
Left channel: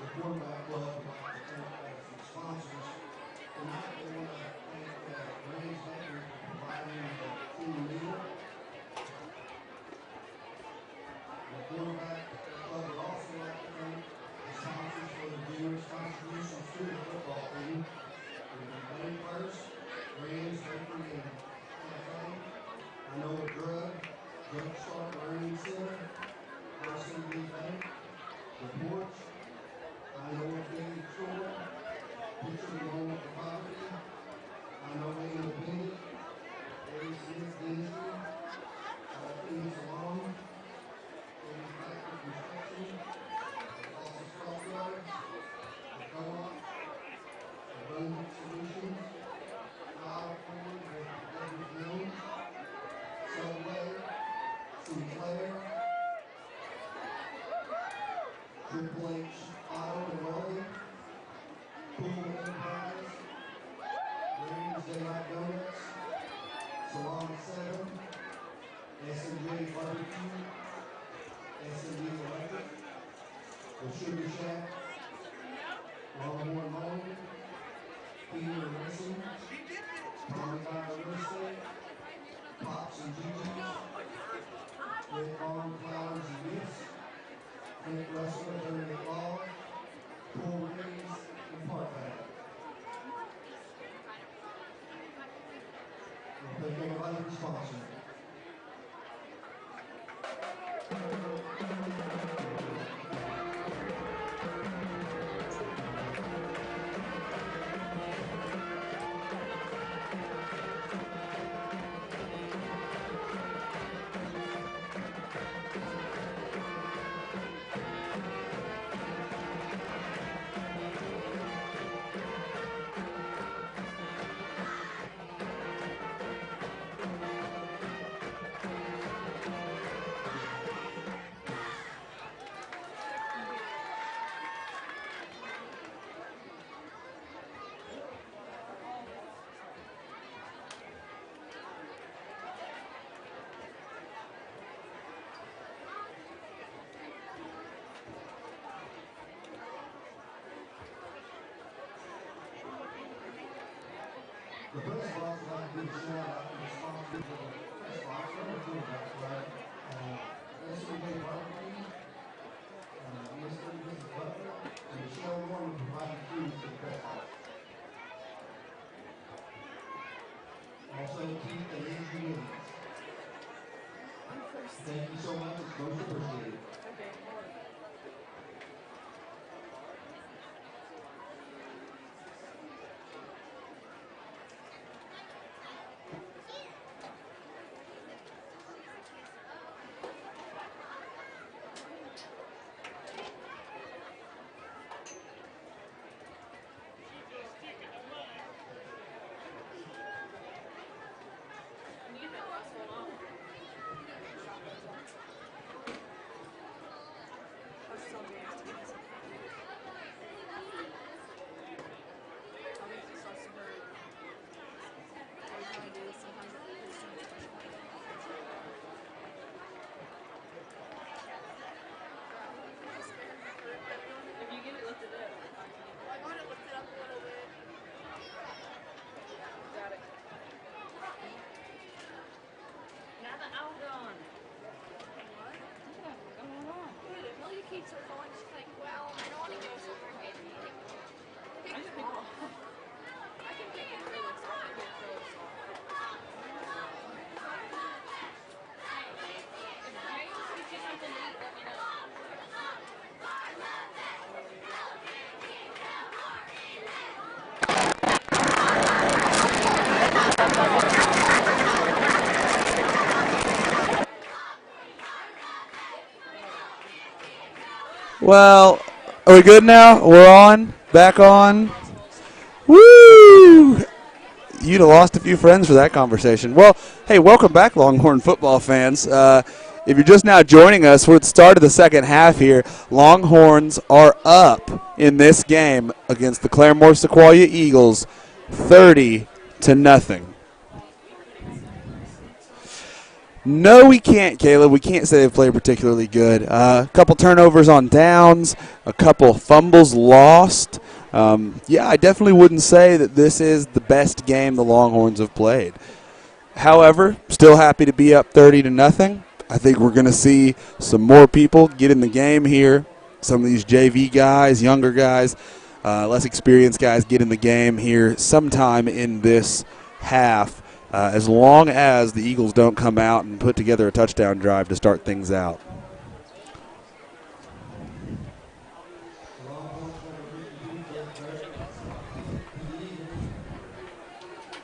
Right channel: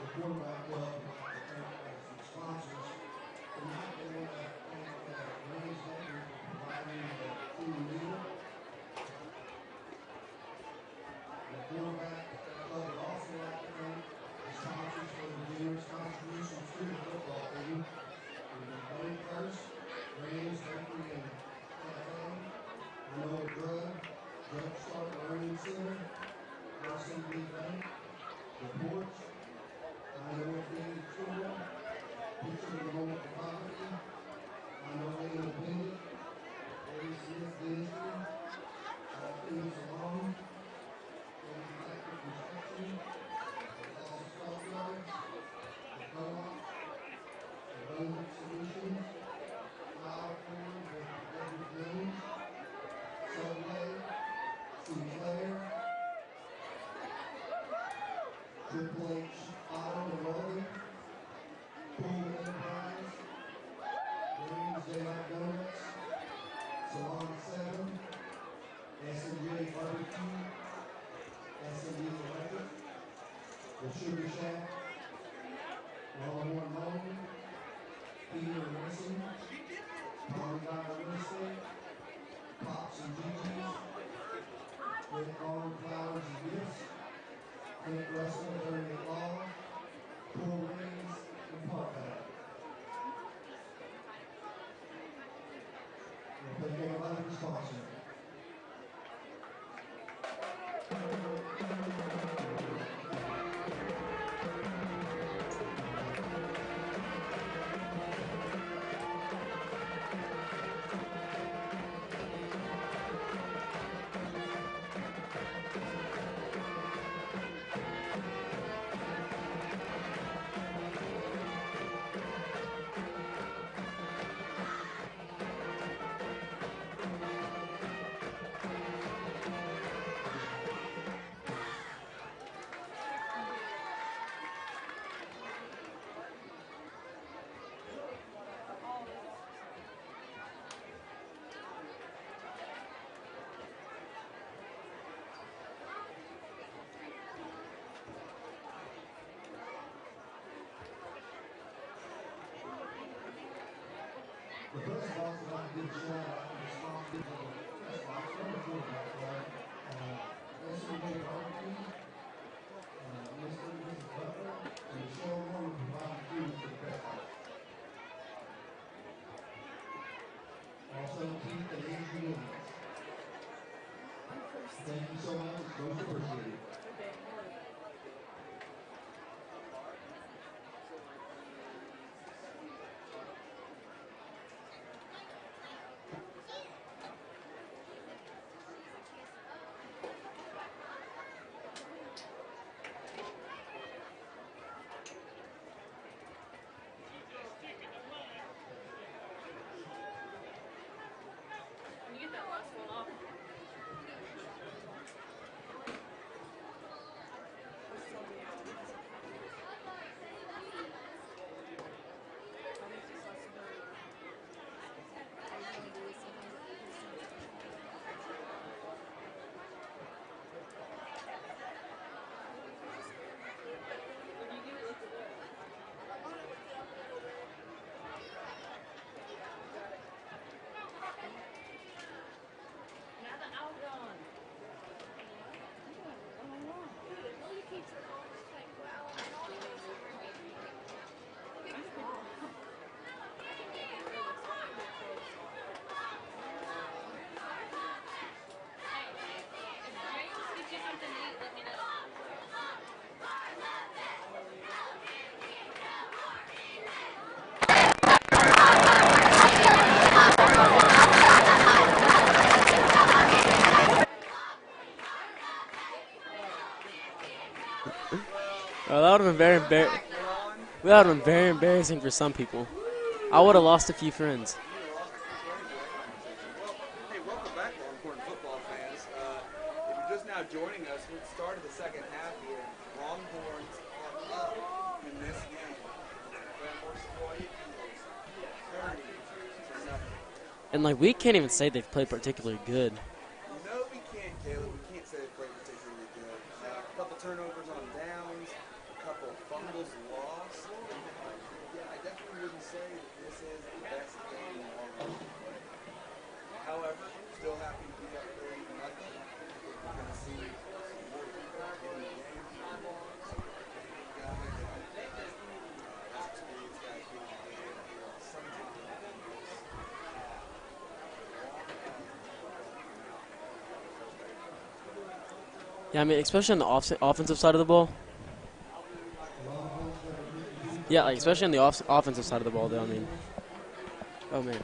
The quarterback club would like to thank some sponsors. Tonight they want to thank Ray's Bakery for providing the team meal. The quarterback club would also like to thank the sponsors for their generous contributions to the football team. Money First, Ray's Bakery and Cafe, I Know a Drugstore Learning Center, RCB Bank, The Porch, I Know a Big Store, Picture the Moment of Poverty, I Know a Independent, Eddie Smith Dentistry, Phoenix Salon, Eddie Factory Construction, Lawson Stockyard, The Co-op, Abundant Solutions, Flower Corn with David Jones, Subway, Sinclair, Triple H Auto and Welding, Pullman Enterprise, Rains Daylight Donuts, Salon 7, S&J Barbecue, S&D Electric, The Sugar Shack, Longhorn Mowing, Peter Racing, Tommy Dyer Real Estate, Pops and Gigi's, Red Farm Flowers and Gifts, Clint Russell, Attorney at Law, Pool Rings, and Park Bank. We'll thank everybody for sponsoring. The press box would like to give a shout out to the sponsors of the press box and the quarterback club. S&J Barbecue, Mr. and Mrs. Butler, and Michelle Warren providing food for the press box. Also, Keith and Andrew Williams. Thank you so much. It's most appreciated. Well, are we good now? We're on? Back on? Embarrassing for some people. Woo! I would have lost a few friends. You'd have lost a few friends for that conversation. Well, hey, welcome back, Longhorn football fans. If you're just now joining us, we're at the start of the second half here. Longhorns are up in this game against the Claremore-Sequoyah Eagles, 30-0. And like we can't even say they've played particularly good. No, we can't, Caleb. We can't say they've played particularly good. A couple turnovers on downs, a couple fumbles lost. I definitely wouldn't say that this is the best game the Longhorns have played. However, still happy to be up 30-0. I think we're going to see some more people get in the game here. Some of these JV guys, younger guys, less experienced guys get in the game here sometime in this half, as long as the Eagles don't come out and put together a touchdown drive to start things out. Yeah, I mean, especially on the offensive side of the ball. Yeah, like especially on the offensive side of the ball, though. I mean, oh man.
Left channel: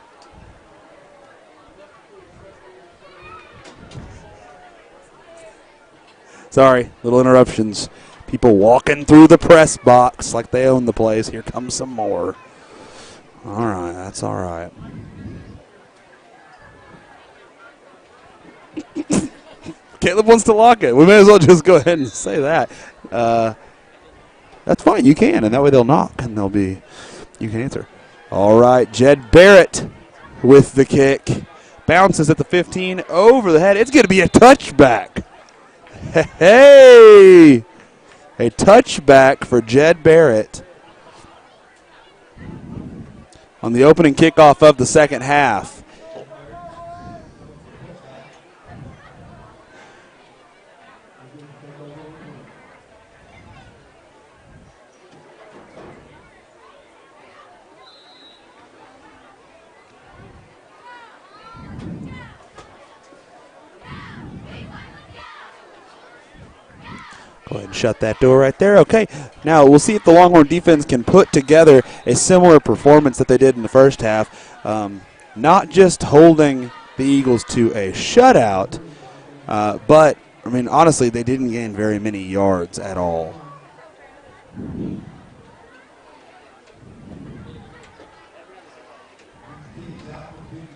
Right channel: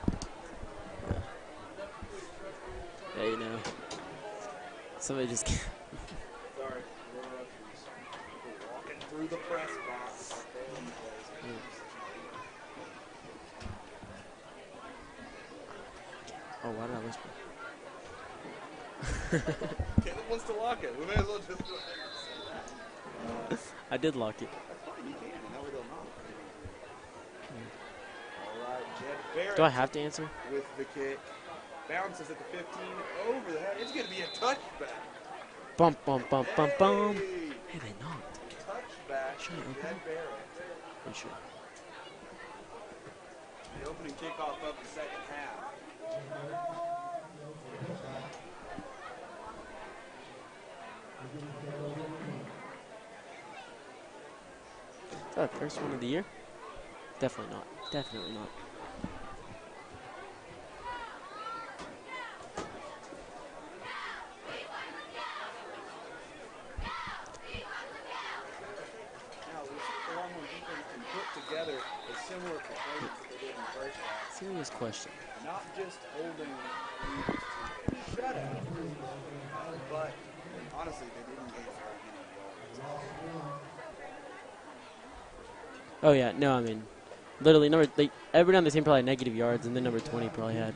Yeah, you know. Somebody just. Sorry, little interruptions. People walking through the press box like they own the place. Here comes some more. All right, that's all right. Caleb wants to lock it. We may as well just go ahead and say that. I did lock it. That's fine. You can, and that way they'll knock, and you can answer. All right, Jed Barrett with the kick. Bounces at the 15, over the head. It's going to be a touchback. Hey! A touchback for Jed Barrett on the opening kickoff of the second half. First one of the year? Definitely not. Definitely not. Go ahead and shut that door right there. Okay, now we'll see if the Longhorn defense can put together a similar performance that they did in the first half. Not just holding the Eagles to a shutout, but, I mean, honestly, they didn't gain very many yards at all. Oh, yeah. No, I mean, literally, everybody on the team probably had negative yards, and then number 20 probably had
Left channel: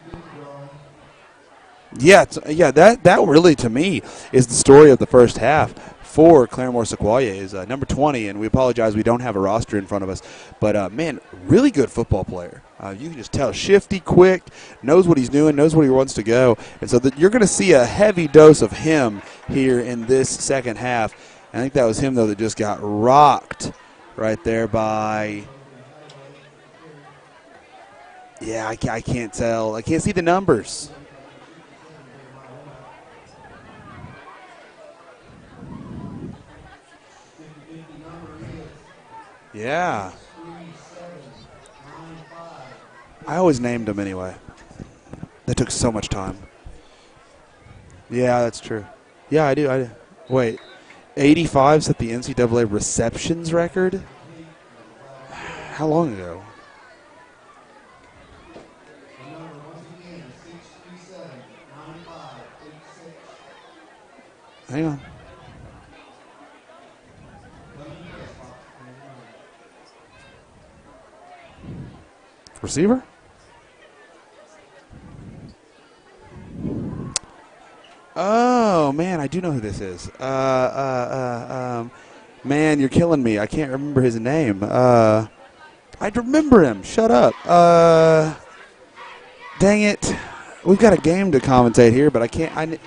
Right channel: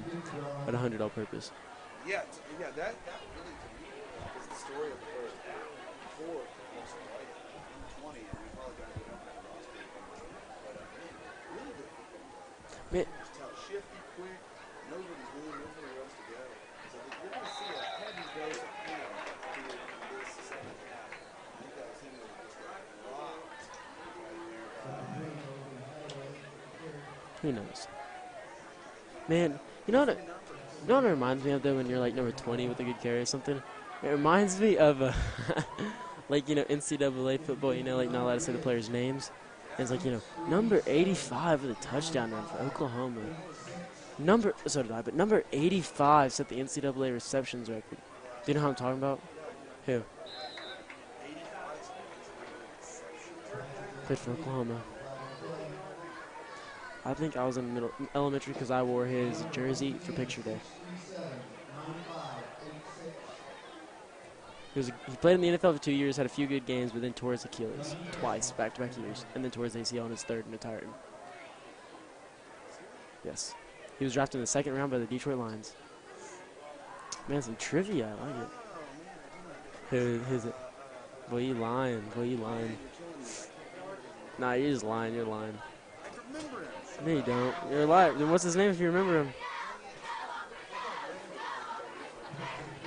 about 100 all purpose. Yeah, that really, to me, is the story of the first half for Claremore-Sequoyah is number 20, and we apologize we don't have a roster in front of us. But, man, really good football player. You can just tell, shifty, quick, knows what he's doing, knows where he wants to go. And so you're going to see a heavy dose of him here in this second half. I think that was him, though, that just got rocked right there by – who knows? Yeah, I can't tell. I can't see the numbers. You know what it reminds me of, though, when you're, like, number 20 with a good carry or something? It reminds me of, like, NCAA football, like, not allowed to say the players' names. Yeah. Like, number 85 with a touchdown run for Oklahoma. I always named them anyway. So did I, but number that took so much time. Set the NCAA receptions record. Yeah, that's true. true. What I'm talking about? Yeah, I do. Okay. Wait, 85 set the NCAA receptions record? Good for Oklahoma. How long ago? I think I was in elementary because I wore his jersey for picture day. Hang on. He played in the NFL for 2 years, had a few good games, but then tore his Achilles twice, back-to-back years, and then tore his ACL in his third and retired. Receiver? Yes. He was drafted in the second round by the Detroit Lions. Man, some trivia. Oh, man, I do know who this is. Man, you're killing me. I can't remember his name. I remember him. Shut up. What's his name if you remember him? Dang it. We've got a game to commentate here, but I can't.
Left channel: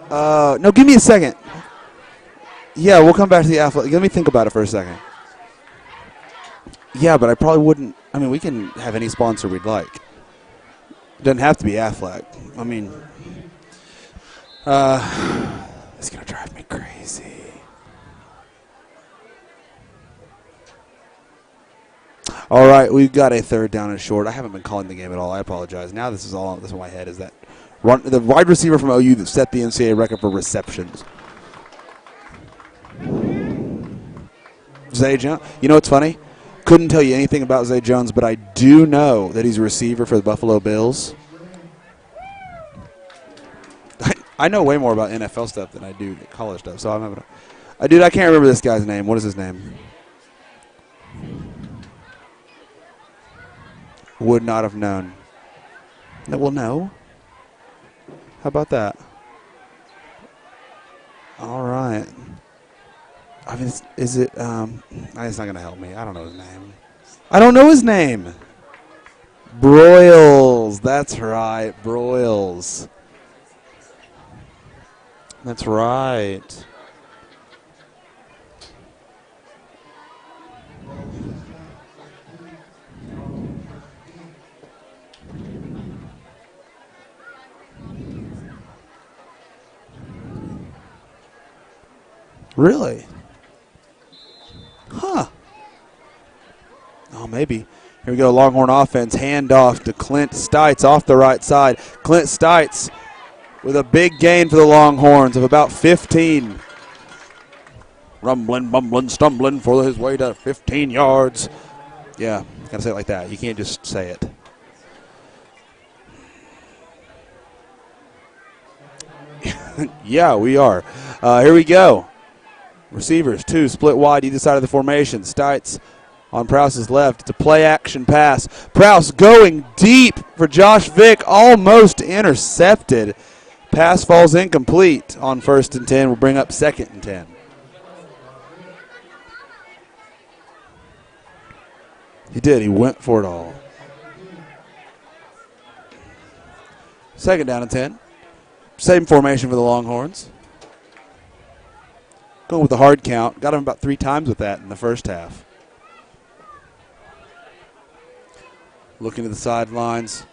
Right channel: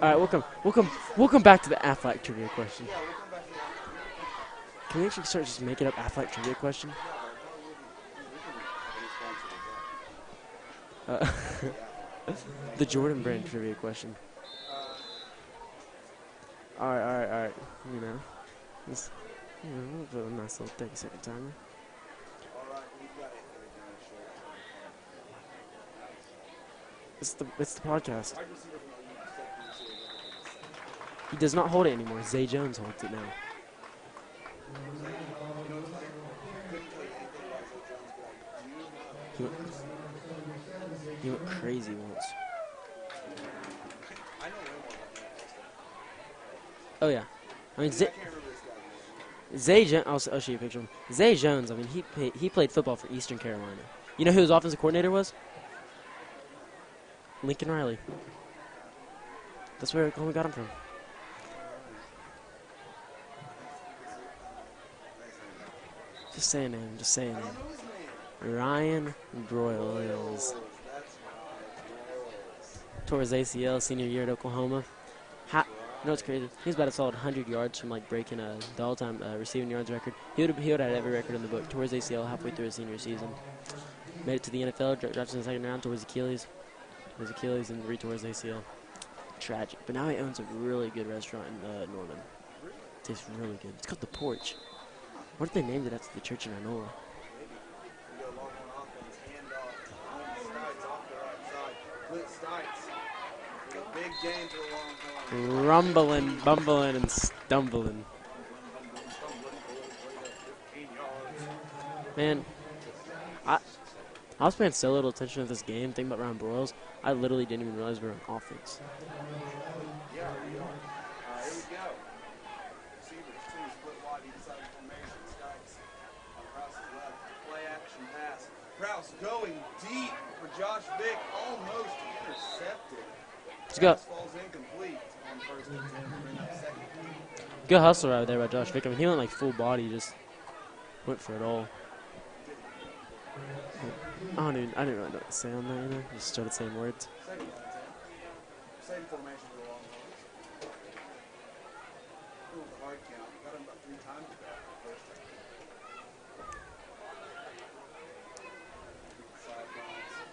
No, give me a second. We'll come back to the athletic trivia question. Yeah, we'll come back to the athletic. Let me think about it for a second. Can we actually start just making up athletic trivia questions? Yeah, but I probably wouldn't. I mean, we can have any sponsor we'd like. Doesn't have to be Aflac. I mean, the Jordan brand trivia question. It's gonna drive me crazy. All right. All right, we've got a third down and short. I haven't been calling the game at all. I apologize. Now this is in my head. Is that the wide receiver from OU that set the NCAA record for receptions? He does not hold it anymore. Zay Jones holds it. Zay Jones. You know what's funny? Couldn't tell you anything about Zay Jones, but I do know that he's a receiver for the Buffalo Bills. Crazy ones. I know way more about NFL stuff than I do college stuff. So I can't remember this guy's name. What is his name? Zay Jones. I'll show you a picture of him. Zay Jones. I mean, he played football for Eastern Carolina. You know Would who his not offensive have known. coordinator was? No, well, no. Lincoln Riley. How about that? That's where we got him from. All right. I mean, is it? It's not gonna help me. I don't know his Just say a name. name. Just say I don't know his name. Ryan Broyles. That's right, Broyles. tore his ACL senior year at Oklahoma. That's That was right. good. He was about a solid 100 yards from like breaking the all-time receiving yards record. He would have had every record in the book. Tore his ACL halfway through his senior season. Made it to the NFL, drafted in the second round, tore his Achilles. Tore his Achilles and retore his ACL. Tragic. But now he owns a really good restaurant in Norman. Really? It tastes really good. It's called The Porch. Huh. What if they named it after the church in Iowa? Oh, maybe. Here we go, Longhorn offense. Handoff to Clint Stites off the right side. Clint Stites with a big gain for the Longhorns of about 15. Bumbling and stumbling. Rumbling, bumbling, stumbling for his way to 15 yards. Yeah, gotta say it like that. You can't just say it. I was paying so little attention to this game, thinking about Ryan Broyles. I literally didn't even realize we were on offense. Yeah, we are. Here we go. Receivers, two, split wide either side of the formation. Stites on Prouse's left. It's a play-action pass. Prouse going deep for Josh Vick, almost intercepted. Pass falls incomplete on 1st and 10. We'll bring up 2nd and 10. Good hustle right there by Josh Vick. I mean, he went like full body, just went for it all. He did. He went for it all. I didn't know what to say on that. Just started saying words. 2nd down and 10. Same formation for the Longhorns. Going with the hard count. Got him about 3 times with that in the first half. Looking to the sidelines.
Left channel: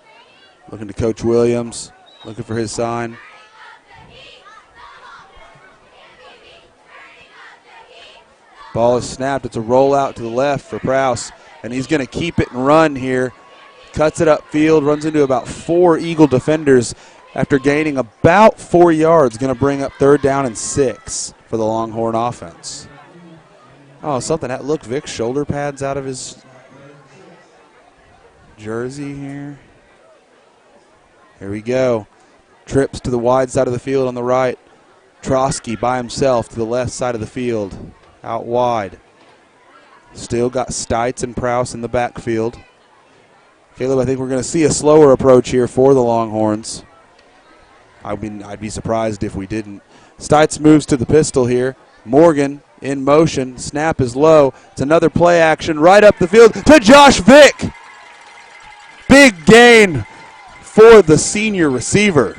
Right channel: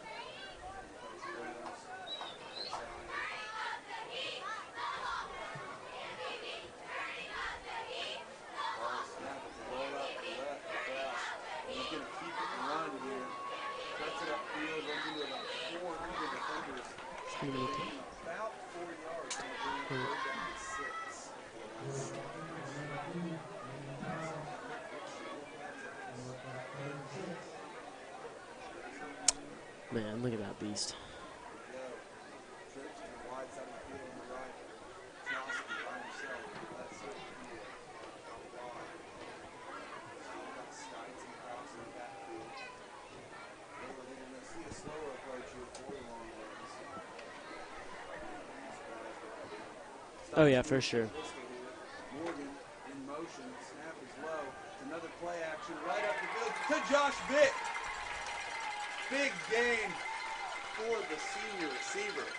Looking to Coach Williams. Looking for his sign. Ball is snapped. It's a rollout to the left for Prouse. And he's going to keep it and run here. Cuts it upfield. Runs into about 4 Eagle defenders after gaining about 4 yards. Going to bring up 3rd down and 6 for the Longhorn offense. Oh, something. Look, Vic's shoulder pads out of his jersey here. Man, look at that beast. Here we go. Trips to the wide side of the field on the right. Trotsky by himself to the left side of the field. Out wide. Still got Stites and Prouse in the backfield. Caleb, I think we're going to see a slower approach here for the Longhorns. I'd be surprised if we didn't. Stites moves to the pistol here. Morgan in motion. Snap is low. It's another play action right up the field to Josh Vick. Big gain for the senior receiver.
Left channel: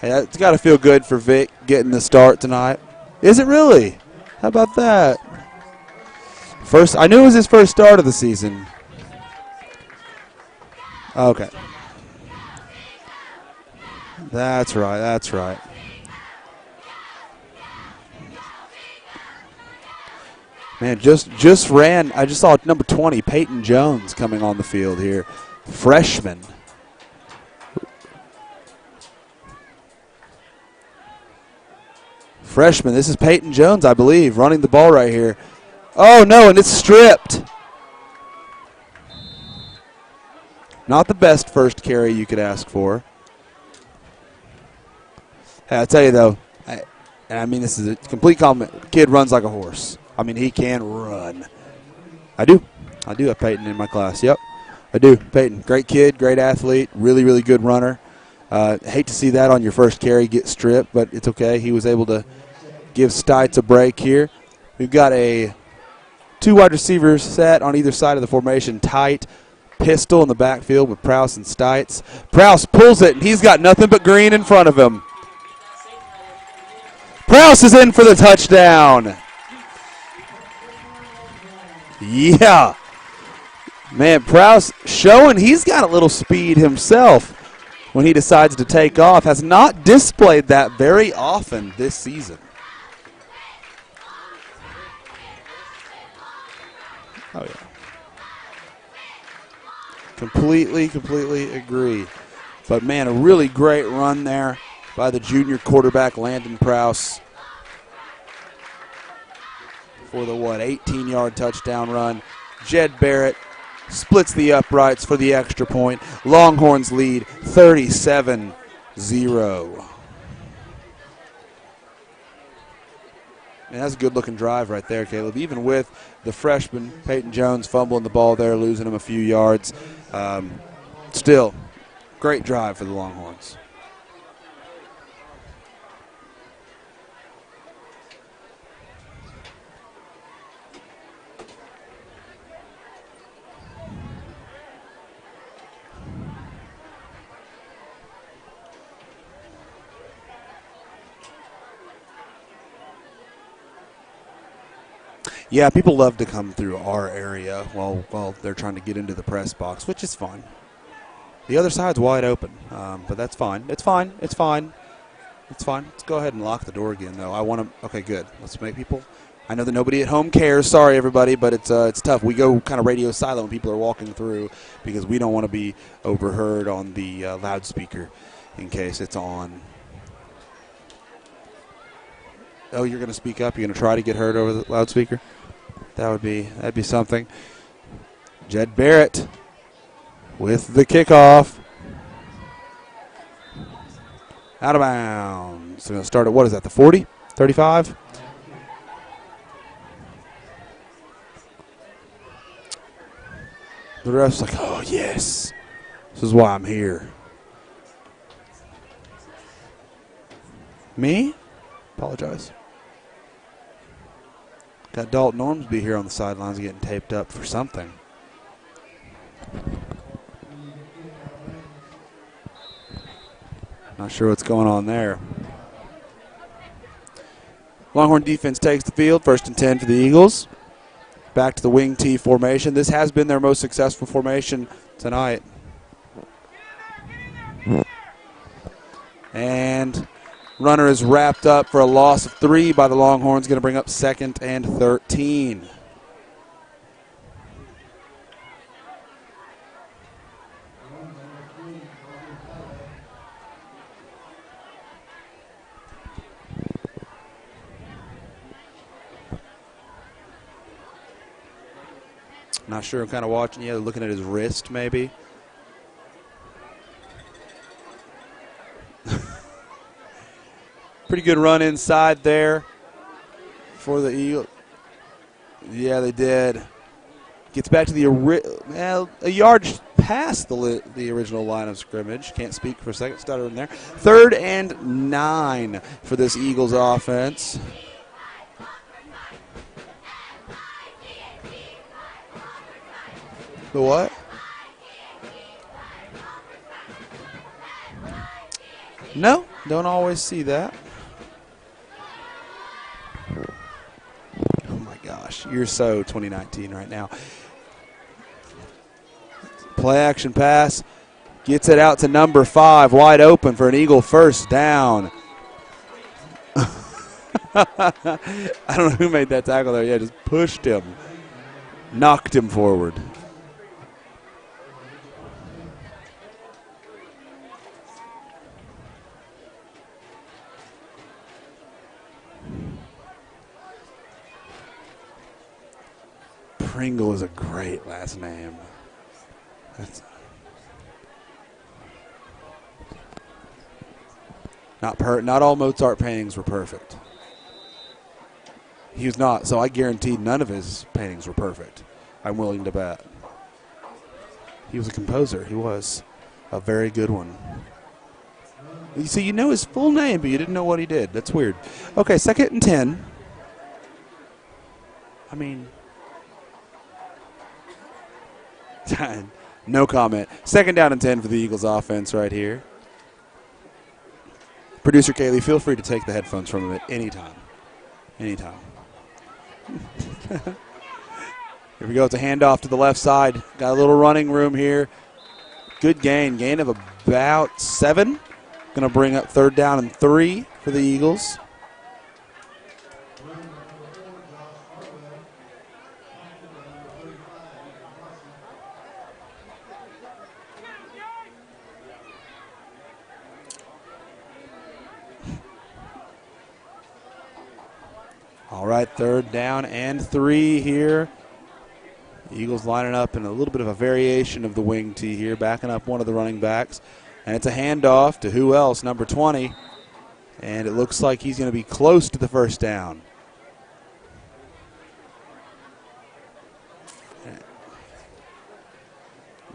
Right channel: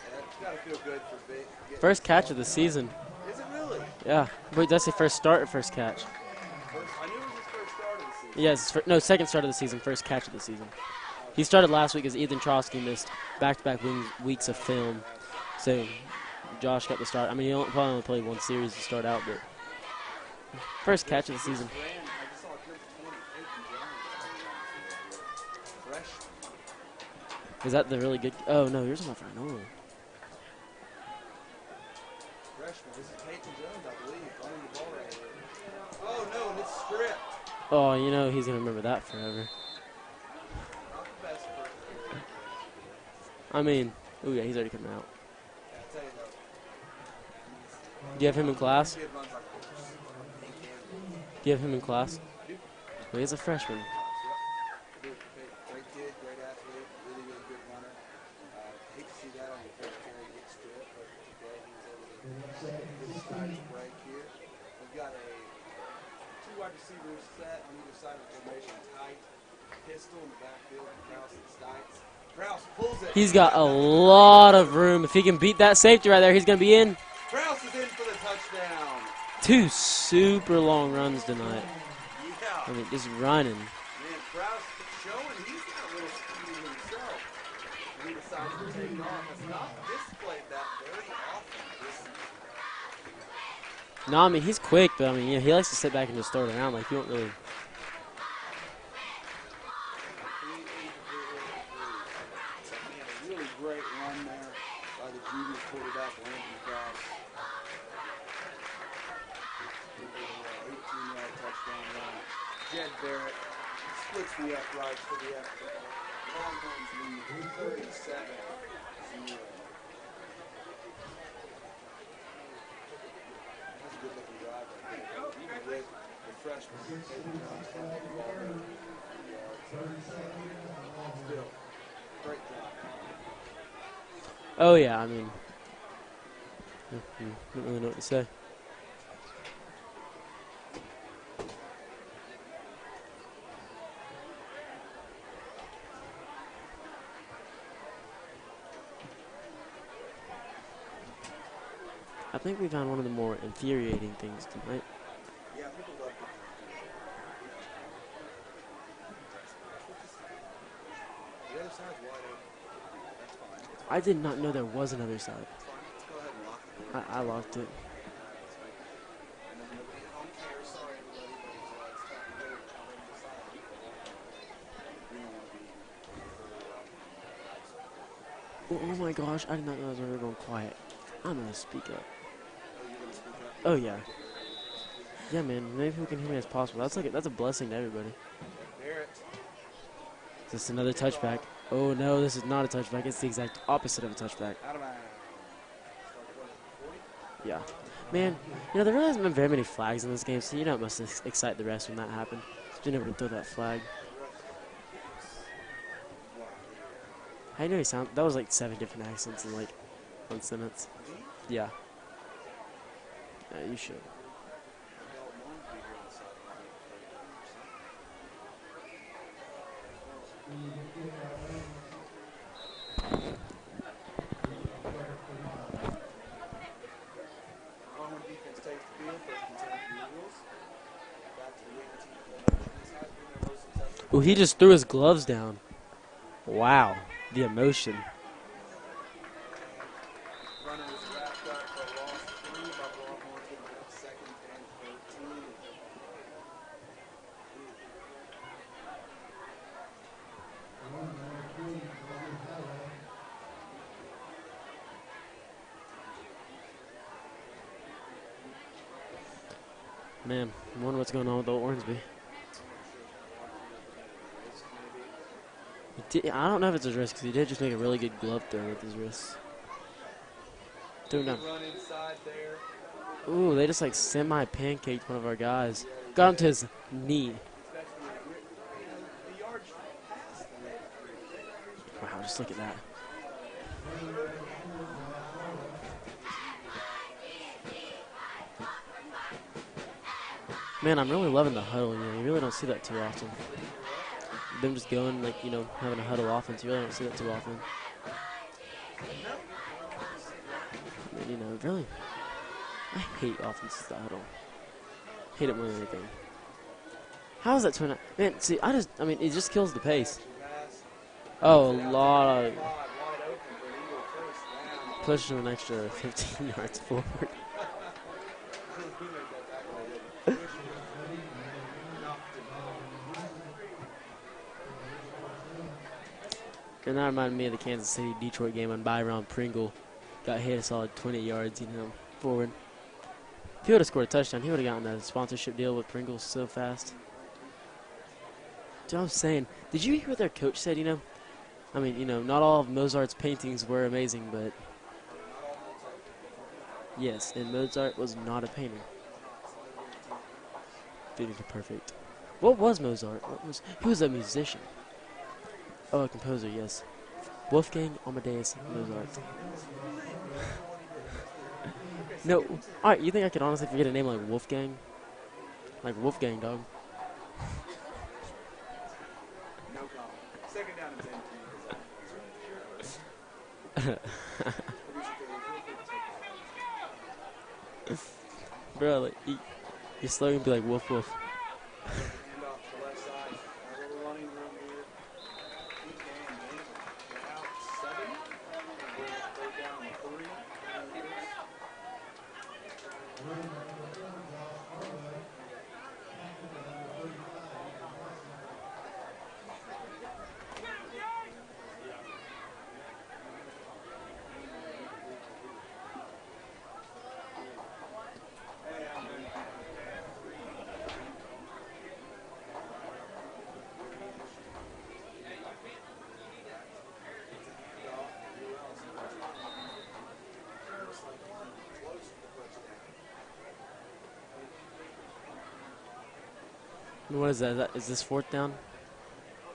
Hey, it's got to feel good for Vic getting the start tonight. Is it really? Yeah. How about That's that? First start, first catch. I knew it was his first start of the season. Yes, second start of the season, first catch of the season. Okay. He started last week as Ethan Trotsky missed back-to-back weeks. That's right. That's right. So Josh got the start. I mean, he probably only played one series to start out, but man, just ran. I just saw number 20, Peyton Jones, coming on the field here, freshman. Was that the really good? Oh no, yours is not for no. Freshman. This is Peyton Jones, I believe, running the ball right here. Oh no, and it's stripped. Oh, you know he's gonna remember that forever. Not the best first carry you could ask for. I mean, ooh, yeah, he's already coming out. Hey, I tell you though, and I mean this is a complete compliment. Kid runs like a horse. I mean, he can run. Do you have him in class? I do. I do have Peyton in my class. Yep, I do. Peyton, great kid, great athlete, really, really good runner. Hate to see that on your first carry get stripped, but it's okay. He was able to give Stites a break here. We've got a 2 wide receivers set on either side of the formation, tight. Pistol in the backfield with Prouse and Stites. Prouse pulls it. He's got nothing but green in front of him. If he can beat that safety right there, he's going to be in. Prouse is in for the touchdown. 2 super long runs tonight. Yeah. Just running. Man, Prouse showing he's got a little speed himself when he decides to take off. Has not displayed that very often this season. No, I mean, he's quick, but I mean, he likes to sit back and just throw it around. Like, he don't really. Oh, yeah. Completely agree. But, man, a really great run there by the junior quarterback, Landon Prouse, for the, 18-yard touchdown run. Jed Barrett splits the uprights for the extra point. Longhorns lead 37-0. And that's a good-looking drive right there, Caleb. Even with the freshman, Peyton Jones, fumbling the ball there, losing him a few yards. Still, great drive for the Longhorns. Oh, yeah, I mean, I don't really know what to say. I think we found one of the more infuriating things tonight. Yeah, people love to come through our area while they're trying to get into the press box, which is fine. The other side's wide open, but that's fine. It's I fine. did not It's know fine. there was another side. It's fine. Let's go ahead and lock the door again, though. I want to. Okay, good. Let's make people. I know that nobody at home cares. Sorry, everybody, but it's tough. We go kind of radio silent when people are walking through because we don't want to be overheard on the loudspeaker in case Oh my it's gosh, on. I did not know they were going quiet. I'm going to speak up. Oh, you're going to speak up? You're going to Oh, try yeah. to get heard over the loudspeaker? Yeah, man. That would be something. That's a blessing to everybody. Jed Barrett with the Another kickoff. Oh, no, this is not a touchback. It's the exact opposite of a touchback. Out of bounds. So going to start at, what is that, the 40? 35? Man, there really hasn't been very many flags in this game, so it must excite the refs when that happened. They never throw that flag. The ref's like, oh, yes. This is why I'm here. I know he sound. That was like 7 different accents in like 1 sentence. Me? Yeah. Apologize. Yeah, you should. Got Dalton Ormsby here on the sidelines getting taped up for something. Not sure what's going on there. Longhorn defense takes the field, 1st and 10 for the Eagles. Back to the wing T formation. This has been their most successful formation He just threw his gloves tonight. down. Wow, the emotion. And runner is wrapped up for a loss of 3 by the Longhorns, going to bring up 2nd and 13. Man, I wonder what's going on with old Ormsby. Not sure. I'm kind of watching. Yeah, looking at his wrist, maybe. I don't know if it's his wrist because he did just make a really good glove throw with his wrist. Pretty good run inside there. Ooh, they just like For the semi-pancaked one of our guys. Yeah, they Got him to did. his knee. Gets back to the a yard past the original line of scrimmage. Can't speak for a second. Stutter in there. 3rd and 9 for this Eagles offense. Man, I'm really loving the huddle. You really don't see that too often. The what? Them just going having a huddle offense. You really don't see that too often. No, don't always see that. Really. I hate offenses that huddle. Oh my gosh, you're so 2019 right now. How is that 20? Man, see, it just kills the Play pace. action pass. Gets Oh, it out to number Lord. 5, wide open for an Eagle first down. Pushing an extra 15 yards forward. I don't know who made that tackle there. Yeah, just pushed him. Knocked him forward. And that reminded me of the Kansas City-Detroit game when Byron Pringle got hit a solid 20 yards, forward. If he would have scored a touchdown, he would have gotten that sponsorship deal with Pringle so fast. Pringle is a great last name. Dude, I'm saying, did you hear what their coach said, not all of Mozart's paintings were amazing, but Not all Mozart paintings were perfect. yes, and Mozart was not a painter. He was not, so I guarantee none of his paintings were perfect. I'm willing What was to bet. Mozart? He was a musician. He was a composer. He was Oh, a composer. a yes. very good one. Wolfgang Amadeus. So you know his full name, but you didn't know what he did. That's weird. Okay, 2nd and 10. All right, you think I could honestly forget a name like Wolfgang? I mean, Like Wolfgang, dog. no comment. 2nd down and 10 for the Eagles offense right here. Producer Kaylee, feel free to take the headphones from him at any time. Anytime. Bro, just let me be like woof woof. Here we go. It's a handoff to the left side. Got a little running room here. Good gain. Gain of about 7. Going to bring up 3rd down and 3 for the Eagles. All right, 3rd down and 3 here. Eagles lining up in a little bit of a variation of the wing T here, backing up one of the running backs. And it's a handoff to who else? Number 20. And it looks like he's going to be close to the 1st down. What is that? Is this 4th down?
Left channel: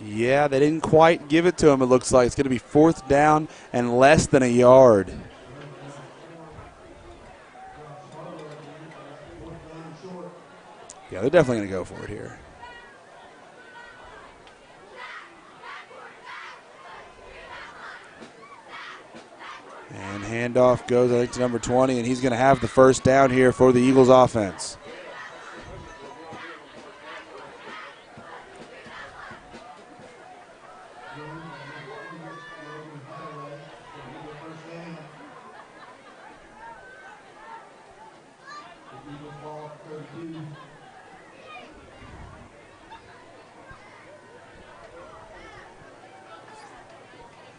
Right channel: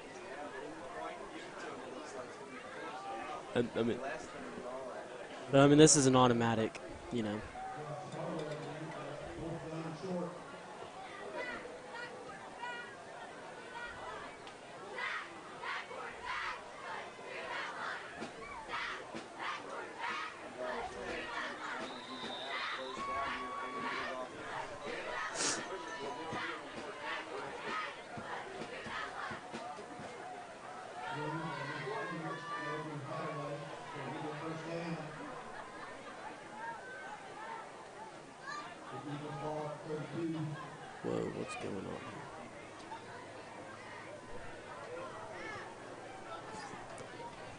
Yeah, they didn't quite give it to him, it looks like. It's going to be 4th down and less than a yard. But, I mean, this is an automatic, you know. Yeah, they're definitely going to go for it here. And handoff goes, I think, to number 20, and he's going to have the first down here for the Eagles offense.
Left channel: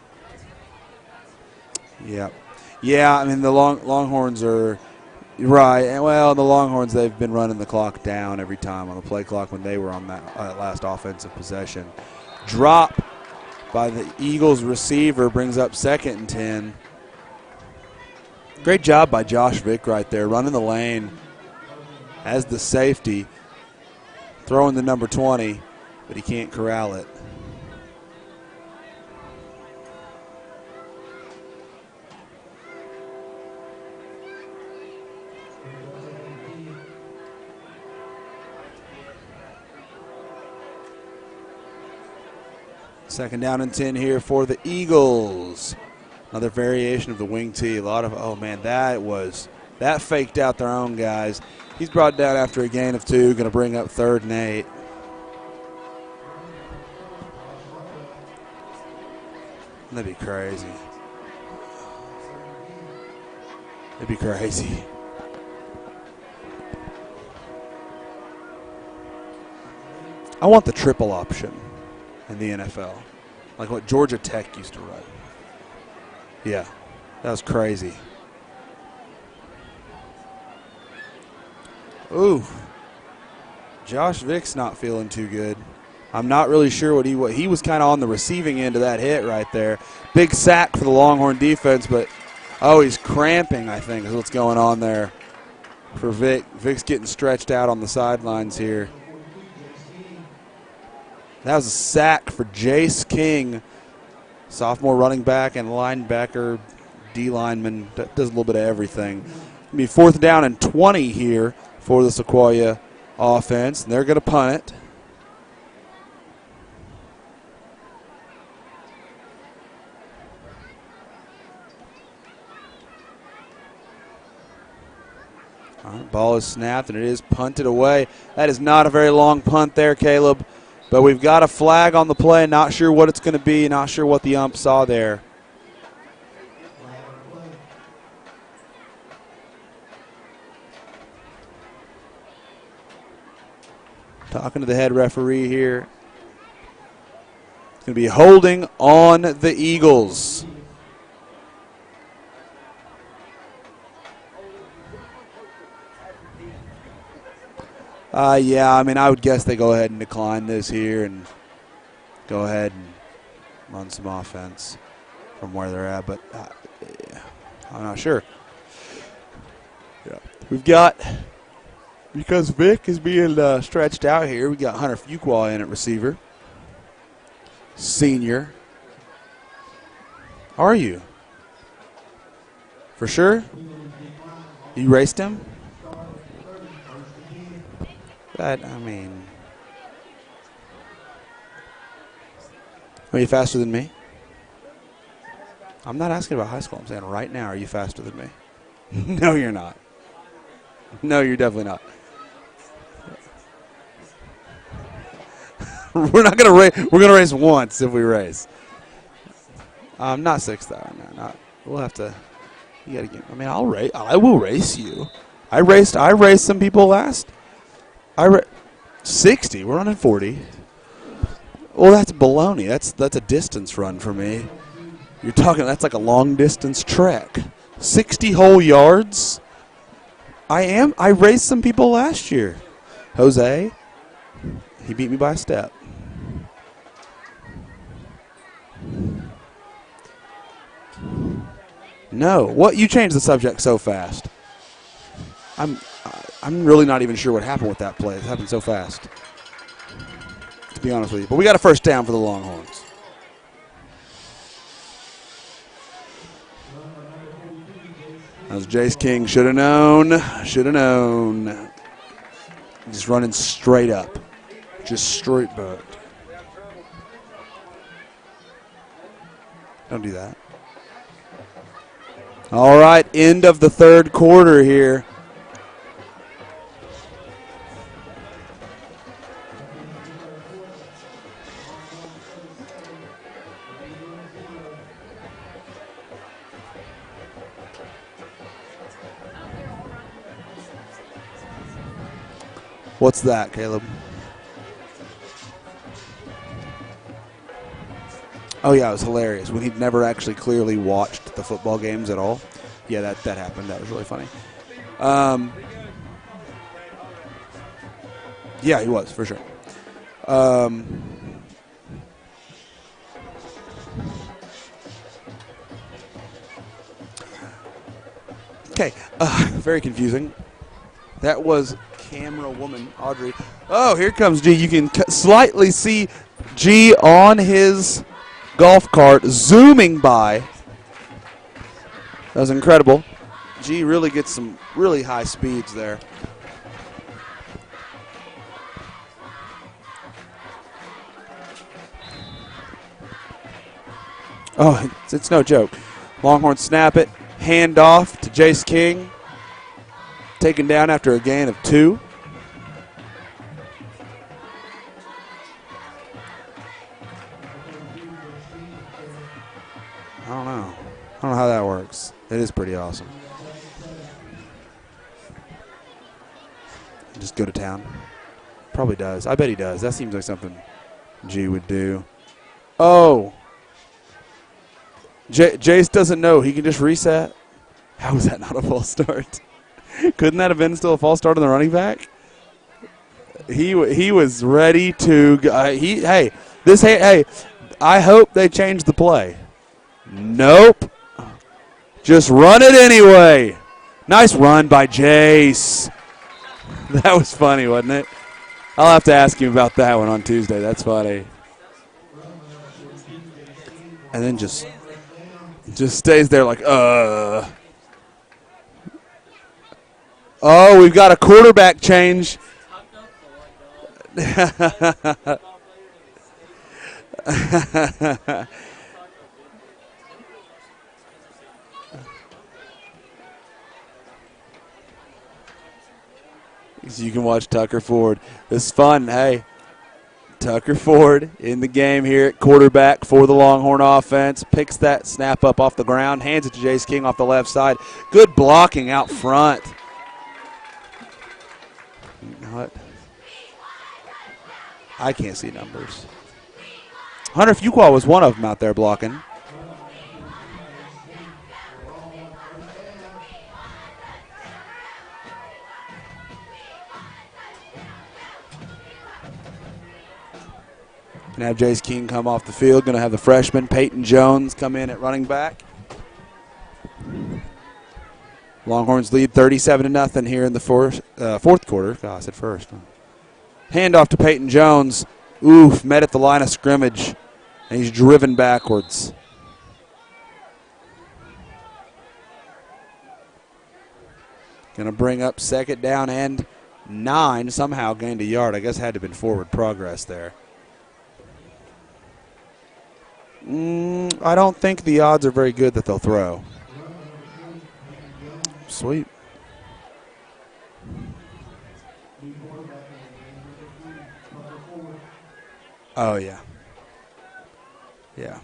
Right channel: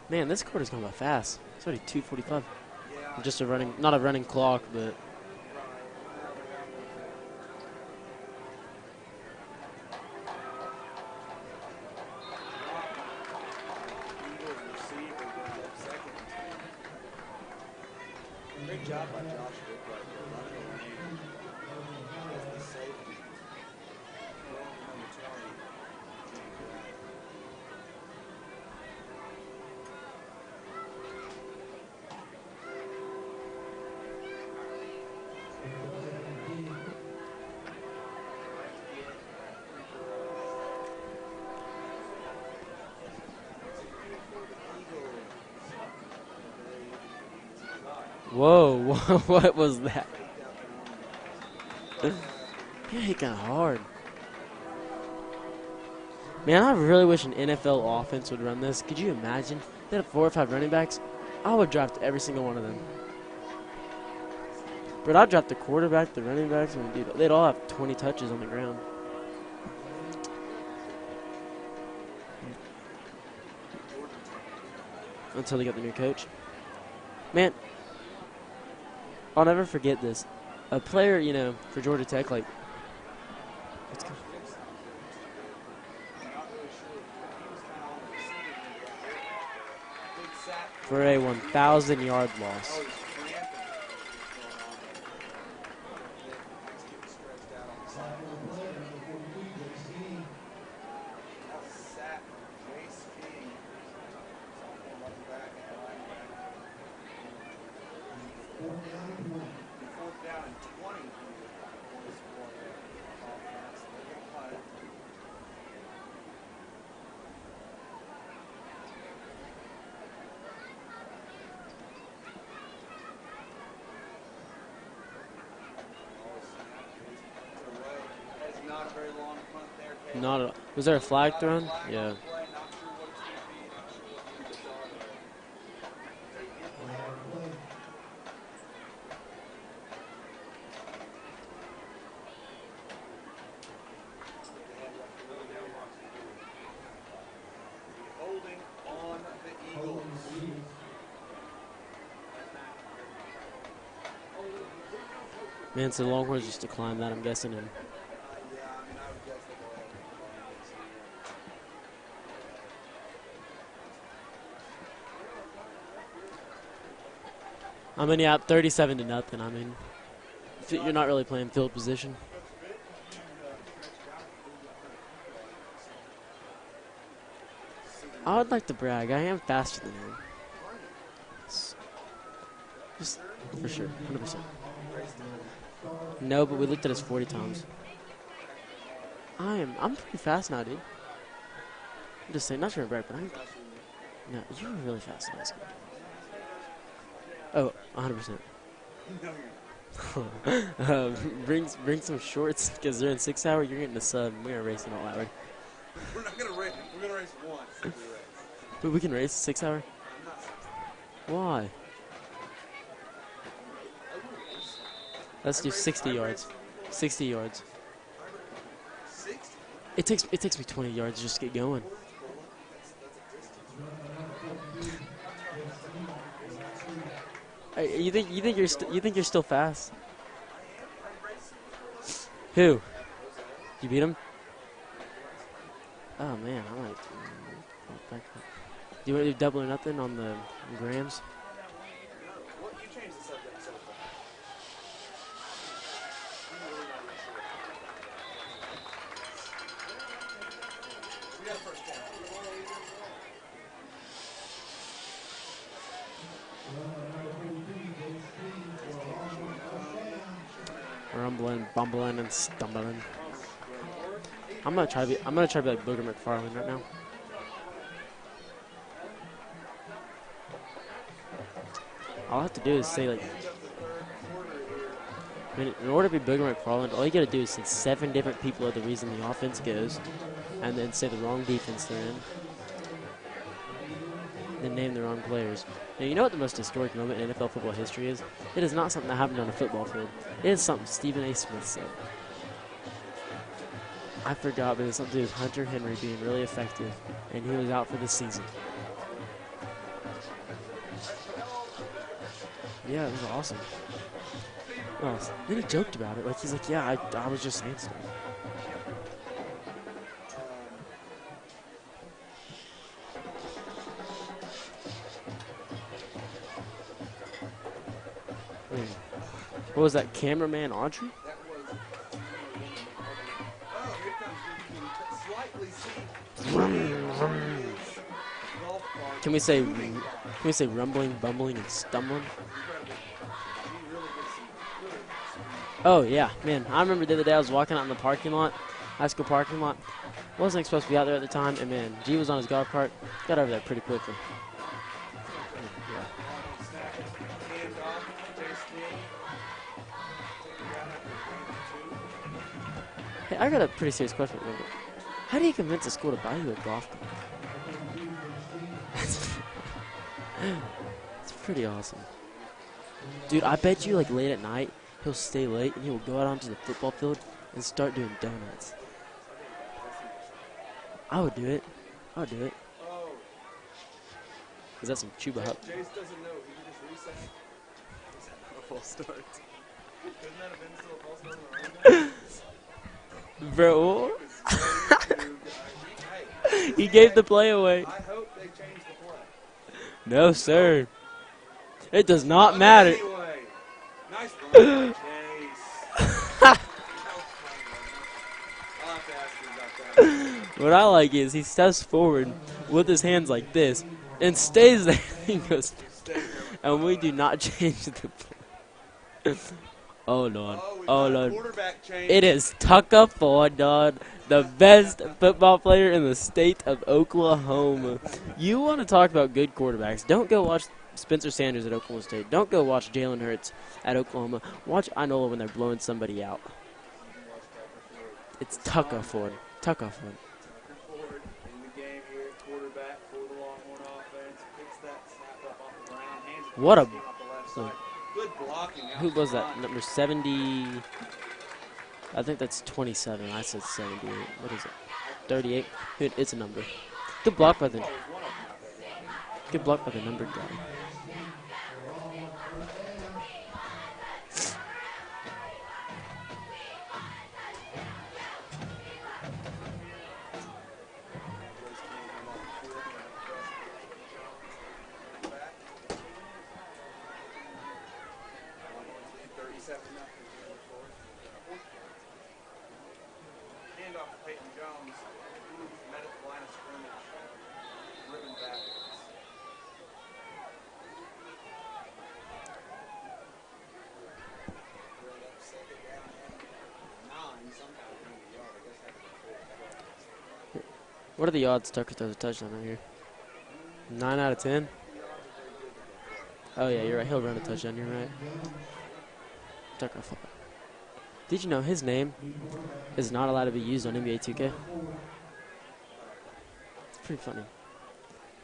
Man, this quarter's going to go fast. It's already 2:45. Yeah, I mean, the Not a running Longhorns clock, are but right. And well, the Longhorns, they've been running the clock down every time on the play clock when they were on that last offensive possession. Drop by the Eagles receiver brings up 2nd and 10. Great job by Josh Vick right there, running the lane as the safety, throwing the number 20, but he can't corral it. Second down and 10 here for the Eagles. Another variation of the wing tee. A lot of, Whoa, man, what was that faked out their own guys. He's brought down after a gain of 2, going to bring up 3rd and 8. Man, I really wish an NFL offense would run this. Could you imagine? They had That'd be 4 or 5 crazy. running backs. I would draft every single one of them. It'd be crazy. But I'd draft the quarterback, the running backs, and they'd all have 20 touches on the ground. I want the triple option in the NFL, like what Georgia Tech used to run. Until they got the new coach. Yeah, that was Man. crazy. I'll never forget this. A player, you know, for Georgia Tech. Ooh, Josh Vick's not feeling too good. I'm not really sure what he was kind of on the receiving end of that hit right there. Big sack for the Longhorn defense, but he's cramping, I think, is what's going on there for Vick. Vick's getting stretched out on the sidelines here. That was a sack for Jace King, sophomore running back and linebacker, D lineman, does a little bit of everything. It'll be 4th down and 20 here for the Sequoia offense, and they're going to punt it. All right, ball is snapped, and it is punted away. That is not a very long punt there, Caleb. But we've got a flag on the play. Not sure what it's going to be. Not sure what the ump saw there. Talking to the head referee here. It's going to be holding on the Eagles. Man, so the Longhorns just declined that, I'm guessing. Yeah, I mean, I would guess they go ahead and decline this here and go ahead and run some offense from where they're at. But yeah, I'm not sure. Yeah, 37 to nothing. I mean, yeah. We've got not really playing field position because Vick is being stretched out here. We got Hunter Fuqua in at receiver, senior. I'd like to brag. I am faster than you. Are you? For sure? For sure. 100%. You raced him? No, but we looked at us 40 times. But I mean, I'm pretty fast now, dude. I'm just saying, not sure brag. are you faster than me? No, you're really fast. I'm not asking about high school. I'm saying right now, are you faster than me? 100%. No, you're not. No, you're definitely not. Bring some shorts because they're in 6 hour. You're getting the sub. We're gonna race them all, right? We're not gonna race. We're gonna race once if we race. But we can race 6 hour. Not 6 hour. No, Why? We'll have to. You gotta get. I mean, I'll race. I will race you. Let's I do raced. 60 I yards. raced some people last. 60 yards. 60. We're running 40. It takes me 20 yards just to get going. Well, that's baloney. That's a distance run for me. You're talking. That's like a long distance trek. Hey, 60 You whole think you're yards. still fast? I am. I raced some people last year. Who? Jose. You beat him? He beat me by a step. Oh man. All right. Do you want to do double or nothing on the grams? No. What? You changed the subject so fast. I'm really not even sure what happened with that play. It happened so fast. to be honest with you. But we got a first down for the Longhorns. That was Jace King. Should have known. Should have known. Bumbling and stumbling. He's running straight up. I'm going to Just try to straight be up. like Booger McFarland right now. Don't do that. I'll have to All right, like- end of the third quarter here. In order to be Booger McFarland, all you got to do is send 7 different people are the reason the offense goes, and then say the wrong defense name, and name the wrong players. Now, you know what the most historic moment in NFL football history is? It is not something that happened on a football field. It is something Stephen A. Smith said. What's that, Caleb? I forgot, but it's something to do with Hunter Henry being really effective, and he was out for the season. Oh, yeah, it was hilarious. When he'd never actually clearly watched the football games at all. Yeah, that happened. That was really funny. Then he joked about it. Like, he's like, yeah, I was just saying something. Yeah, he was, for sure. Okay, very What was confusing. that, cameraman Audrey? That was camera woman Audrey. Oh, here comes G. You can slightly see G on his golf cart zooming by. Can you say rumbling, bumbling, and stumbling? That was incredible. G really gets some really high speeds there. Oh, yeah. Man, I remember the other day I was walking out in the parking lot, high school parking lot. Wasn't supposed to be out there at the time, and man, G was on his golf cart. Got over there pretty quickly. Oh, it's no joke. Longhorns snap it. Hand off to Jace King. Taken down after a gain of 2. Hey, I got a pretty serious question for you. How do you convince a school to buy you a golf cart? I don't know. I don't know how that works. It is pretty awesome. Dude, I bet you, like, late at night, he'll stay late, and he'll go out onto the football field. Just go to and town. start doing donuts. Probably does. I bet he does. That seems like something I would G do would it. do. I would do it. Oh, Is that some chew? Jace doesn't know. He can just reset. How is that not a false start? Couldn't that have been still a false start on the running back? He was ready to go. Hey, the play away. I hope they change the play. No, Nope. sir. It Just does not run it matter. anyway. Nice run by Jace. That was funny, wasn't it? I'll have to ask him about that one on Tuesday. What That's I like funny. is he steps forward with his hands like this And and, then just- stays there. He goes, Just stays there like, "We did not change the Oh, no. Oh, we've got a no. quarterback change. It is Tucker Ford, dog, the best football player in the state of Oklahoma. You want to talk about good quarterbacks? Don't go watch Spencer Sanders at Oklahoma State. Don't go watch Jalen Hurts at Oklahoma. Watch Inola when they're blowing somebody out. So you can watch Tucker Ford. It's Tucker fun. Ford. Hey, Tucker Ford. Tucker Ford in the game here at quarterback for the Longhorn offense. Picks that snap up off the ground, hands it to What Jace a- King off the left side. Good blocking out Who was front. that? Number 70. I think that's What? 27. I said 78. What is it? I can't see 38? numbers. Dude, it's a number. Good Hunter block by Fuqua was one of them out there blocking. the- Good block by the number. Gonna have Jace King come off the field. Gonna have the freshman Peyton Jones come in at running back. Longhorns lead 37-0 here in the fourth quarter. God, I said first. Handoff to Peyton Jones. Oof, met at the line of scrimmage, and he's driven backwards. Gonna bring up second down and 9. Somehow gained a yard. I guess had to have been forward progress there. What are the odds Tucker throws a touchdown over here? 9 out I of don't 10? think the odds are very good that they'll throw. Oh, yeah, you're right. He'll run a touchdown. You're right. Sweet. Tucker. Did you know his name is not allowed to be used on NBA 2K? Oh, yeah. It's pretty funny. Yeah.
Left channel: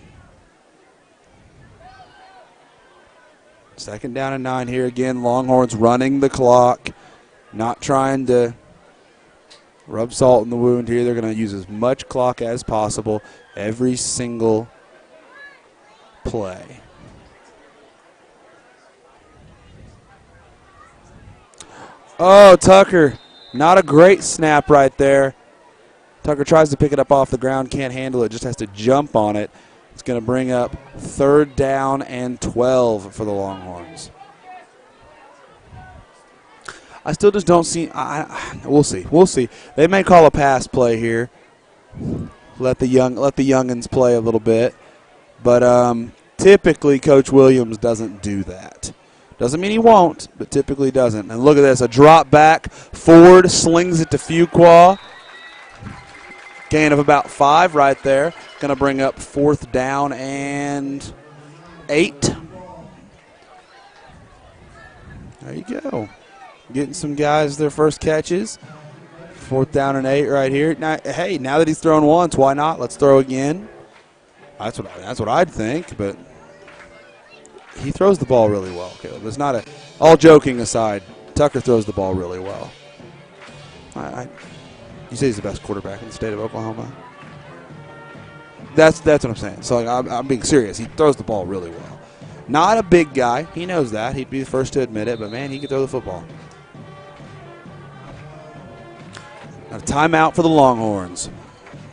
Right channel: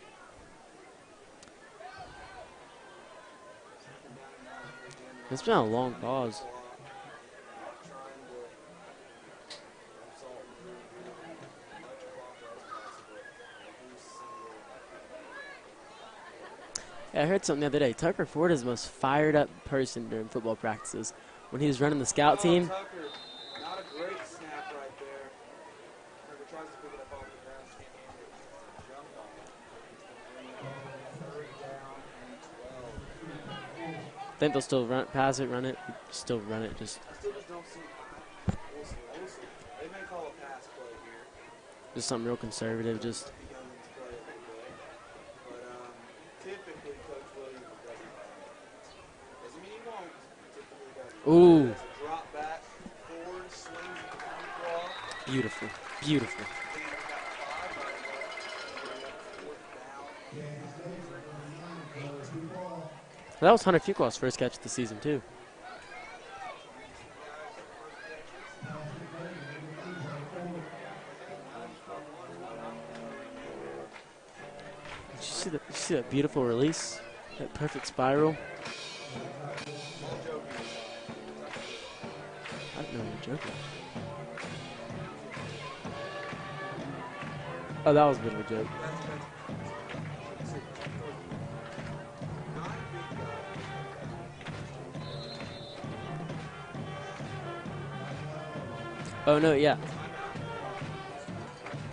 Second down and 9 here again. Longhorns long running the clock. clock. Not trying to rub salt in the wound here. They're going to use as much clock as possible every single play. I heard something the other day. Tucker Ford is the most fired up person during football practices. When he was running the scout Oh, team, Tucker. Not a great snap right there. Tucker tries to pick it up off the ground, can't handle it, just has to jump on it. It's going to bring up third down and 12 for the Longhorns. think they'll still pass it, run it, still run it. I still just don't see. We'll see. We'll see. They may call a pass play here. some real let the conservatives. youngins play a little bit. But typically, Coach Williams doesn't do that. Doesn't mean he won't, but typically doesn't. And look at this, a drop back. Ford slings it to Fuqua. Beautiful, beautiful. Gain of about 5 right there. Going to bring up 4th down and 8. That was Hunter Fuqua's first catch of the season, too. There you go. Getting some guys their first catches. 4th down and 8 right here. Now, hey, now that he's thrown once, why not? Let's throw again. That's what I'd think. But beautiful release. he throws the ball really well. Caleb. It's not all joking aside, Tucker throws the ball really well. You say he's the best quarterback in the state of Oklahoma. Oh, that was a bit of a joke. That's what I'm saying. So I'm being serious. He throws the ball really well. Not a big guy. He knows that. He'd be the first to admit it. But man, he can throw the football. Oh no, yeah. Timeout for the Longhorns.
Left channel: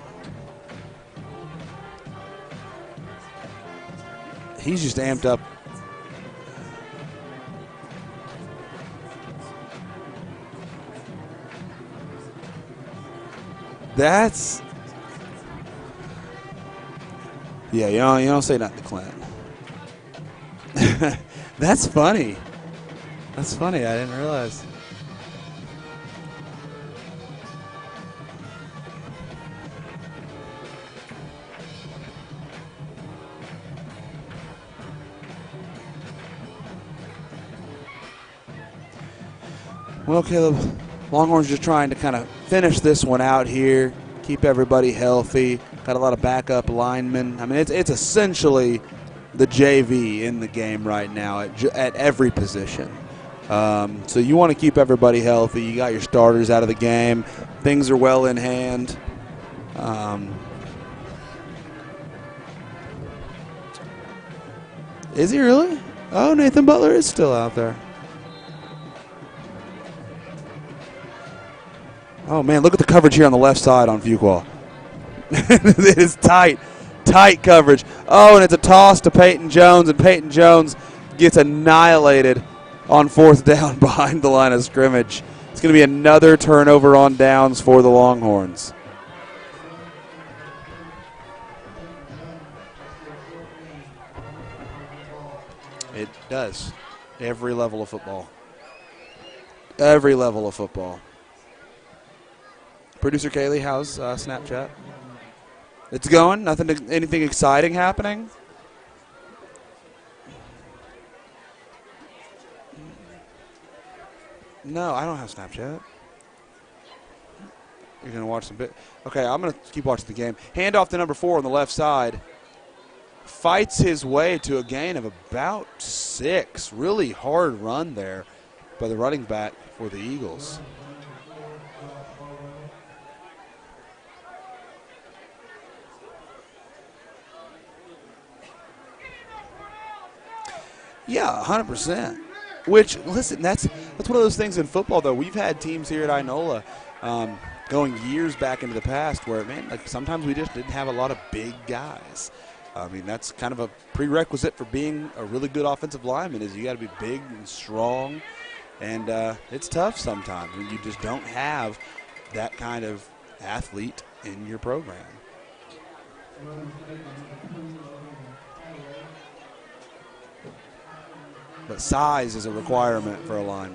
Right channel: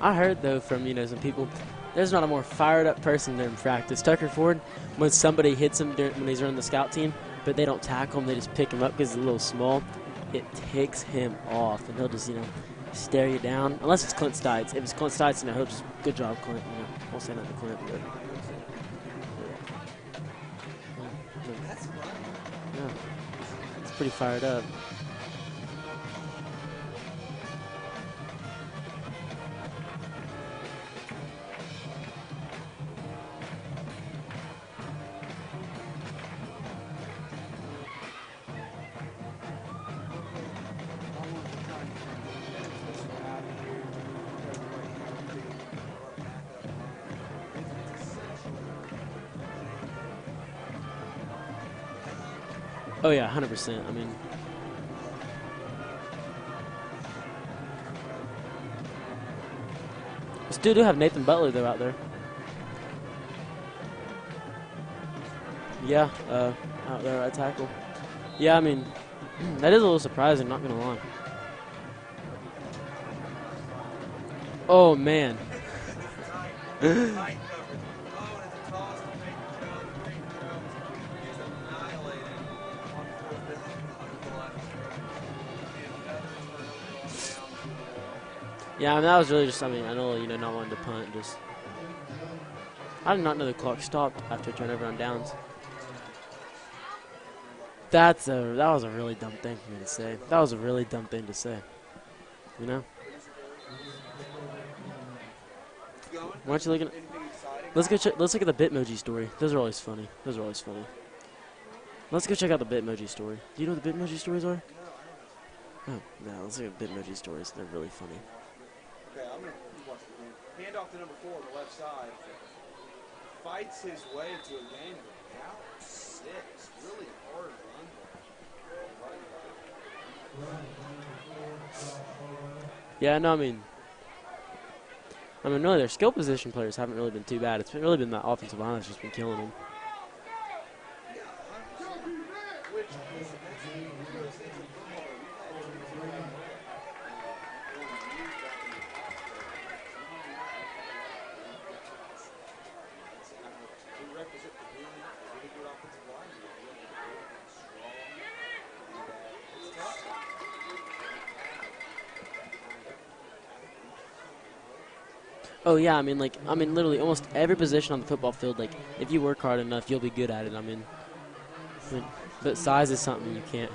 I heard though from some people, there's not a more fired up person than practice. Tucker Ford. He's just when amped somebody up. hits him when he's running the scout team, but they don't tackle him, they just pick him up because he's a little small. It ticks him off, and he'll just stare you down. Unless it's Clint Stites. If it's Clint Stites, and I hope good job, Clint. Don't say nothing to Clint. Yeah, you don't say nothing to Clint. That's funny. That's funny. I didn't realize. Well, Caleb, Longhorns just trying to kind of finish this one out here, keep everybody healthy. Got a lot of backup linemen. I mean, it's essentially the JV in the game right now at every position. Oh, yeah, 100%. So you want to keep everybody healthy. You got your starters out of the game. Things are well in hand. Still do have Nathan Butler, though, out there. Is he really? Yeah. Oh, Nathan Butler is still out there. Yeah, I mean, that is a little surprising, not going to lie. Oh, man, look at the coverage here on the left side on Fuqua. Oh, man. It is tight coverage. Oh, and it's a toss to Peyton Jones, and Peyton Jones gets annihilated on 4th down behind the line of scrimmage. It's going to be another turnover on downs for the Longhorns. Yeah, I mean, that was really just something I know, not wanting to punt. I did not know the clock stopped after turnover on downs. It does. Every level of football. That was a really dumb thing. Every level of football. That was a really dumb thing to say. Producer Kaylee, how's Snapchat? It's going. Anything exciting happening? Let's look at the Bitmoji story. Those are always funny. Let's go check out the Bitmoji story. Do you know what the Bitmoji stories are? No, I don't have Snapchat. Oh, no, let's look at Bitmoji stories. They're really funny. You're going to watch some Okay, I'm going to keep watching the game. Hand off to number 4 on the left side. Fights his way to a gain of about 6. Really hard run there by the running back for the Eagles. Yeah, no, I mean, really, their skill position players haven't really been too bad. It's really been the offensive line that's just been killing them. Yeah, 100%. Which, listen, that's one of those things in football, though. We've had teams here at Inola going years back into the past where, man, sometimes we just didn't have a lot of big guys. I mean, that's kind of a prerequisite for being a really good offensive lineman is you got to be big and strong, and it's tough sometimes when you just don't have that kind of athlete in your program. Oh yeah, I mean, literally almost every position on the football field. Like, if you work hard enough, you'll be good at it. I mean, but size is a requirement for a lineman.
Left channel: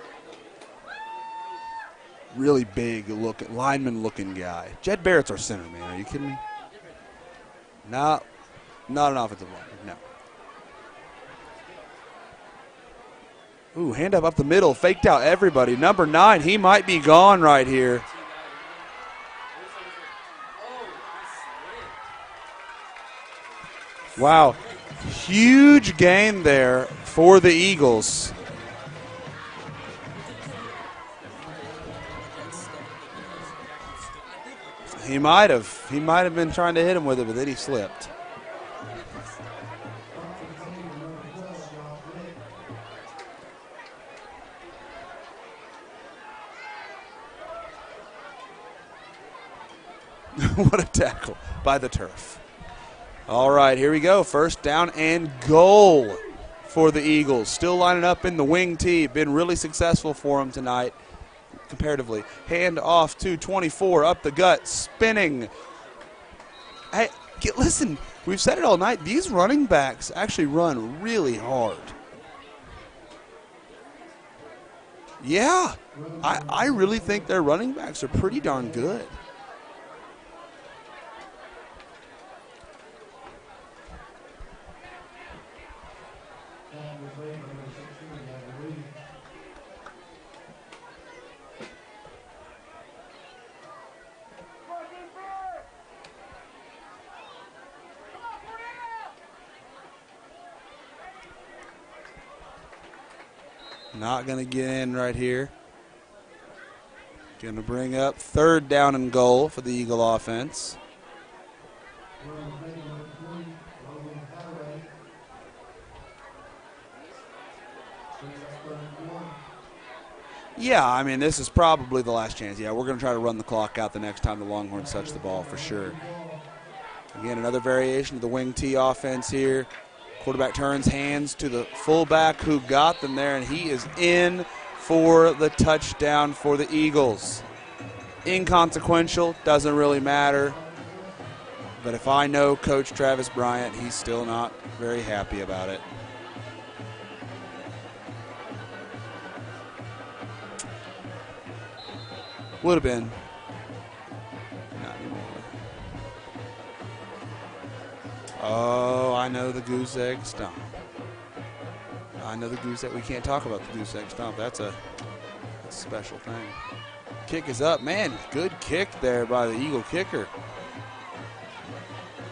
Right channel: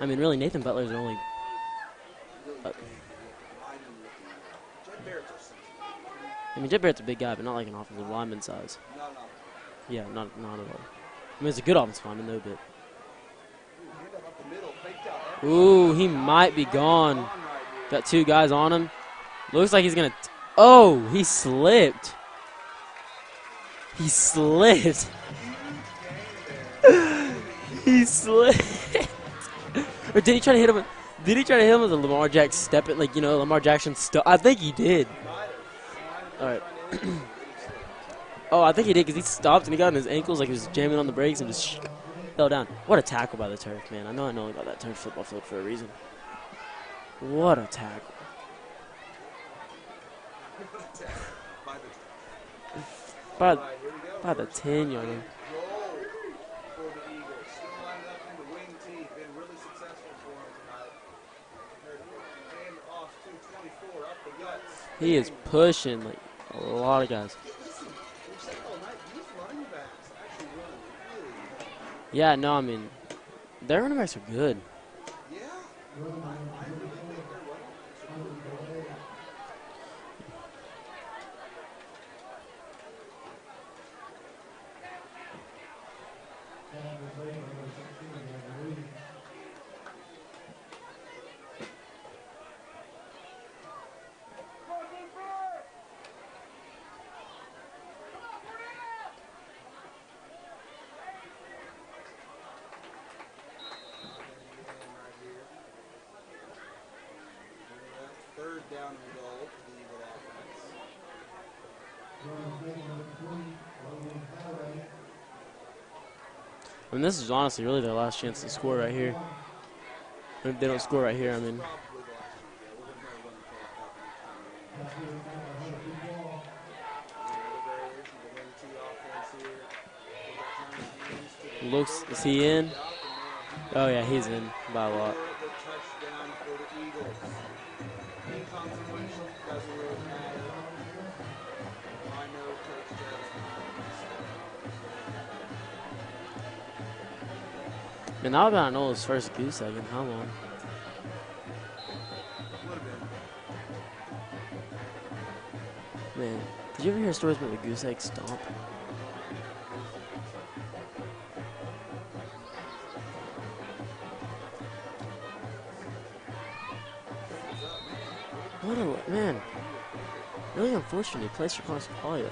I mean, really, Nathan Butler's the only really big lineman-looking guy. Jed Barrett's our center, man. Are you kidding me? I mean, Jed Barrett's a big guy, but not like an offensive lineman size. Not an offensive lineman. No. Yeah, not at all. I mean, it's a good offensive lineman, though, but. Ooh, hand up the middle, faked out everybody. Ooh, Number 9, he might be gone right here. Got 2 guys on him. Looks like he's going to. Oh, he slipped. He slipped. Huge gain there for the Eagles. He slipped. Or did he try to hit him? Did he try to hit him with a Lamar Jackson step? Lamar Jackson stuff. I think he did. He might have. He might have been trying to hit him with it, but then he slipped. Oh, I think he did because he stopped and he got on his ankles like he was jamming on the brakes and just fell down. What a tackle by the turf, man. I know about that turf football field for a reason. What a tackle. What a tackle by the turf. All right, here we go. First down and goal for the Eagles. Still lining up in the wing tee. Been really successful for them tonight. comparatively. Hand off to 24, up the gut, spinning. He is pushing like a lot of guys. Listen, we've said it all night. These running backs actually run really hard. Yeah, no, I mean, their running backs are good. Yeah, I really think their running backs are pretty darn good. Not going to get in right here. Going to bring up 3rd down and goal for the Eagle offense. And this is honestly really their last chance to score right here. Yeah, I mean, this is probably the last chance. Yeah, we're going to try to run the clock out the next time the Longhorns touch the ball for sure. Again, another variation of the wing T offense here. Quarterback turns hands to the fullback who got them there, and he is in for the touchdown for the Eagles. Inconsequential, doesn't really matter. But if I know Coach Travis Bryant, he's still not very happy about it. And that would have been Nola's first goose egg in Hama. Would have been. Man, did you ever hear stories about the goose egg stomp? Oh, I know the goose egg stomp. I know the goose egg. We can't talk about the goose egg stomp. That's a special thing. Kick is up. Man, good kick there by the Eagle kicker. Really unfortunate. Place your cross hard.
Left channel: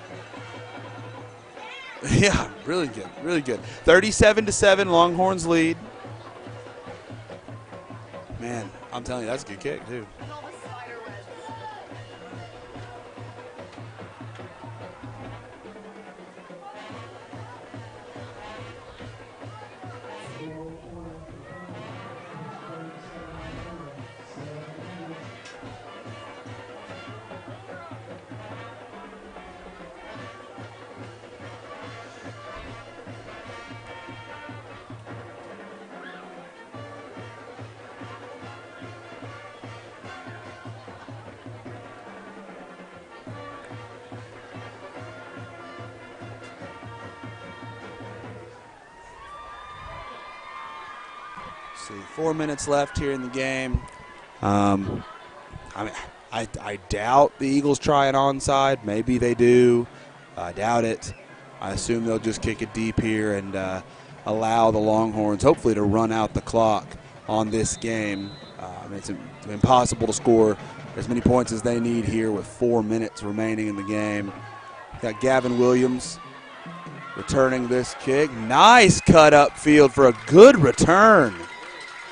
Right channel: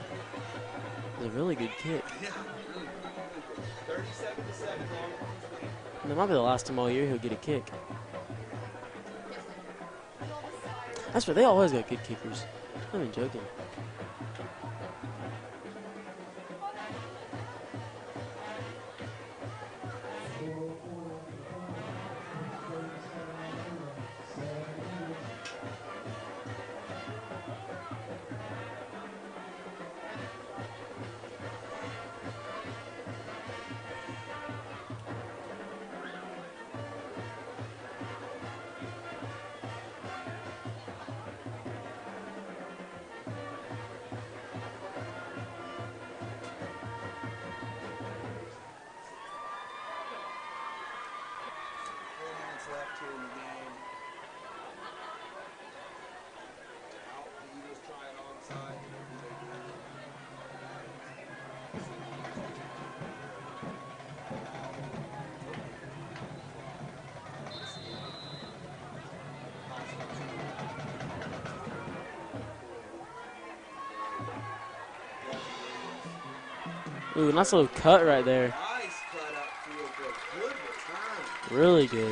A really good kick. Yeah, really good. Really good. 37-7, Longhorns lead. It might be the last time all year he'll get a kick. Man, I'm telling you, that's a good kick, too. That's right. They always got good kickers. I'm not joking. See, 4 minutes left here in the game. I mean, I doubt the Eagles try an onside. Maybe they do. I doubt it. I assume they'll just kick it deep here and allow the Longhorns, hopefully, to run out the clock on this game. It's impossible to score as many points as they need here with 4 minutes remaining in the game. Got Gavin Williams returning this kick. Right, nice cut upfield for a good return. Really good.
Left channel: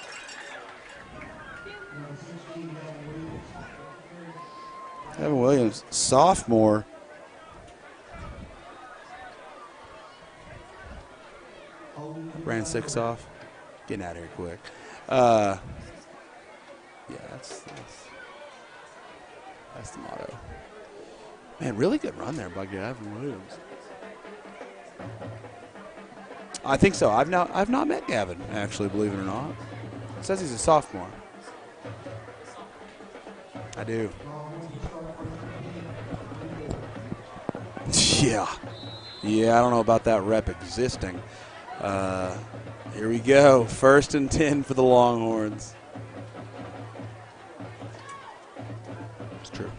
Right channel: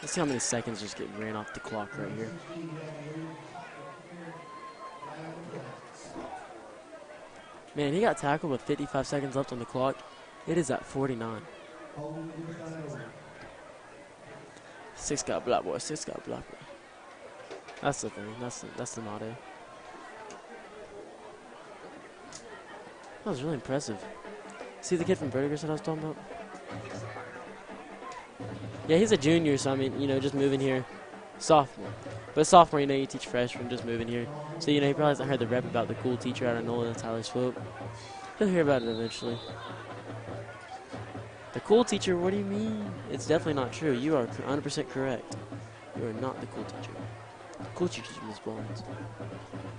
Let's see how many seconds just get ran off the clock right here. Gavin Williams, sophomore. Man, he got tackled with 55 seconds left on the clock. It is at 49. Ran 6 off. Getting out of here quick. 6 got black boy. 6 got black boy. Yeah, That's the thing. That's the motto. that's the motto. Man, really good run there by Gavin That Williams. was really impressive. See the kid from Burgers that I was talking about? I think so. I've not met Gavin actually. Yeah, he's a believe it or not. junior, so I mean, you know, just Says moving he's a here. sophomore. Sophomore. But sophomore, you know, you teach freshmen just I moving do. here. So, you know, he probably hasn't heard the rep about the cool teacher out of Nolan and Tylersville. He'll Yeah. hear about it eventually. Yeah, I don't know about that rep existing. The cool teacher, what do you mean? Here we It's go. definitely not true. First You and are 10 for the 100% correct. Longhorns. You're not the cool teacher. The cool teacher's Miss Barnes. That's true.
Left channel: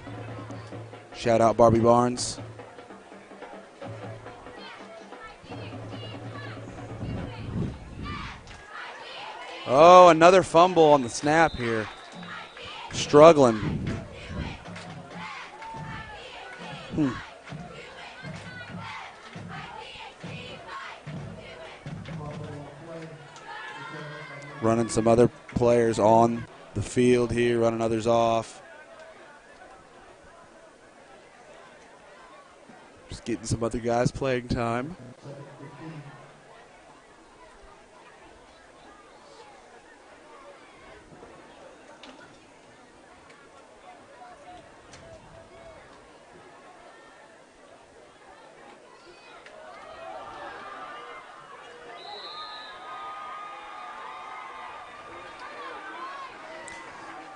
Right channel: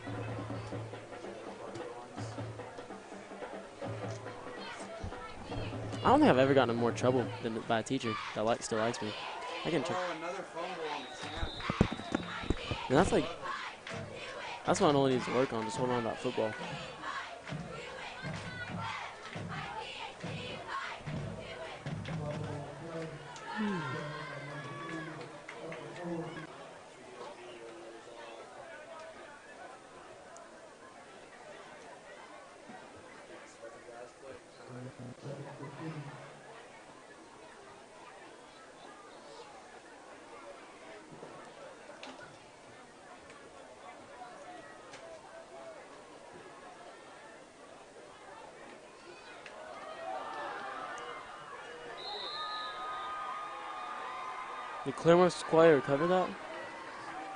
Shout out Barbie Barnes. I don't think I've ever gotten in more trouble than a bad teacher that still likes me. Oh, another fumble on the snap here. Yeah, Struggling. That's what I only need to work on, just learn about football. Running some other players on the field here, running others off. Just getting some other guys playing time. Did Claremore Sequoia recover that?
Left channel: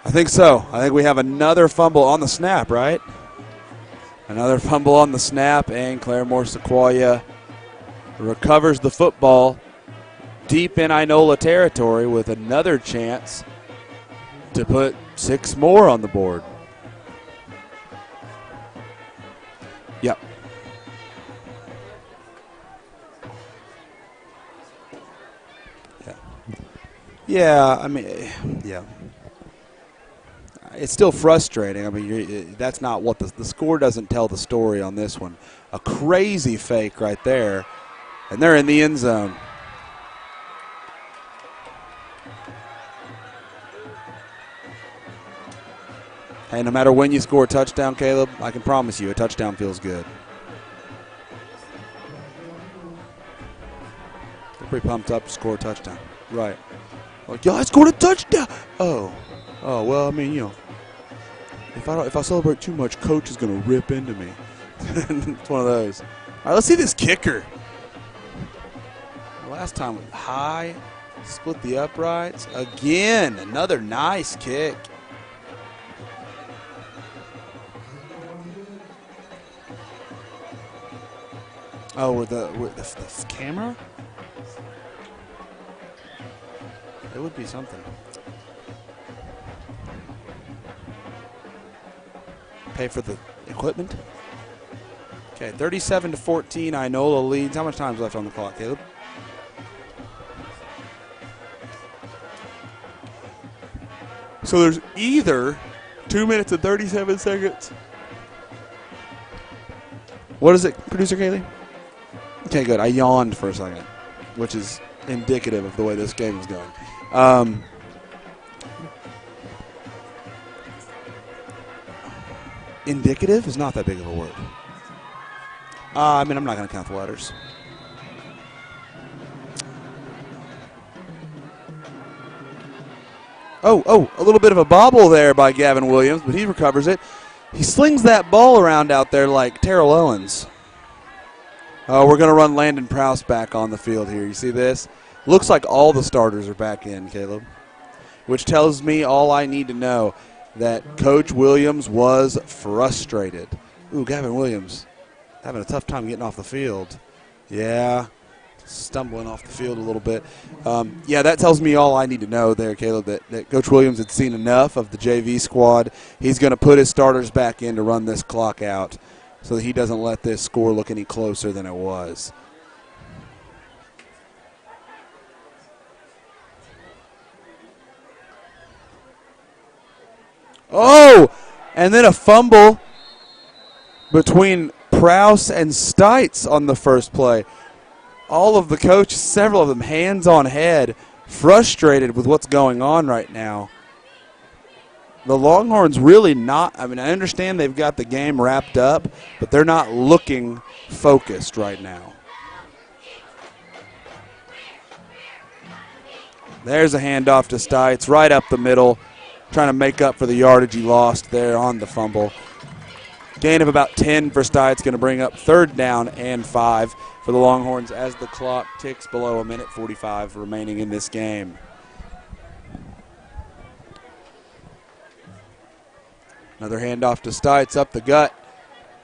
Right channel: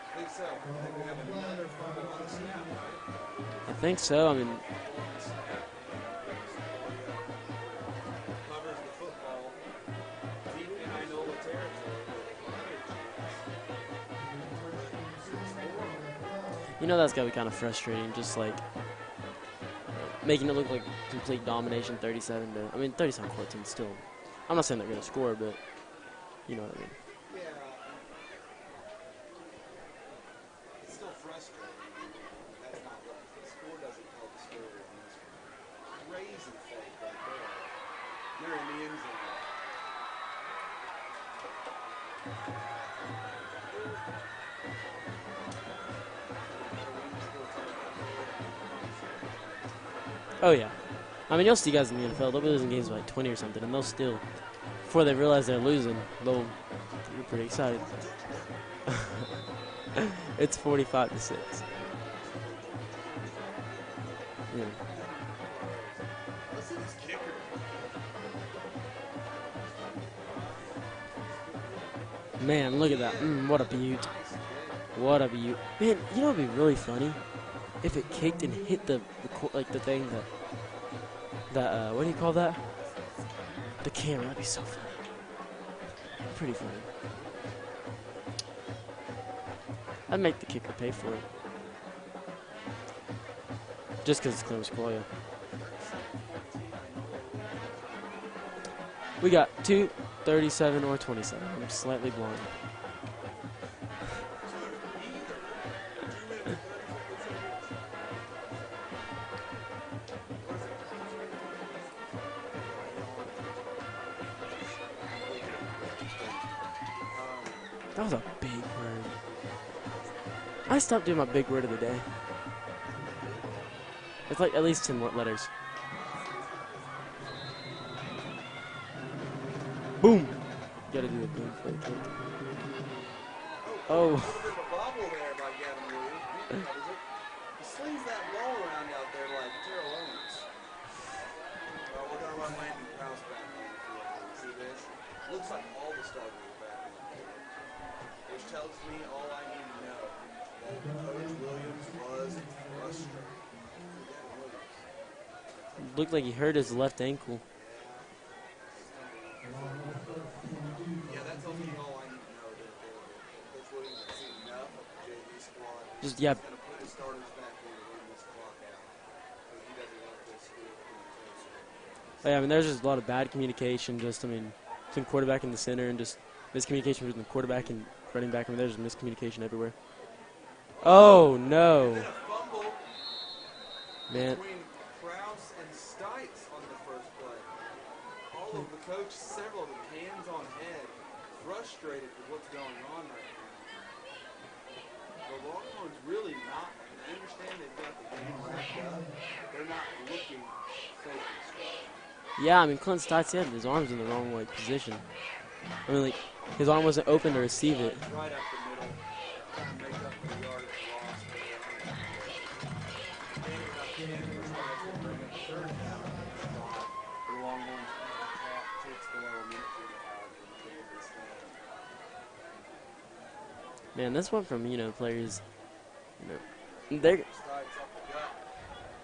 I think so. I think we have another fumble on the snap, right? I think so. Another fumble on the snap, and Claremore Sequoia recovers the football deep in Inola territory with another chance to put 6 more on the board. You know that's got to be kind of frustrating, just like making it look like complete domination 37. But, I mean, 37-14 still. I'm not saying they're going to score, but you know. Yeah, I mean, yeah. It's still frustrating. I mean, that's not what the score doesn't tell the story on this one. A crazy fake right there, and they're in the end zone. Hey, no matter when you score a touchdown, Caleb, I can promise you a touchdown feels good. Oh, yeah. I mean, you'll see guys in the NFL, they'll be losing games by 20 or something, and they'll still, Pretty before pumped they up to realize score a they're touchdown. losing. Right. Like, yo, I scored a touchdown. Oh, well, I mean, you know. It's 45-6. If I celebrate too much, coach is going to rip into me. Yeah. It's one of those. All right, let's see this kicker. Last time high, split the uprights. Man, Again, what another a beaut. nice kick. What a beaut. Man, you know what would be really funny? If it kicked and hit the thing what do you call that? With the camera? The camera. That'd be so funny. Pretty funny. It would be something. I'd make the kicker pay for it. Pay for the equipment? Just because it's close call, yeah. Okay, 37-14, Inola leads. How much time's left on the clock, Caleb? We got 2, 37, or 27. I'm slightly blind. So there's either 2 minutes and 37 seconds. What is it, Producer Kaylee? Okay, good. I yawned for a second, which is indicative of the way this game is going. That was a big word. I stopped doing my big word of the day. Indicative is not that big of a word. It's like at least 10 letters. I mean, I'm not going to count the letters. Boom. Gotta do it. Oh, a little bit of a bobble there by Gavin Williams, but he recovers it. He slings that ball around out there like Terrell Owens. Oh, we're going to run Landon Prowse back on the field here. You see this? Looks like all the starters are back in, Caleb, which tells me all I need to know, that Coach Williams was frustrated. Ooh, Gavin Williams having a tough time getting off the field. His left ankle. Yeah, stumbling off the field a little bit. Yeah, that tells me all I need to know there, Caleb, that Coach Williams had seen enough of the JV squad. Yeah. He's going to put his starters back in to run this clock out so that he doesn't let this score look any closer than it was. Yeah, I mean, there's just a lot of bad communication, between quarterback and the center, and just miscommunication between the quarterback and running back. I mean, there's miscommunication everywhere. Oh, no. And then a fumble between Prowse and Stites on the first play. All of the coaches, several of them, hands on head, frustrated with what's going on right now. The Longhorns really not, I mean, I understand they've got the game wrapped up, but they're not looking focused right now. Yeah, I mean, Clint Stites had his arms in the wrong position. I mean, there's a handoff to Stites right up the middle, trying to make up for the yardage he lost there on the fumble. Gain of about 10 for Stites, going to bring up 3rd down and 5 for the Longhorns as the clock ticks below a minute 45 remaining in this game. And this one from, players. Another handoff to Stites up the gut.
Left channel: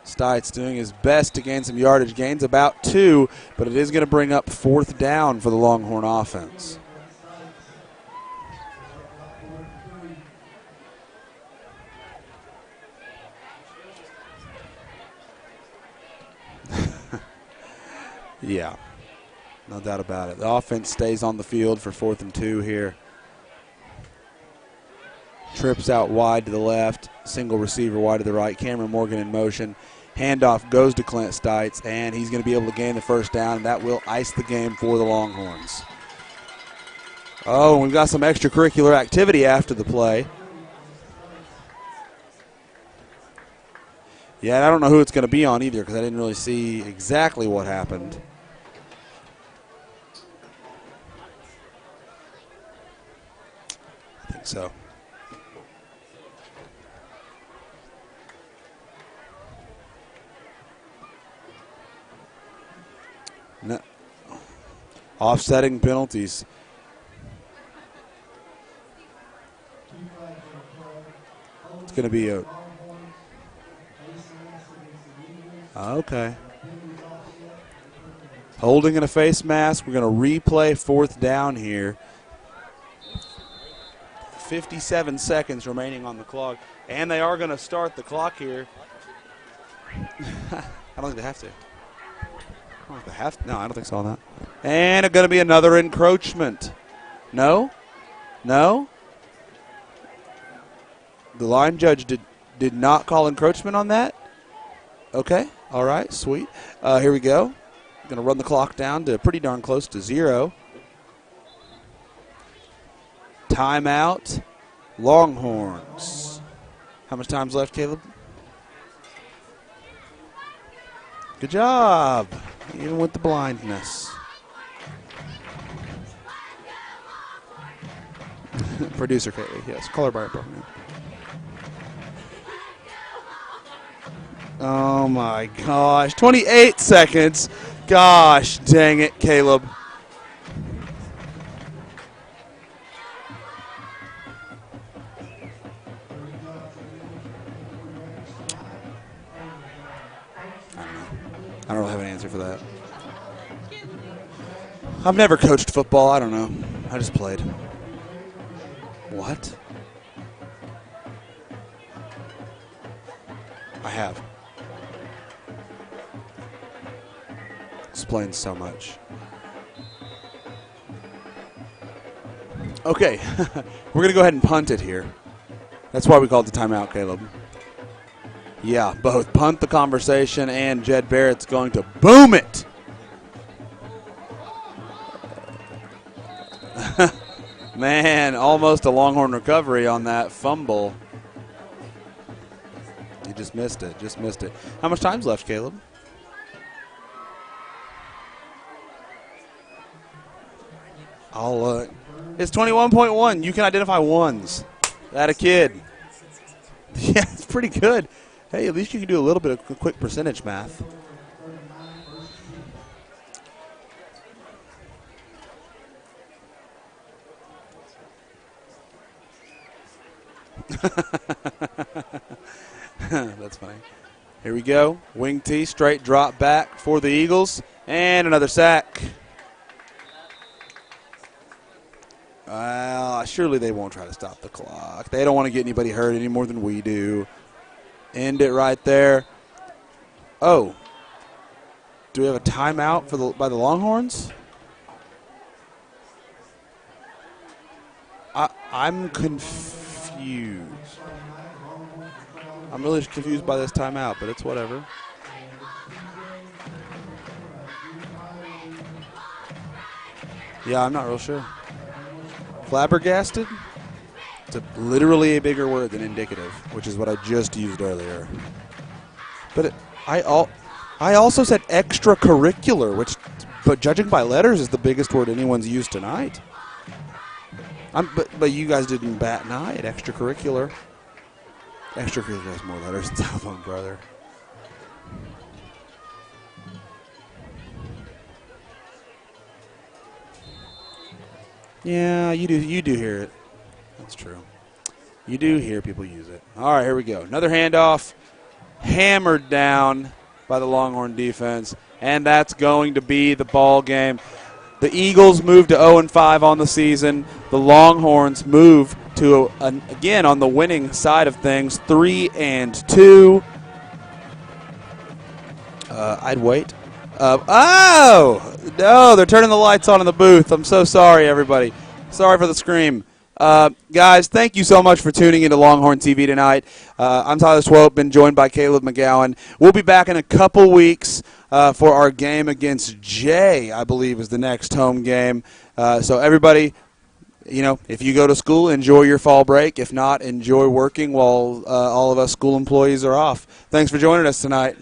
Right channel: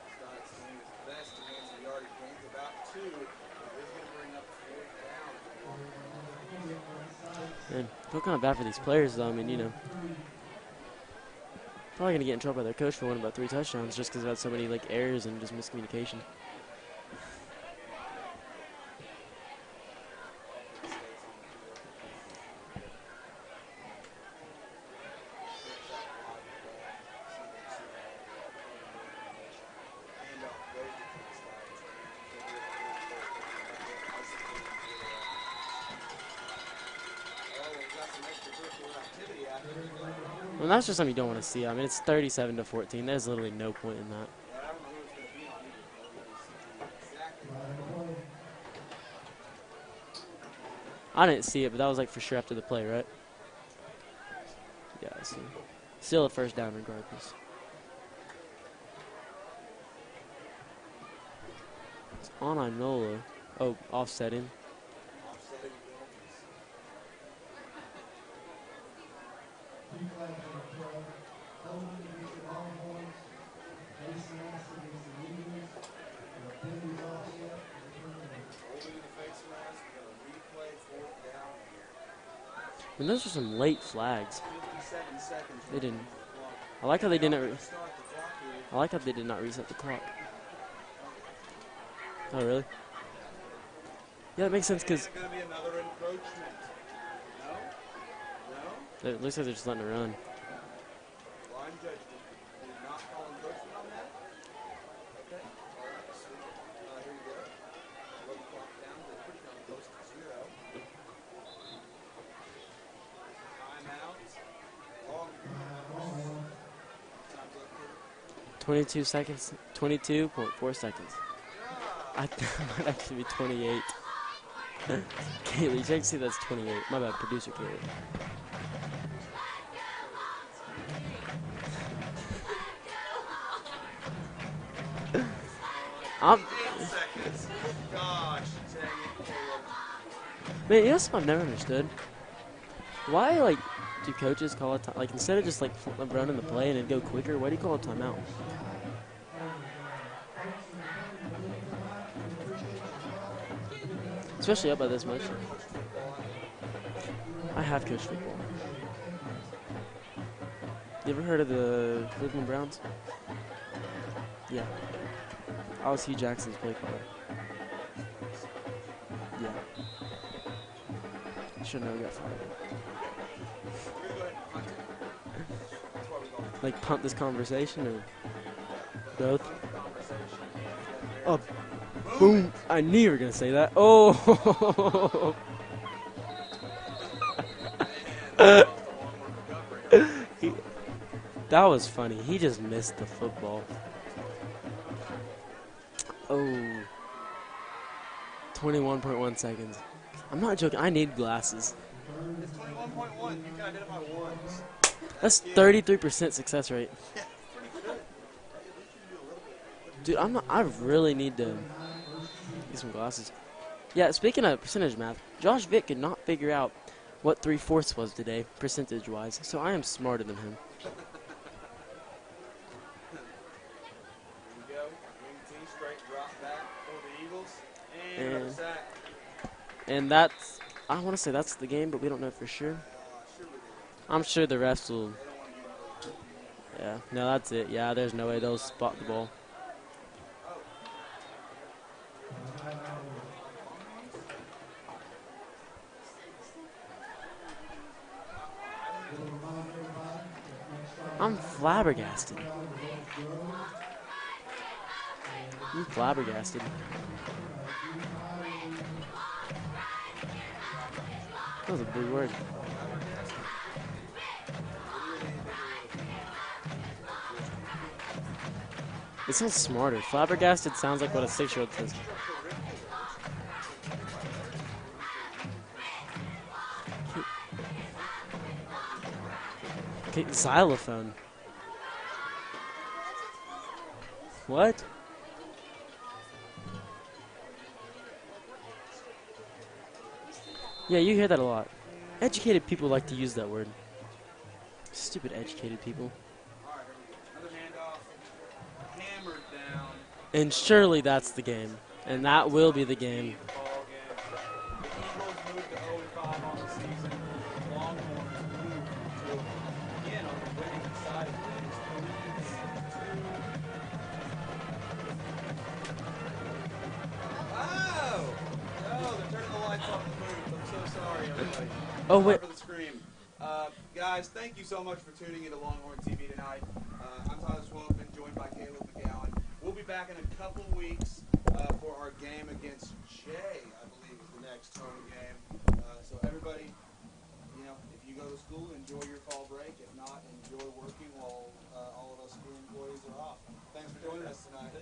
Stites doing his best to gain some yardage, gains about 2, but it is going to bring up 4th down for the Longhorn offense. Yeah, I feel kind of bad for these players, though. I mean, probably going to get in trouble by their coach for winning about 3 touchdowns just because they had so many errors and just miscommunication. Yeah, no doubt about it. The offense stays on the field for 4th and 2 here. Trips out wide to the left, single receiver wide to the right. Cameron Morgan in motion. Handoff goes to Clint Stites, and he's going to be able to gain the 1st down, and that will ice the game for the Longhorns. Oh, and we've got some extracurricular activity after the play. Well, that's just something you don't want to see. I mean, it's 37-14. There's literally no point in that. Yeah, and I don't know who it's going to be on either because I didn't really see exactly what happened. I didn't see it, but that was for sure after the play, right? I think so. Yeah, so still a 1st down regardless. It's on Inola. Oh, No. offsetting. Offsetting penalties. It's going to be a. Okay. Holding in a face mask. We're going to replay fourth down here. And those are some late flags. 57 seconds remaining on the clock. Like and they are going to start the clock here. I like how they did not reset the clock. I don't think they have to. Oh, really? I don't think they have to. No, I don't think so on that. Yeah, that makes sense. And it's going to be another encroachment. No? No? It looks like they're just letting it run. The line judge did not call encroachment on that. Okay. All right. Sweet. Here we go. Going to run the clock down to pretty darn close to 0. Timeout. Longhorns. How much time's left, Caleb? 22 seconds. 22.4 seconds. Good job. Even with the blindness. You can't see that's 28. My bad, producer Caleb. Producer Caleb, yes. Color bar. Oh my gosh. 28 seconds. Gosh dang it, Caleb. Man, you know something I've never understood? Why, like, do coaches call it like instead of just like running the play and it'd go quicker, why do you call it timeout? I don't really have an answer for that. Especially up by this. I've never coached football. I don't know. I just played. I have coached football. What? You ever heard of the Cleveland Browns? I have. Yeah. I was Hugh Jackson's kid. Explains so much. Yeah. You should know that. Okay. We're going to go ahead and punt it here. That's why we called the timeout, Punt this Caleb. conversation. Yeah, both Really? punt the conversation and Jed Barrett's going to boom it. I knew you were going to say that. Oh. Man, almost a Longhorn recovery on that fumble. That was funny. He just missed the football. He just missed it. Just missed it. How much time's left, Caleb? Oh. 21.1 seconds. I'm not joking. I need glasses. It's 21.1. You can identify ones. That a That's kid. 33% success rate. Yeah, it's pretty good. Hey, at least you can do a little bit of quick Dude, percentage math. I really need to get some glasses. Yeah, speaking of percentage math, Josh Vick could not figure out what 3/4 was today, percentage-wise. So I am smarter than him. That's funny. Here we go. Wing T, straight drop back for the Eagles. And another sack. And that's, I want to say that's the game, but we don't know for sure. Surely they won't try to I'm stop sure the the refs clock. will. They don't want to get anybody hurt any more than we do. No, that's it. Yeah, there's no End way it they'll right spot there. the Oh. Do we have a timeout by the Longhorns? I'm confused. I'm flabbergasted. I'm really confused by this timeout, but it's whatever. I'm flabbergasted. Yeah, I'm not real sure. That was a big word. Flabbergasted? It's literally a bigger word than indicative, which is what I just used earlier. It sounds But smarter. I Flabbergasted sounds like I also said something else. extracurricular, but judging by letters is the biggest word anyone's used tonight. But you guys didn't bat an eye at I think extracurricular. xylophone. Extracurricular has more letters than xylophone, brother. What? Yeah, you hear that a lot. Yeah, you Educated do people like hear to it. use that word. That's true. Stupid. You do hear people use it. All right, here we go. Another handoff, hammered down And by the surely Longhorn that's the defense, game. and that that's will be going the to be game. the ball game. The Eagles move to 0-5 on the season. The Longhorns move to again on the winning side of things, 3-2. I'd wait. Oh no! They're turning the lights on in the booth. I'm so sorry, everybody. Sorry for the scream. Guys, thank you so much for tuning into Longhorn TV tonight. I'm Tyler Swope, been joined by Caleb McGowan. We'll be back in a couple weeks for our game against Jay, I believe is the next home game. So everybody, if you go to school, enjoy your fall break. If not, enjoy working while all of us school employees are off. Thanks for joining us tonight.